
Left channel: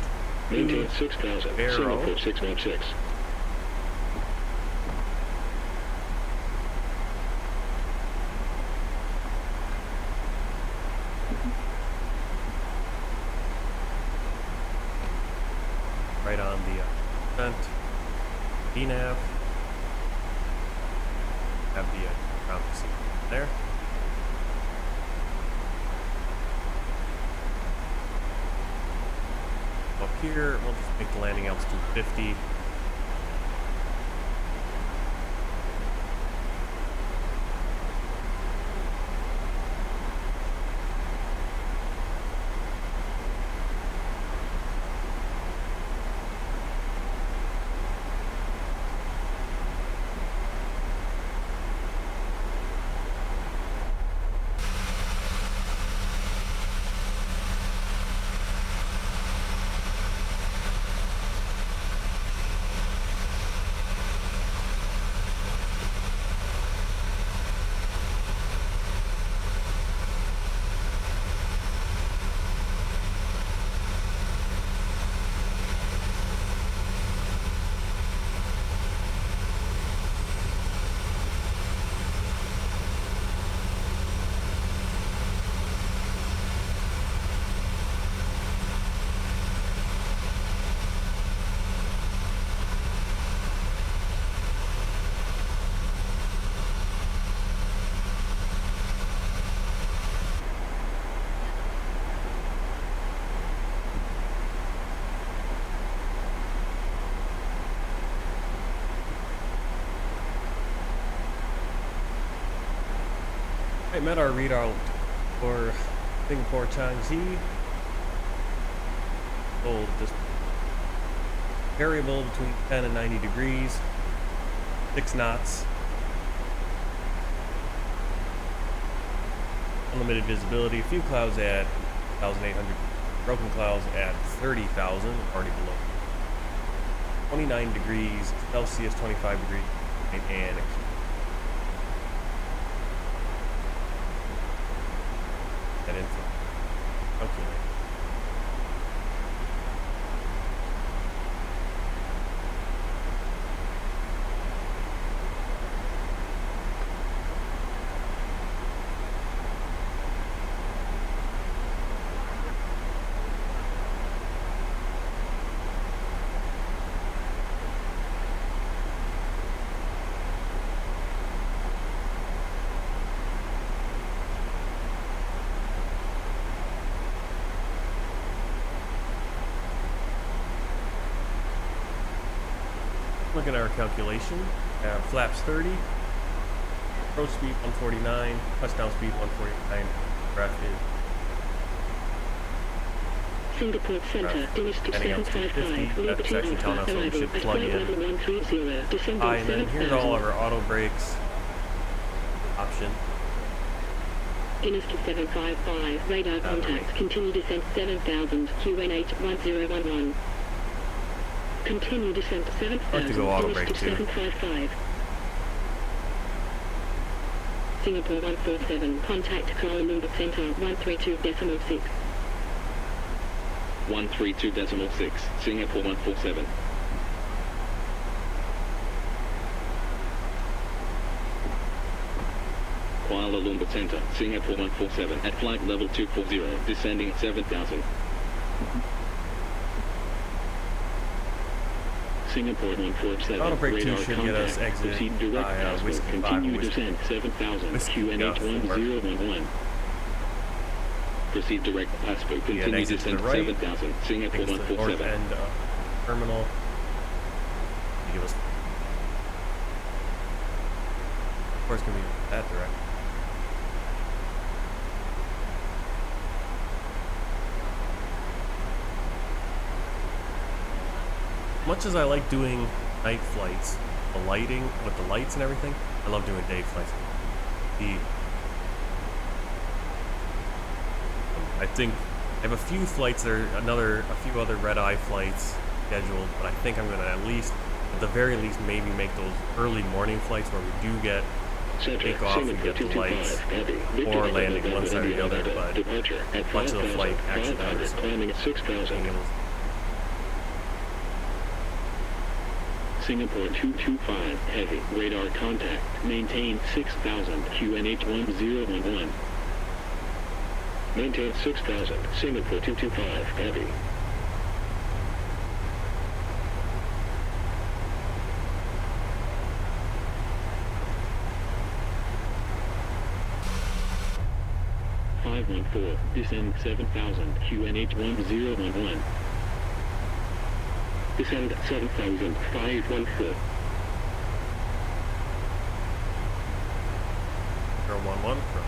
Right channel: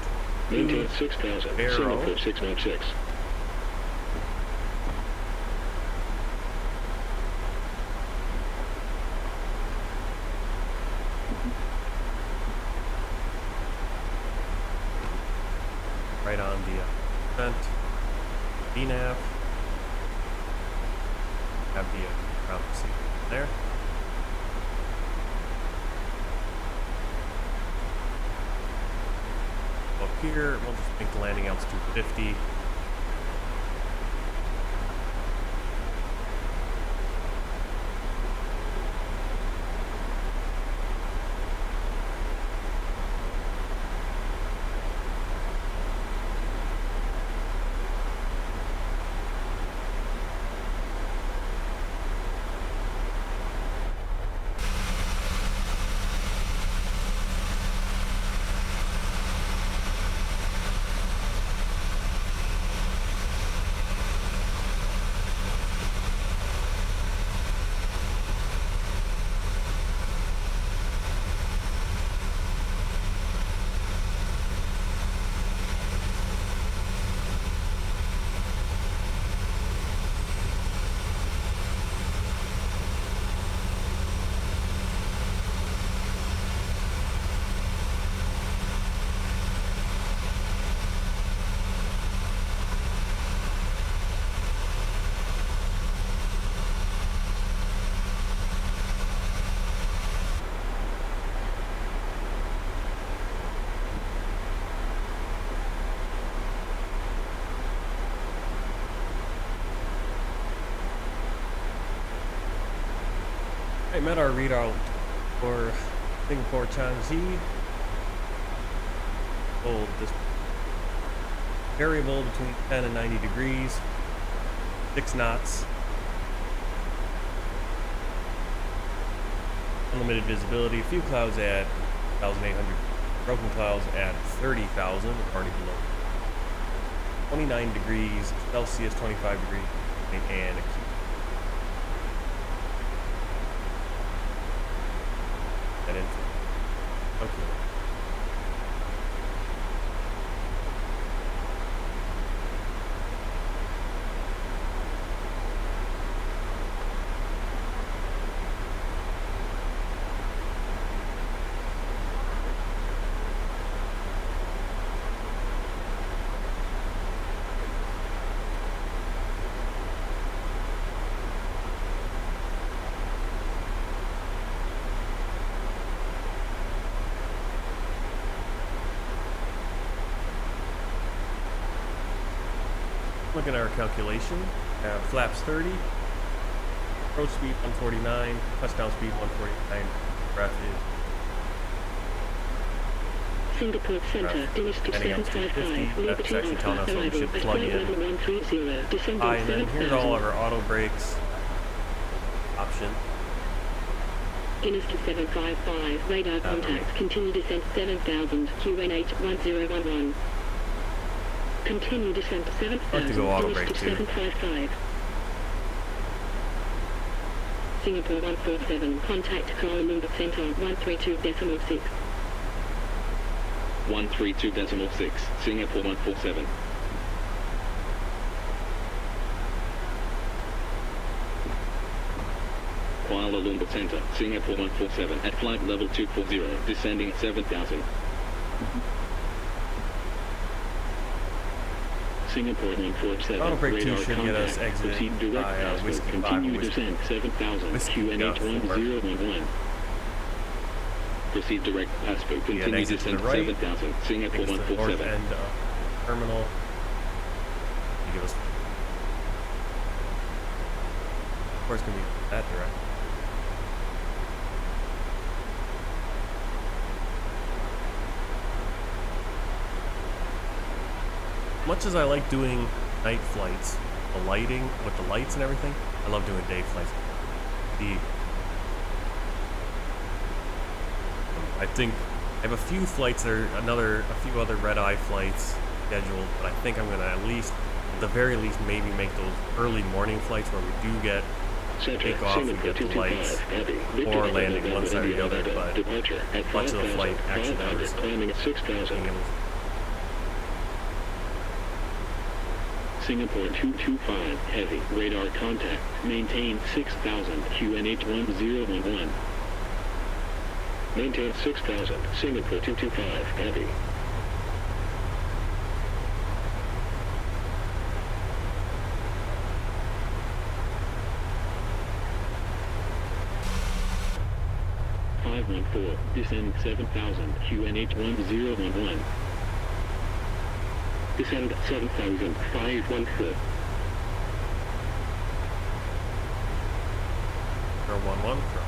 Maintain 6,000, Singapore 616. Right on the front DNAV. Have the ground seat there. Up here, we'll just make the landing altitude 50. I met our readout for Singapore Changi. Hold this variable between 10 and 90 degrees, 6 knots, unlimited visibility, few clouds at 1,800, broken clouds at 30,000, already below 29 degrees Celsius, 25 degrees, and a key. That info. Okay. Looking at our calculation, flaps 30, approach speed 149, touchdown speed 149, breath is Singapore Center, Dynasty heading up to 755, 50. That's actually telling us what we arrival should at plug flight in. level 130, descending And then here's all of 7000. our auto brakes option. Dynasty 755, radar contact, continue descent 7000, QNH 1011. Continue descent I 7000, like to go auto brake Dynasty too. 755. Singapore 147, contact Kuala Lumpur Center 132.6. 132.6, Singapore 147. Kuala Lumpur Center, Singapore 147, at flight level 240, descending 7000. Singapore 147, Auto brake 2 radar should get us contact, exit proceed direct by, password, Whiskey 5 continue Whiskey. descent 7000, Whiskey QNH 4. 1011. Proceed direct password, continue exit to the descent right. 7000, Singapore Takes us to the north 147. end of terminal. You give us, of course, gonna be that direct. Much as I like doing night flights, the lighting with the lights and everything, I love doing day flights. I think I have a few flights that are a few other red-eye flights scheduled, but I think I'm gonna at least, at the very least, maybe make those early morning flights where we do get take off and get the lights or landing one side or the other, but much of the flight actually is climbing at 6000. being able to. Singapore 225, heavy, radar contact, maintain 6000, QNH 1011. Maintain 6000, Singapore 225, heavy. Descend 7000, QNH 1011. Descend 7000, 514. Or 1-1 from.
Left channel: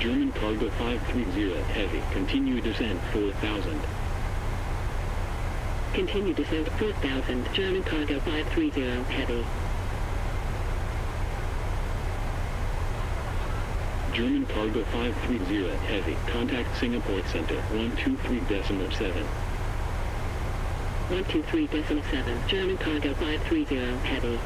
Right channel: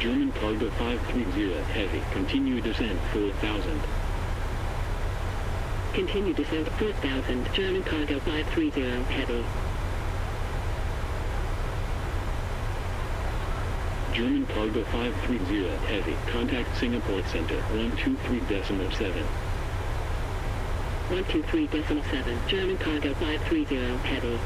German cargo 530, heavy, continue descent 4000. Continue descent 4000, German cargo 530, heavy. German cargo 530, heavy, contact Singapore Center 123.7. 123.7, German cargo 530, heavy.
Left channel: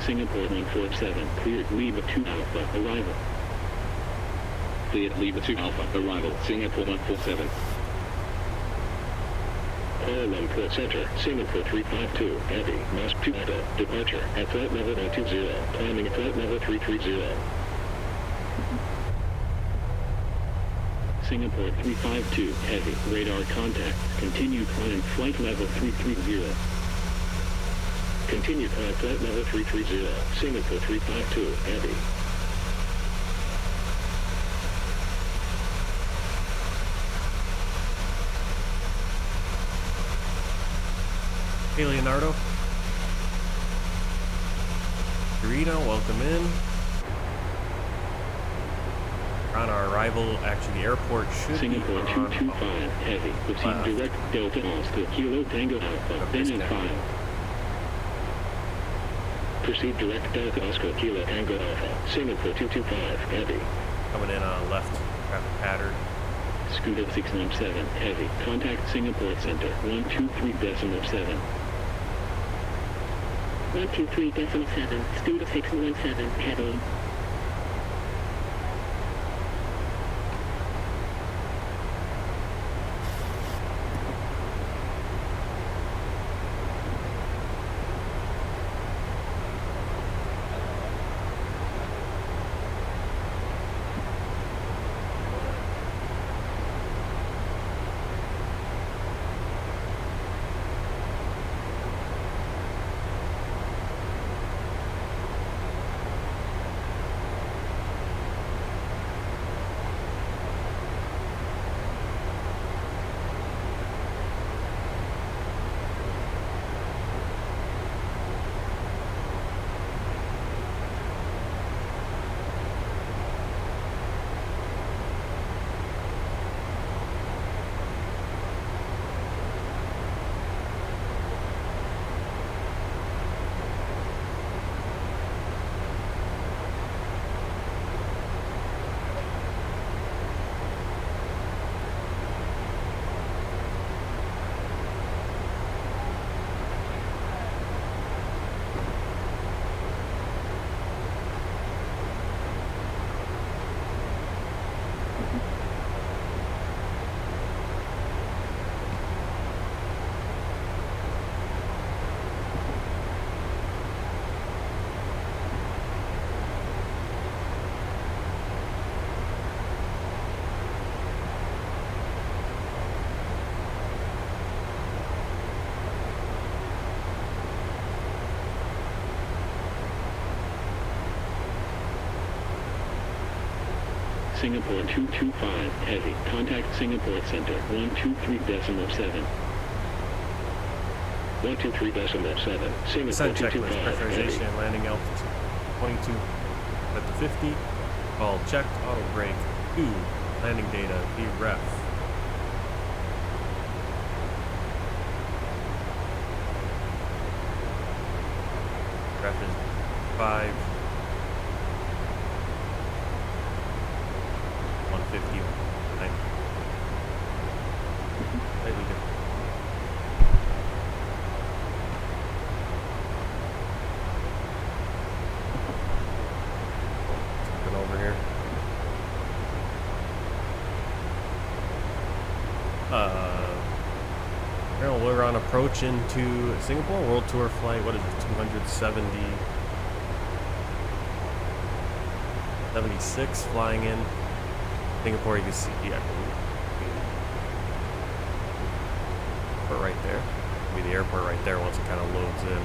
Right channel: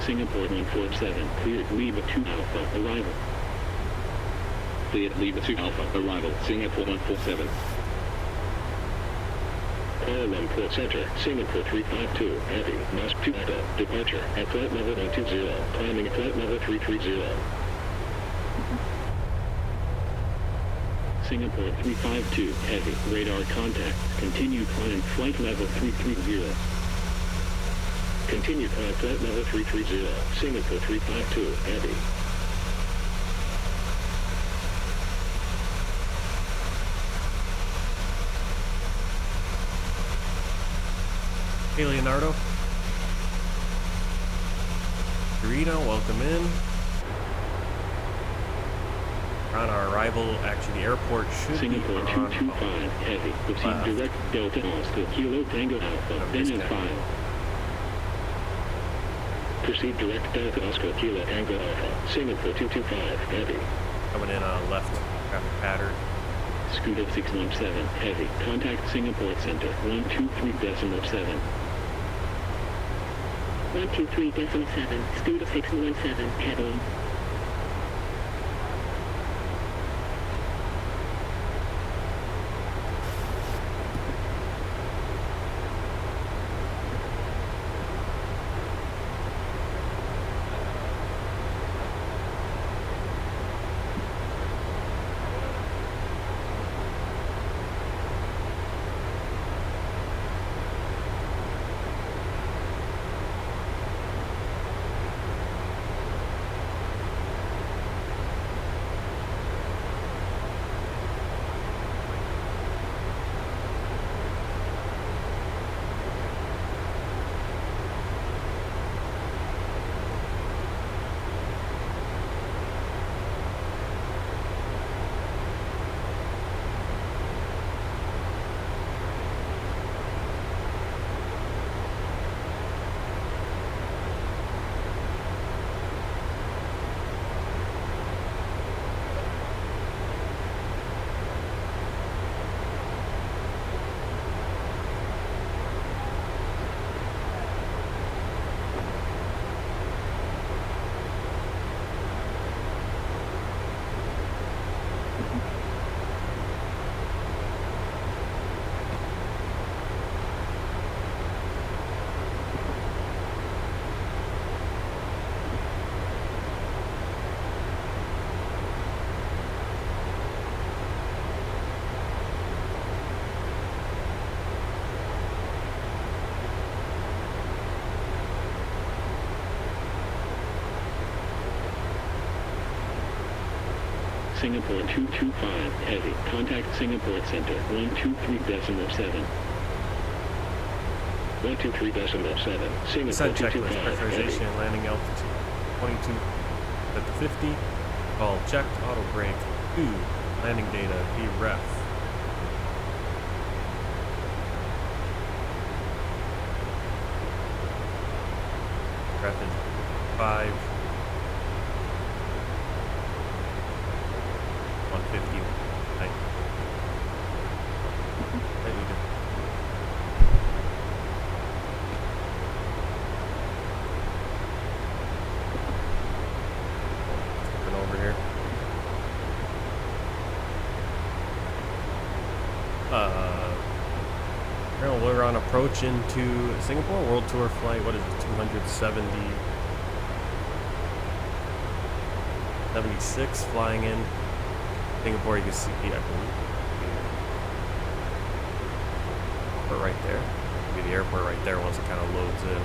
Singapore 147, cleared Lima 2 Alpha, arrival. Cleared Lima 2 Alpha, arrival, Singapore 147. Kuala Lumpur Center, Singapore 352, heavy, mass 2 Alpha, departure, at flight level 120, climbing at flight level 330. Singapore 352, heavy, radar contact, continue climb flight level 330. Continue climb flight level 330, Singapore 352, heavy. Hey, Leonardo. Karina, welcome in. We're on our arrival. Actually, the airport should Singapore be on 225 heavy. Proceed direct Delta Oscar Kilo Tango Alpha. Then in file. Proceed direct Delta Oscar Kilo Tango Alpha. Singapore 225 heavy. coming in on left traffic pattern. Scooter 617 heavy. Contact Singapore Center 123.7. 123.7. Scooter 617 heavy. Singapore 225 heavy. Contact Singapore Center 123.7. 123.7. Singapore Descent 225 checklist, pressurization, heavy. landing altitude 22 at the 50. All checked, auto brake 2, landing data, VREF. Ref is 5. 150. Right. Slightly different. Looking over here. Well, we're on approach into Singapore World Tour flight. What is it? 76 flying in. Singapore, you can see, I believe, airport right there. Maybe the airport right there once it kind of loads in.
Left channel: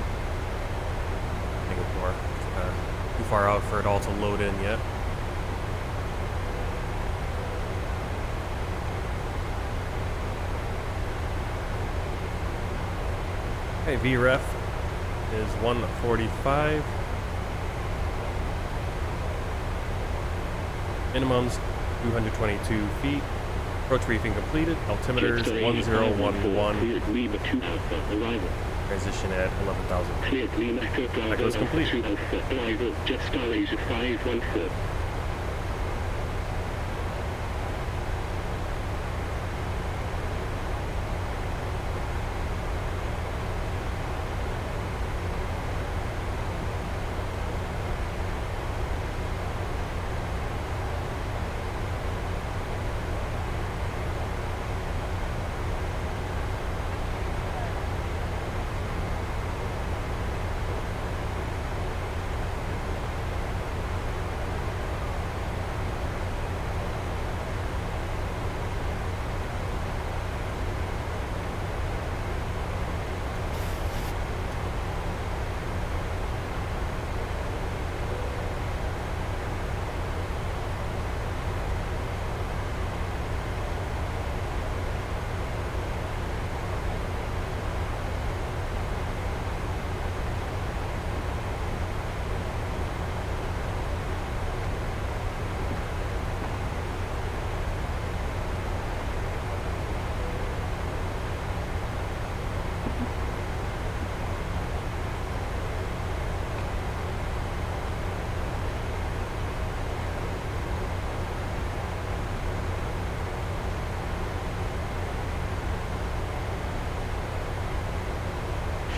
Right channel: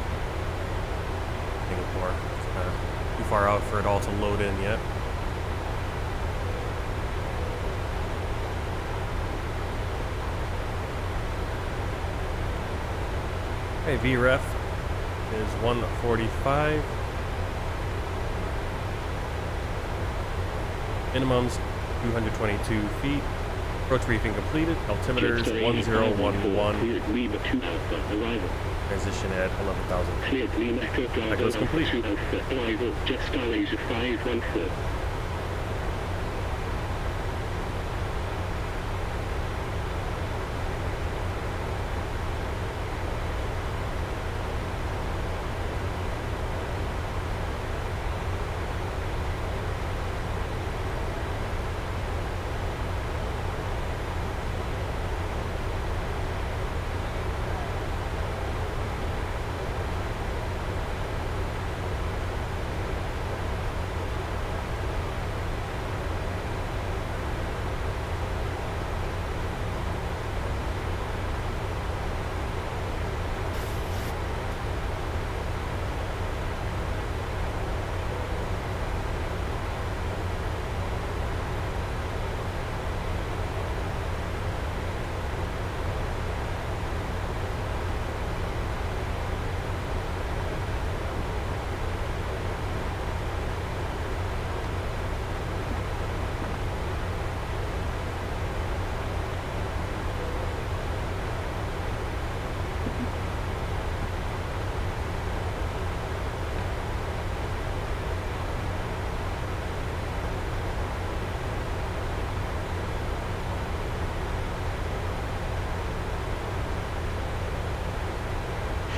Singapore, it's kind of too far out for it all to load in yet. Okay, VREF is 145. Minimums 222 feet. Approach briefing completed. Altimeters 1011. Cleared Lima 2 Alpha. Arrival. Transition at 11,000 feet. Cleared Lima Echo Bravo. That goes complete. 2 Alpha. Arrival. Jetstar Asia 514.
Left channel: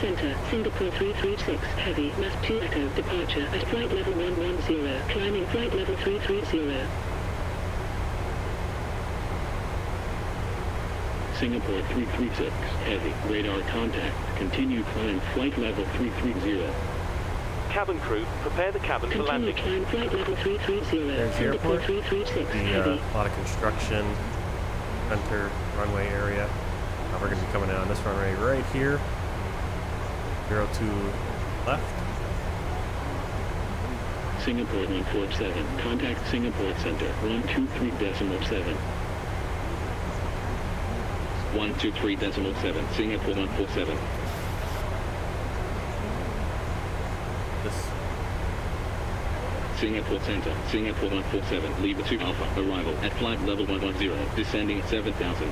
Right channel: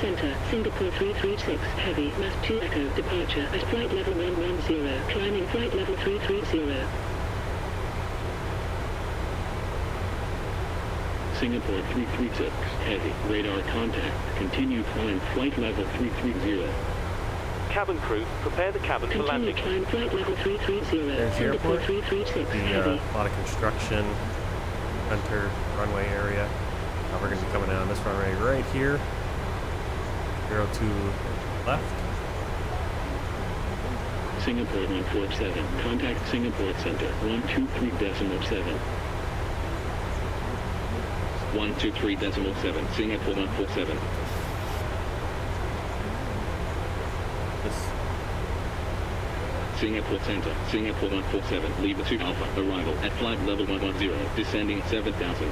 Center, Singapore 336, heavy, must 2 Echo, departure at flight level 110, climbing flight level 330. Singapore 336, heavy, radar contact, continue climb flight level 330. Cabin crew, prepare the cabin for Continue landing. climb flight level 330, There's the Singapore airport. 336, The heavy. a lot of construction, center runway area. We're going to be coming in on this runway right here. 02 left. Singapore 147, contact Singapore Center 123.7. 123.7, Singapore 147. This Singapore Center, Singapore 147, Lima 2 Alpha, arrival at flight level 110, descending 7,000.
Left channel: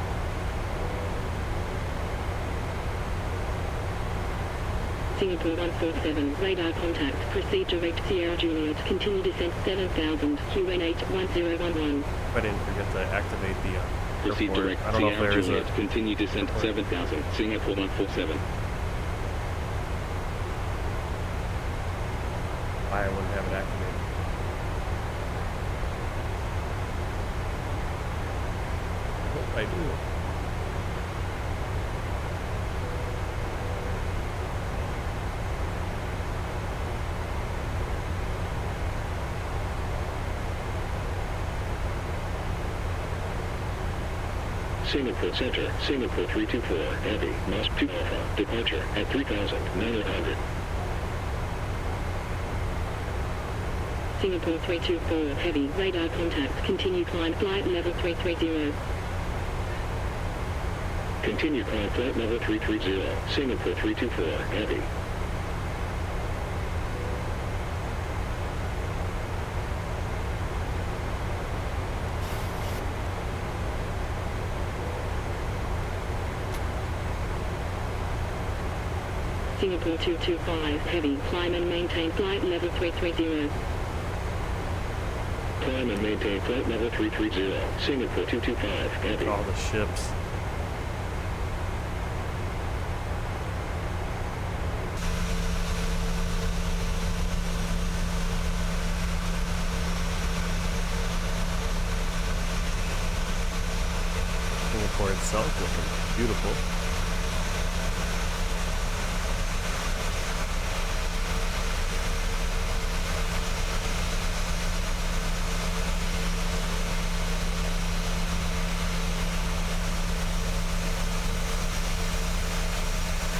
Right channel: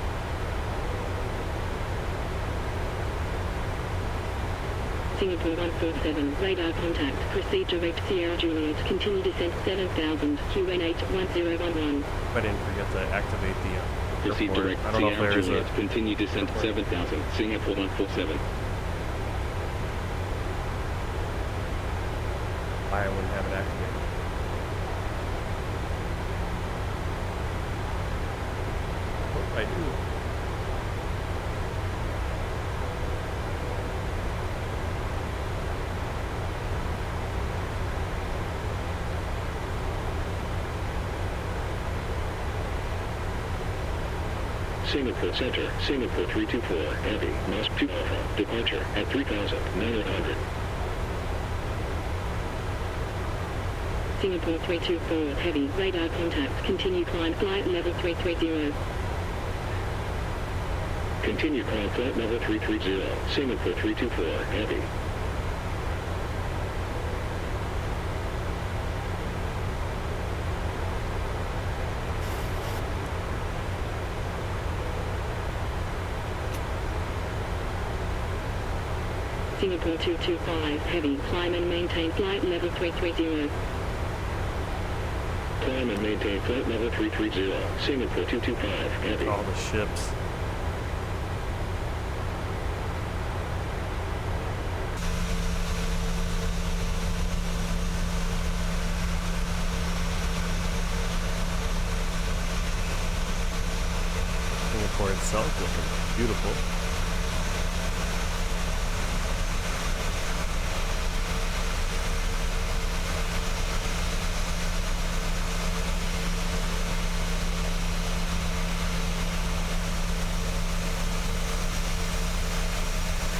Singapore 147, radar contact, proceed direct Sierra Juliet, continue descent 7000, QN8 1011. I didn't forget to activate the Proceed airport. direct I don't know if Sierra there is Juliet, a continue descent 7,000, Singapore 147. why I wouldn't have it activated. I hope I do. Singapore Center, Singapore 324, heavy, must 2 Alpha, departure at 3,900. Singapore 324, heavy, radar contact, continue climb flight level 330. Continue climb flight level 330, Singapore 324, heavy. Singapore 225, heavy, climb and maintain flight level 330. Climb and maintain flight level 330, Singapore 225, heavy. All the ships. Singapore itself looking beautiful.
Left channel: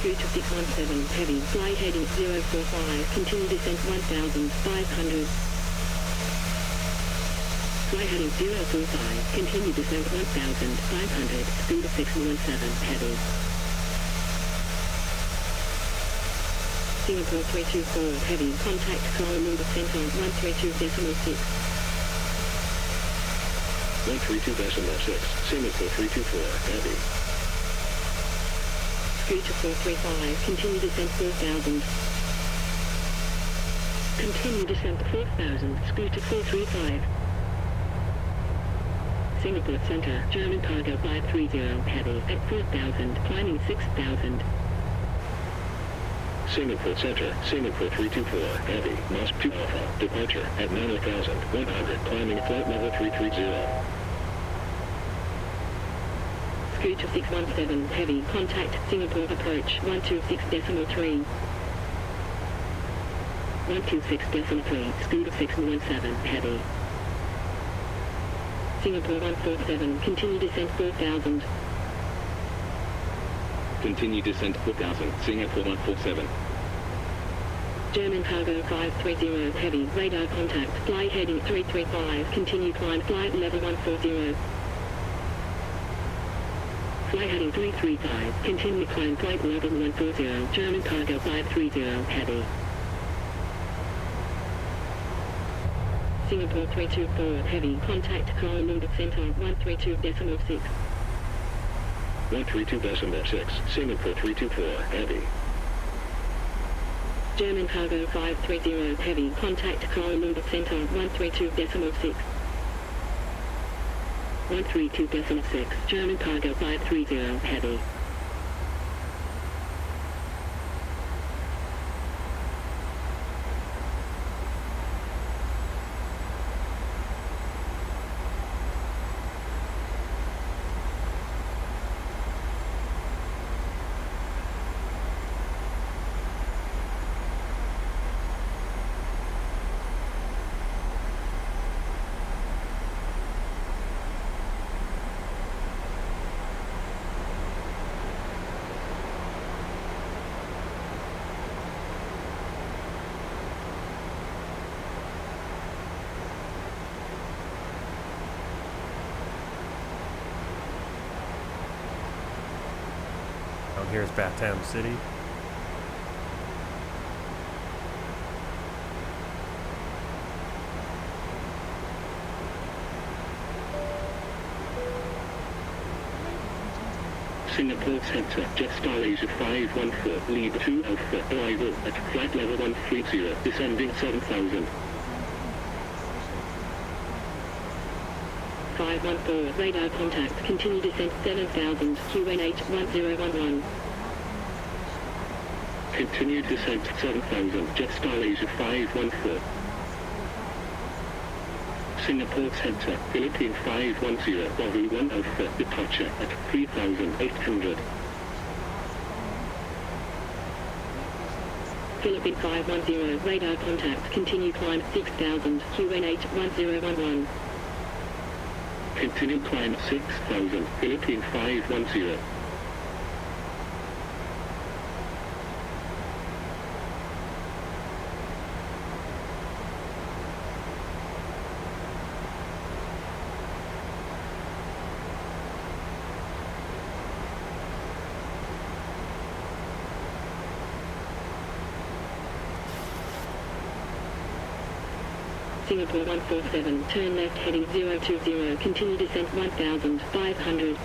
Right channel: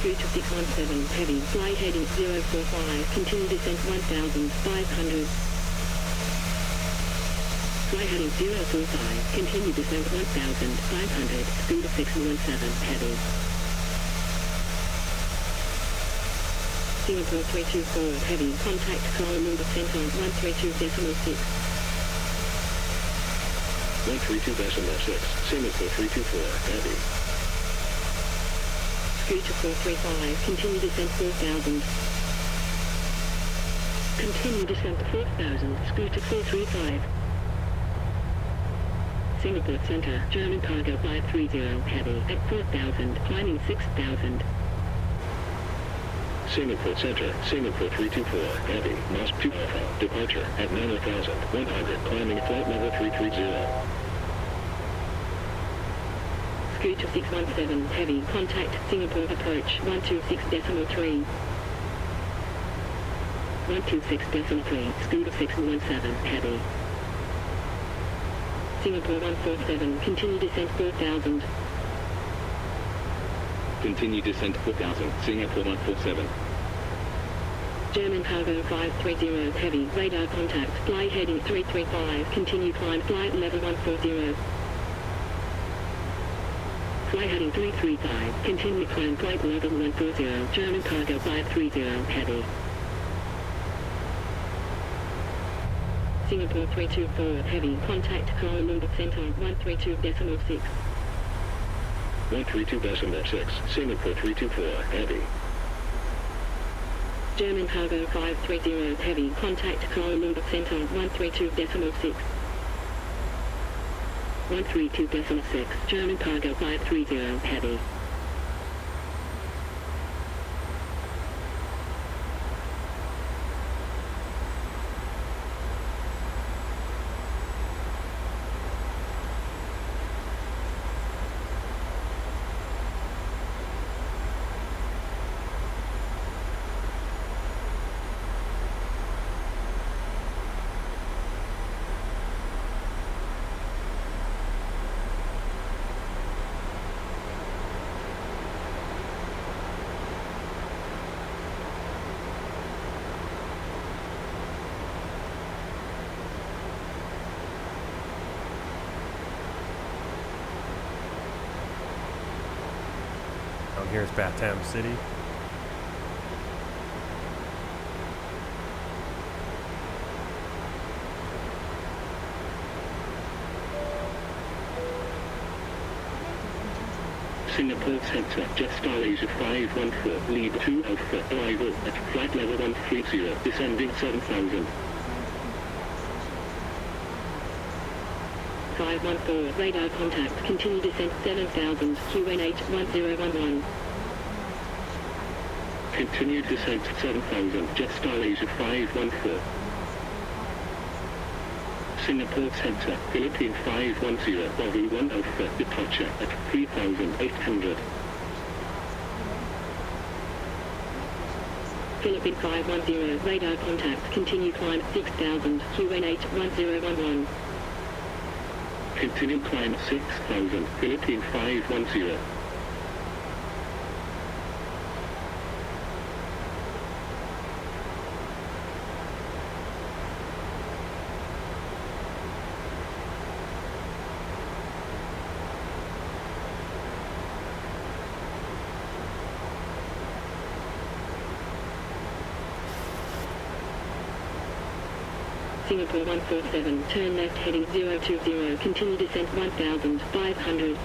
Scoot to 617, heavy, fly heading 045, continue descent 1500. Fly heading 045, continue descent 1500, scoot to 617, heavy. Singapore 324, heavy, contact Kuala Lumpur Center 132.6. 132.6, Singapore 324, heavy. Scoot to 435, continue descent 4000. Continue descent 4000, scoot to 435. Singapore Center, German cargo 530, heavy, at 4000, climbing 6000. Singapore Center, Singapore 324, heavy, must 2 Alpha, departure at 9,100, climbing flight level 330. Scoot to 617, heavy, contact Singapore approach 126.3. 126.3, scoot to 617, heavy. Singapore 147, continue descent 4000. Continue descent 4,000, Singapore 147. German cargo 530, heavy, radar contact, fly heading 335, continue climb flight level 140. Fly heading 335, continue climb flight level 140, German cargo 530, heavy. Singapore 324, heavy, contact Kuala Lumpur Center 132.6. 132.6, Singapore 324, heavy. German cargo 530, heavy, contact Kuala Lumpur Center 132.6. 132.6, German cargo 530, heavy. here's Batam City. Singapore Center, jet style Asia 514, lead 2 Alpha, arrival at flight level 130, descending 7,000. 514, radar contact, continue descent 7,000, QN8 1011. Continued descent 7,000, jet style Asia 514. Singapore Center, Philippine 510, Bravo 1 Alpha, departure at 3,800. Philippine 510, radar contact, continue climb 6,000, QN8 1011. Continue climb 6,000, Philippine 510. Singapore 147, turn left heading 020, continue descent 1,500.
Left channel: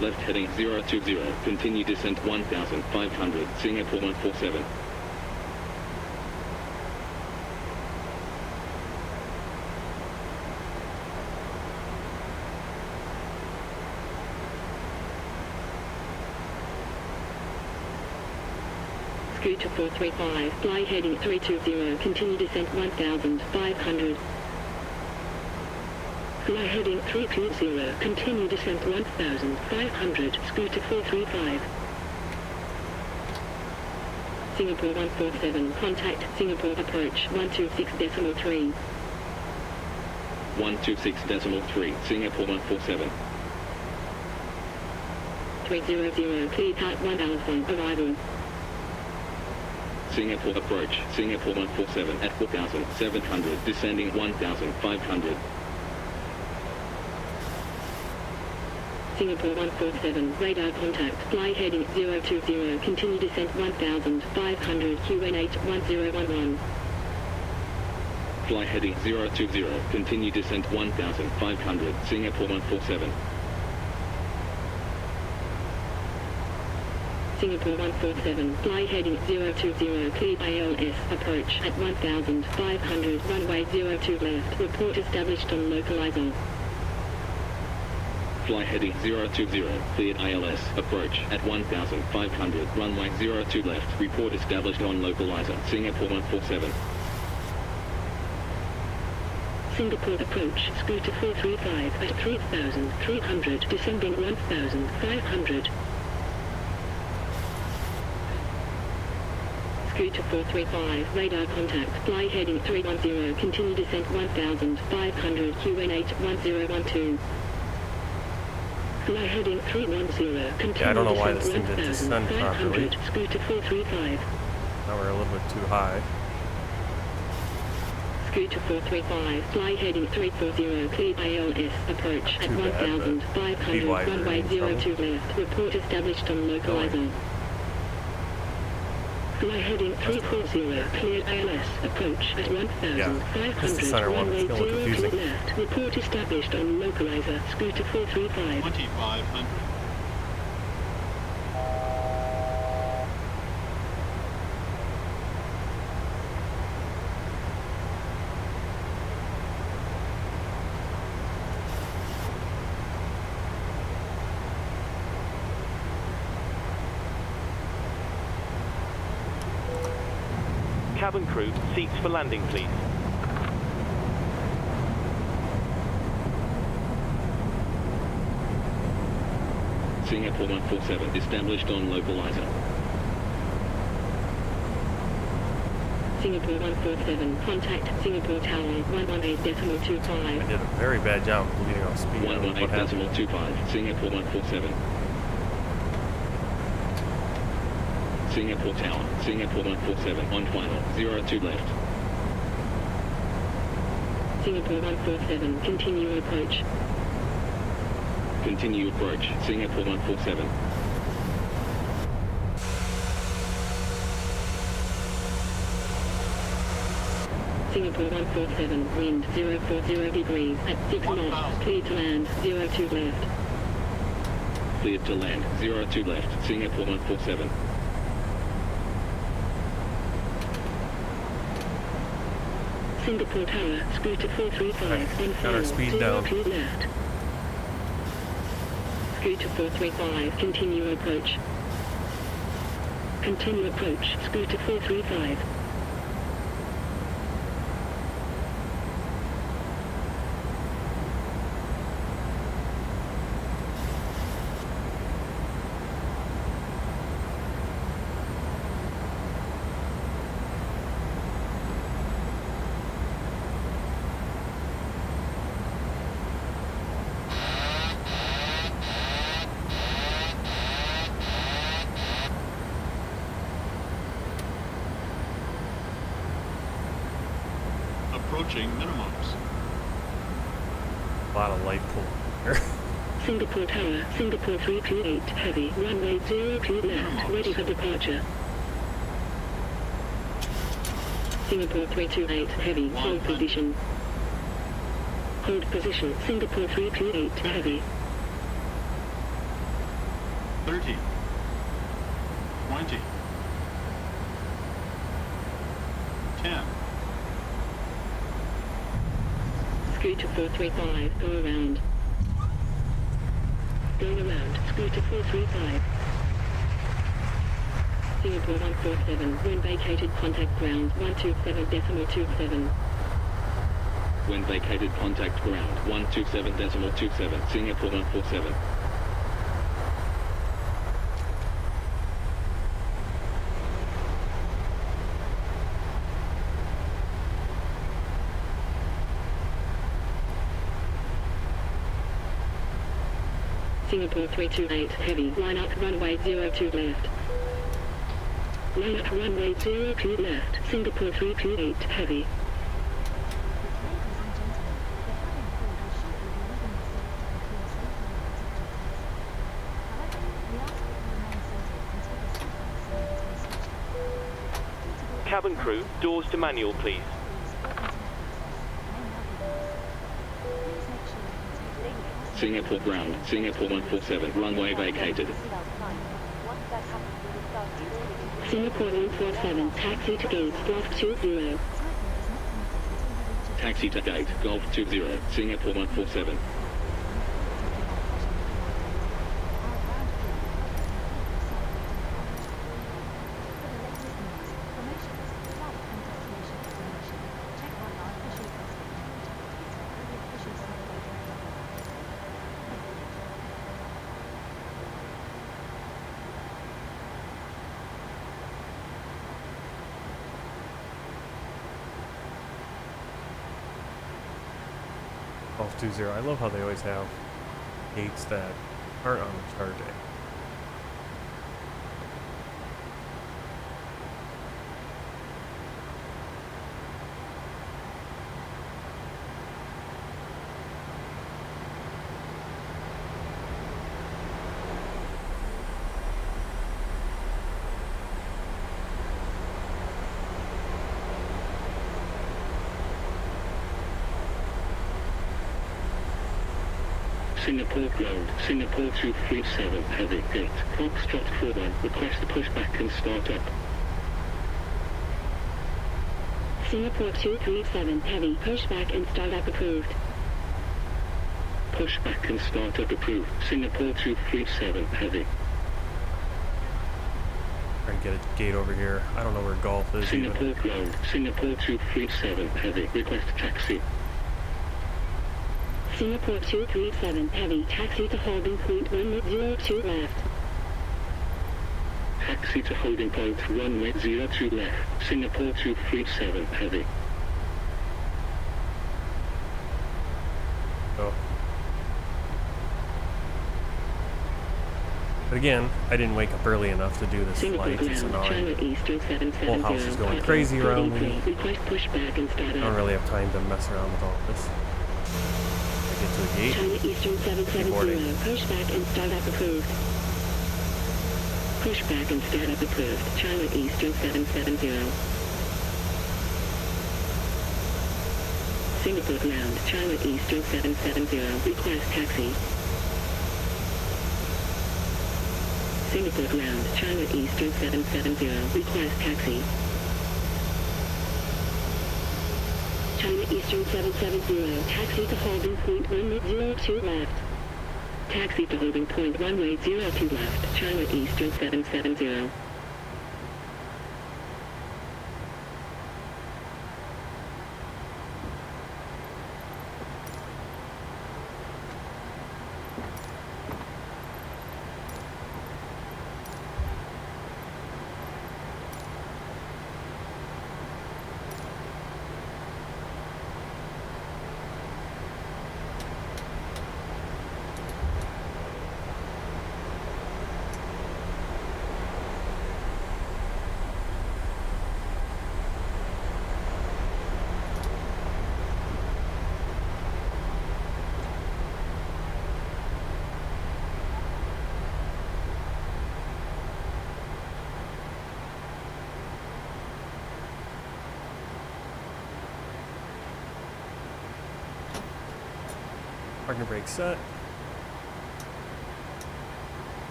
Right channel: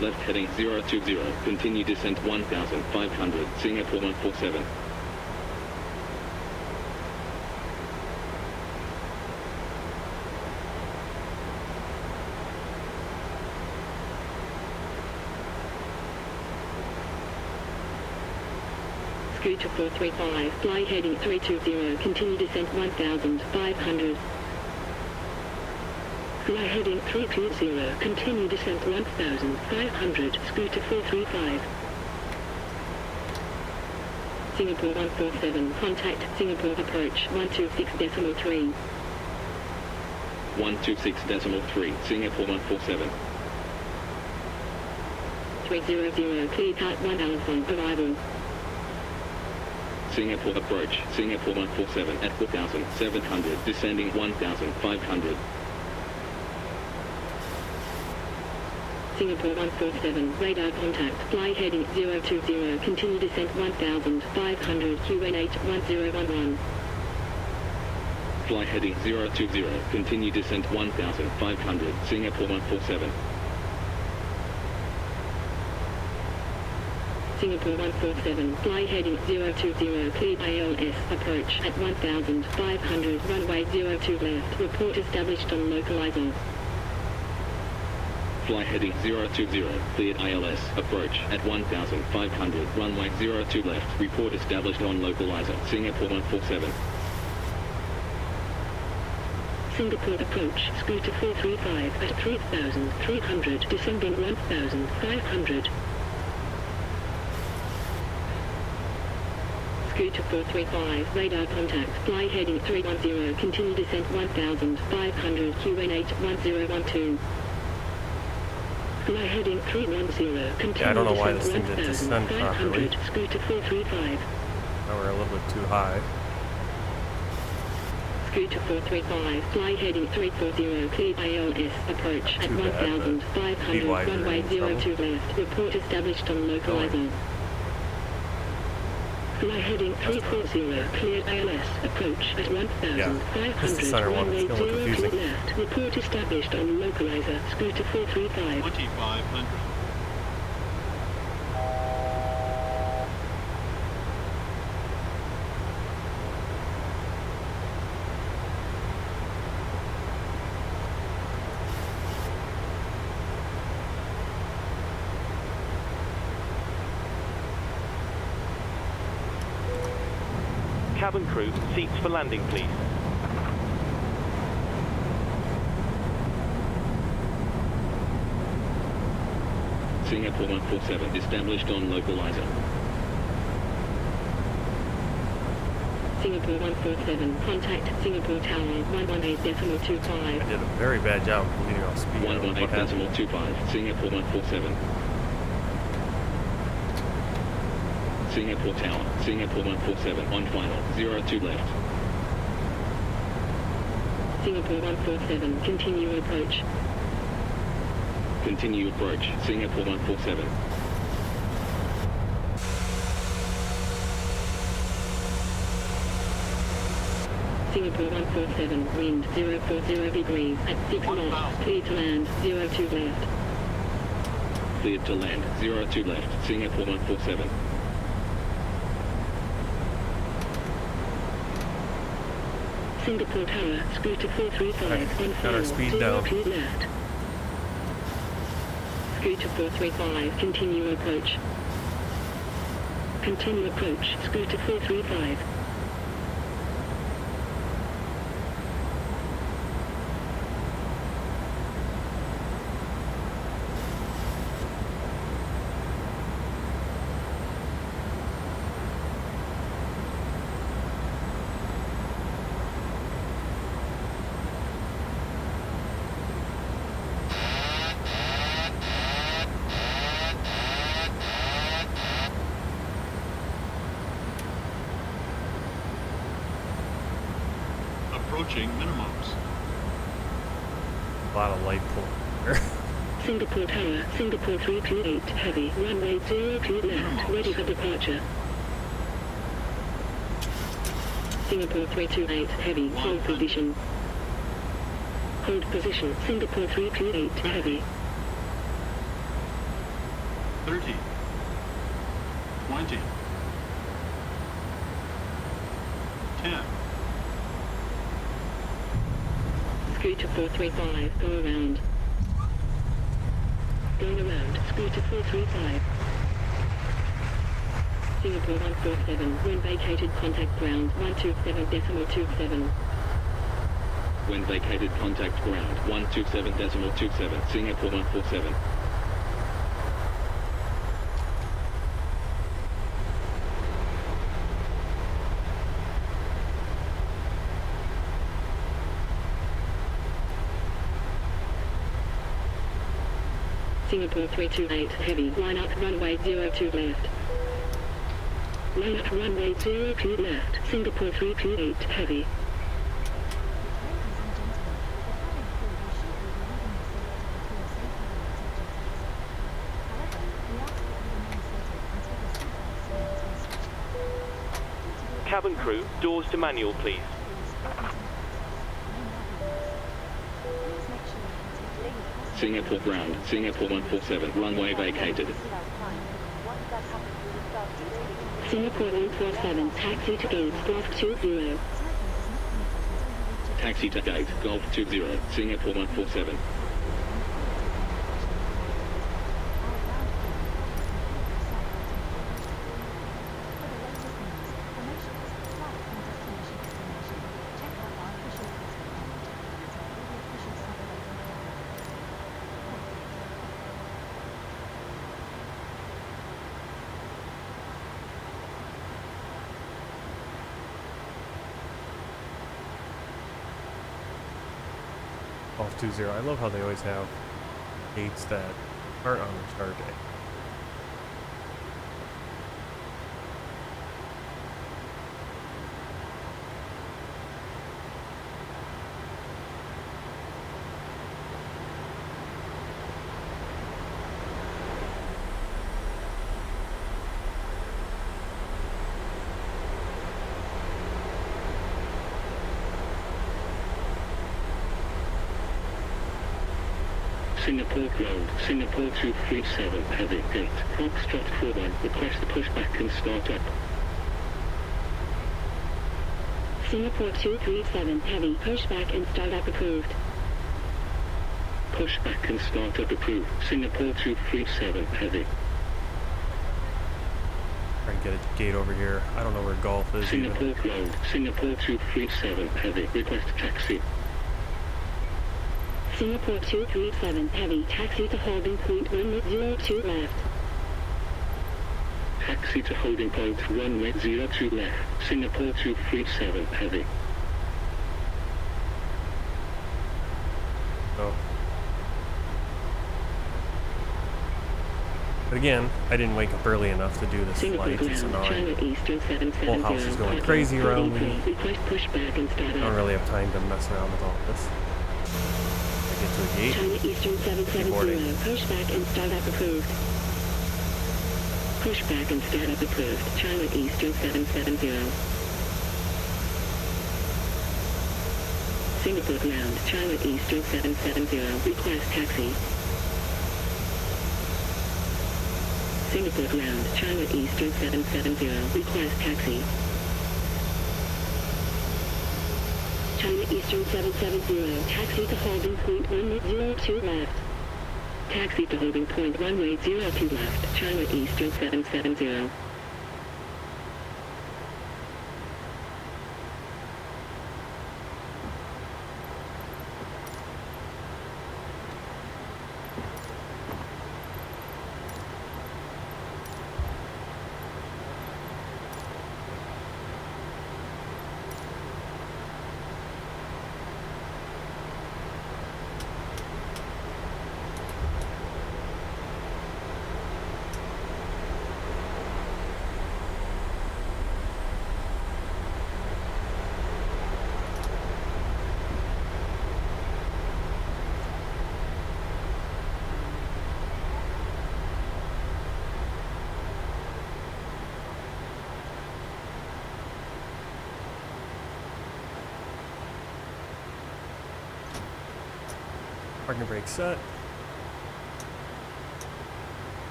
Left heading 020, continue descent 1,500, Singapore 147. Scooter 435, fly heading 320, continue descent 1,500. Fly heading 320, continue descent 1,500, Scooter 435. Singapore 147, contact Singapore approach 126.3. 126.3, Singapore 147. 300, clear part 1 Alpha, arrival. Singapore approach, Singapore 147 at 4,700, descending 1,500. Singapore 147, radar contact, fly heading 020, continue descent 1,500, QN8 1011. Fly heading 020, continue descent 1,500, Singapore 147. Singapore 147, fly heading 020, cleared ALS, approach at 1,500, runway 02 left, report established on localizer. Fly heading 020, cleared ILS, approach at 1,500, runway 02 left, report established on localizer, Singapore 147. Singapore approach, Scooter 435 at 3,300, descending 1,500. Scooter 435, radar contact, fly heading 310, continue descent 1,500, QN8 1012. Fly heading 310, continue I don't know why descent this thing didn't descend properly. 1,500, Scooter 435. Now we're a little bit too high. Scooter 435, fly heading 340, cleared ALS, approach at 1,500, runway 02 left, report established on localizer. Fly heading 340, cleared ALS, approach at 1,500, runway 02 left, report established on localizer, Scooter 435. 2,500. Cabin crew, seats for landing, please. Singapore 147, established on localizer. Singapore 147, contact Singapore Tower 118.25. I did a very bad job of bleeding off speed. 118.25, Singapore 147. Singapore Tower, Singapore 147, on final, 02 left. Singapore 147, continue approach. Continue approach, Singapore 147. Singapore 147, wind 040 degrees at 6 knots, clear to land 02 left. Cleared to land, 02 left, Singapore 147. Singapore Tower, scooter 435, Right, on got our final, speed down. 02 left. Scooter 435, continue approach. Continue approach, scooter 435. Approaching minimums. A lot of light pull here. Singapore Tower, Singapore 328, heavy, runway 02 left, ready for departure. Singapore 328, heavy, hold position. Hold position, Singapore 328, heavy. 30. 20. 10. Scooter 435, go around. Going around, scooter 435. Singapore 147, when vacated contact ground 127.27. When vacated, contact ground 127.27, Singapore 147. Singapore 328, heavy, line up runway 02 left. Line up runway 02 left, Singapore 328, heavy. Cabin crew, doors to manual, please. Singapore ground, Singapore 147, runway vacated. Singapore 147, taxi to gate, Golf 20. Taxi to gate, Golf 20, Singapore 147. Golf 20. I love how they always have gates that aren't on the start day. Singapore ground, Singapore 237, heavy, gate, Foxtrot 41, request pushback and start up. Singapore 237, heavy, pushback and start up approved. Pushback and start up approved, Singapore 237, heavy. Try and get a gate over here. I don't know where golf is Singapore even. ground, Singapore 237, heavy, request taxi. Singapore 237, heavy, taxi to holding point runway 02 left. Taxi to holding point runway 02 left, Singapore 237, heavy. Oh. But again, I didn't wake up early enough to do this Singapore flight. It's ground, China annoying. Eastern 770. Whole house is going crazy around me. Request pushback and start I don't up. really have time to mess around with all this. I get to a gate. China Eastern 770, Boarding. pushback and start up approved. Pushback and start up approved, China Eastern 770. Singapore ground, China Eastern 770, request taxi. Singapore ground, China Eastern 770, request taxi. China Eastern 770, taxi to holding point 102 left. Taxi to holding point runway 02 left, China Eastern 770. Parking brake set.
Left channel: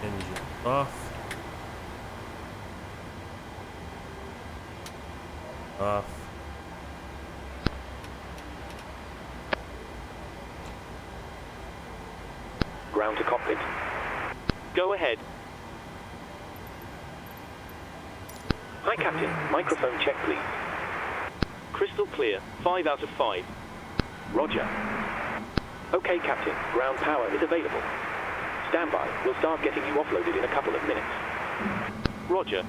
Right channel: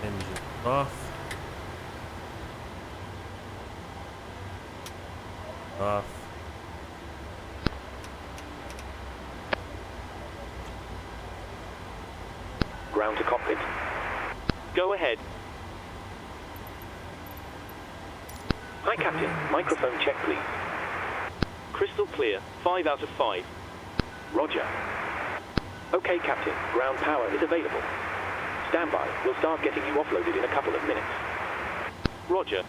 Engine off. Off. Ground to cockpit. Go ahead. Hi, Captain. Microphone check, please. Crystal clear. 5 out of 5. Roger. Okay, Captain. Ground power is available. Stand by. We'll start getting you offloaded in a couple of minutes. Roger.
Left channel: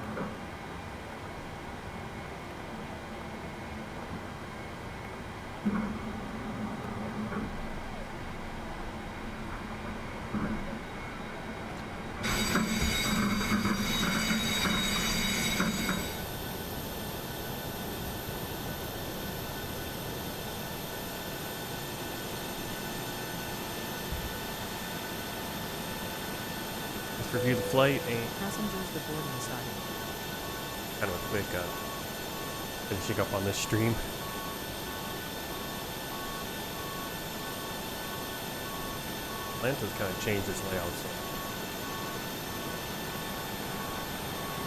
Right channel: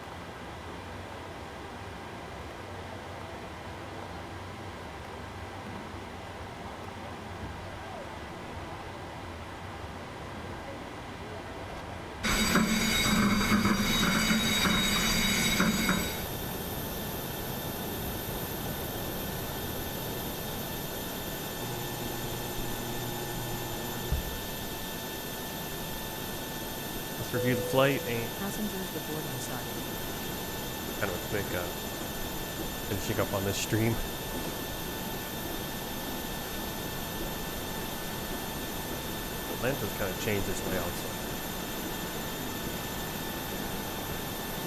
Let's review the flight and Passengers the boarding side. kind of a quick finishing up on this stream. Atlanta's kind of changed its layout,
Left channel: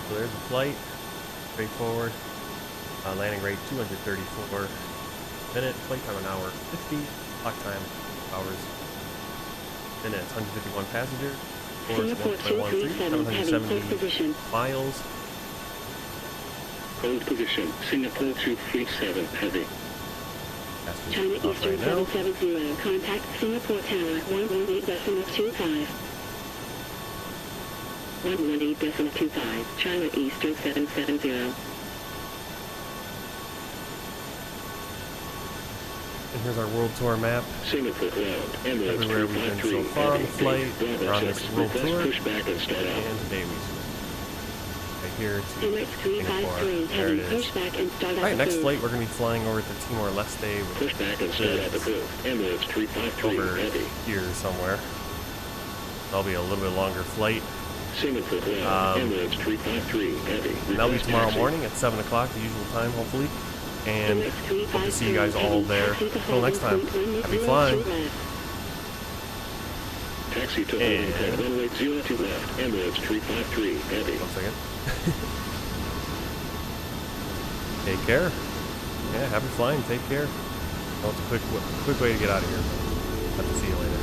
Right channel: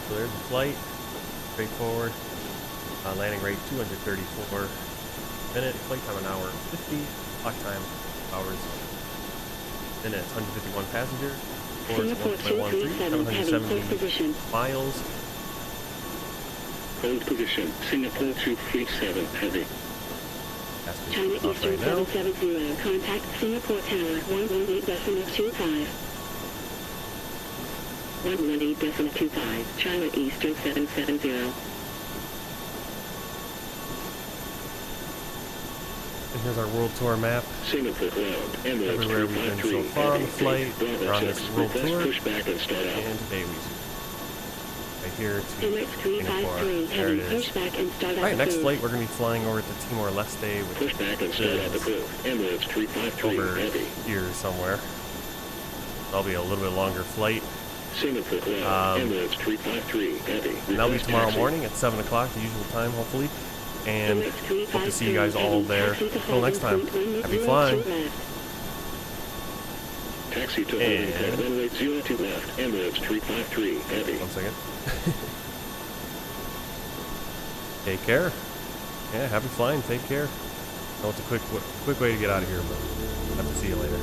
so there's the flight, straightforward. Landing rate 234 minute, flight time an hour 50, clock time hours minutes, 151 passenger, course 1.13, 770 miles. Hold position, Singapore 237 heavy. China Eastern 770, contact Singapore Tower 118.25. 118.25, China Eastern 770. And here's our world tour map. Singapore ground, Everywhere we've been so far on the flight, we're on this world tour, and today we zoom right here to Singapore. There it is. Alright, next flight we're going to be flying over to Timor-Leste, which is over here somewhere. That'll be a little bit longer flight. And that'll be tomorrow morning at 7 o'clock, the usual time, hopefully. And hope to see you guys all there. Until next time, happy flying. Taxi to runway 02 left, Emirates 353 heavy. 1 second. Take care. Yeah, happy flying. Take care. I know it's a quick way to get out of here, but have to see you later.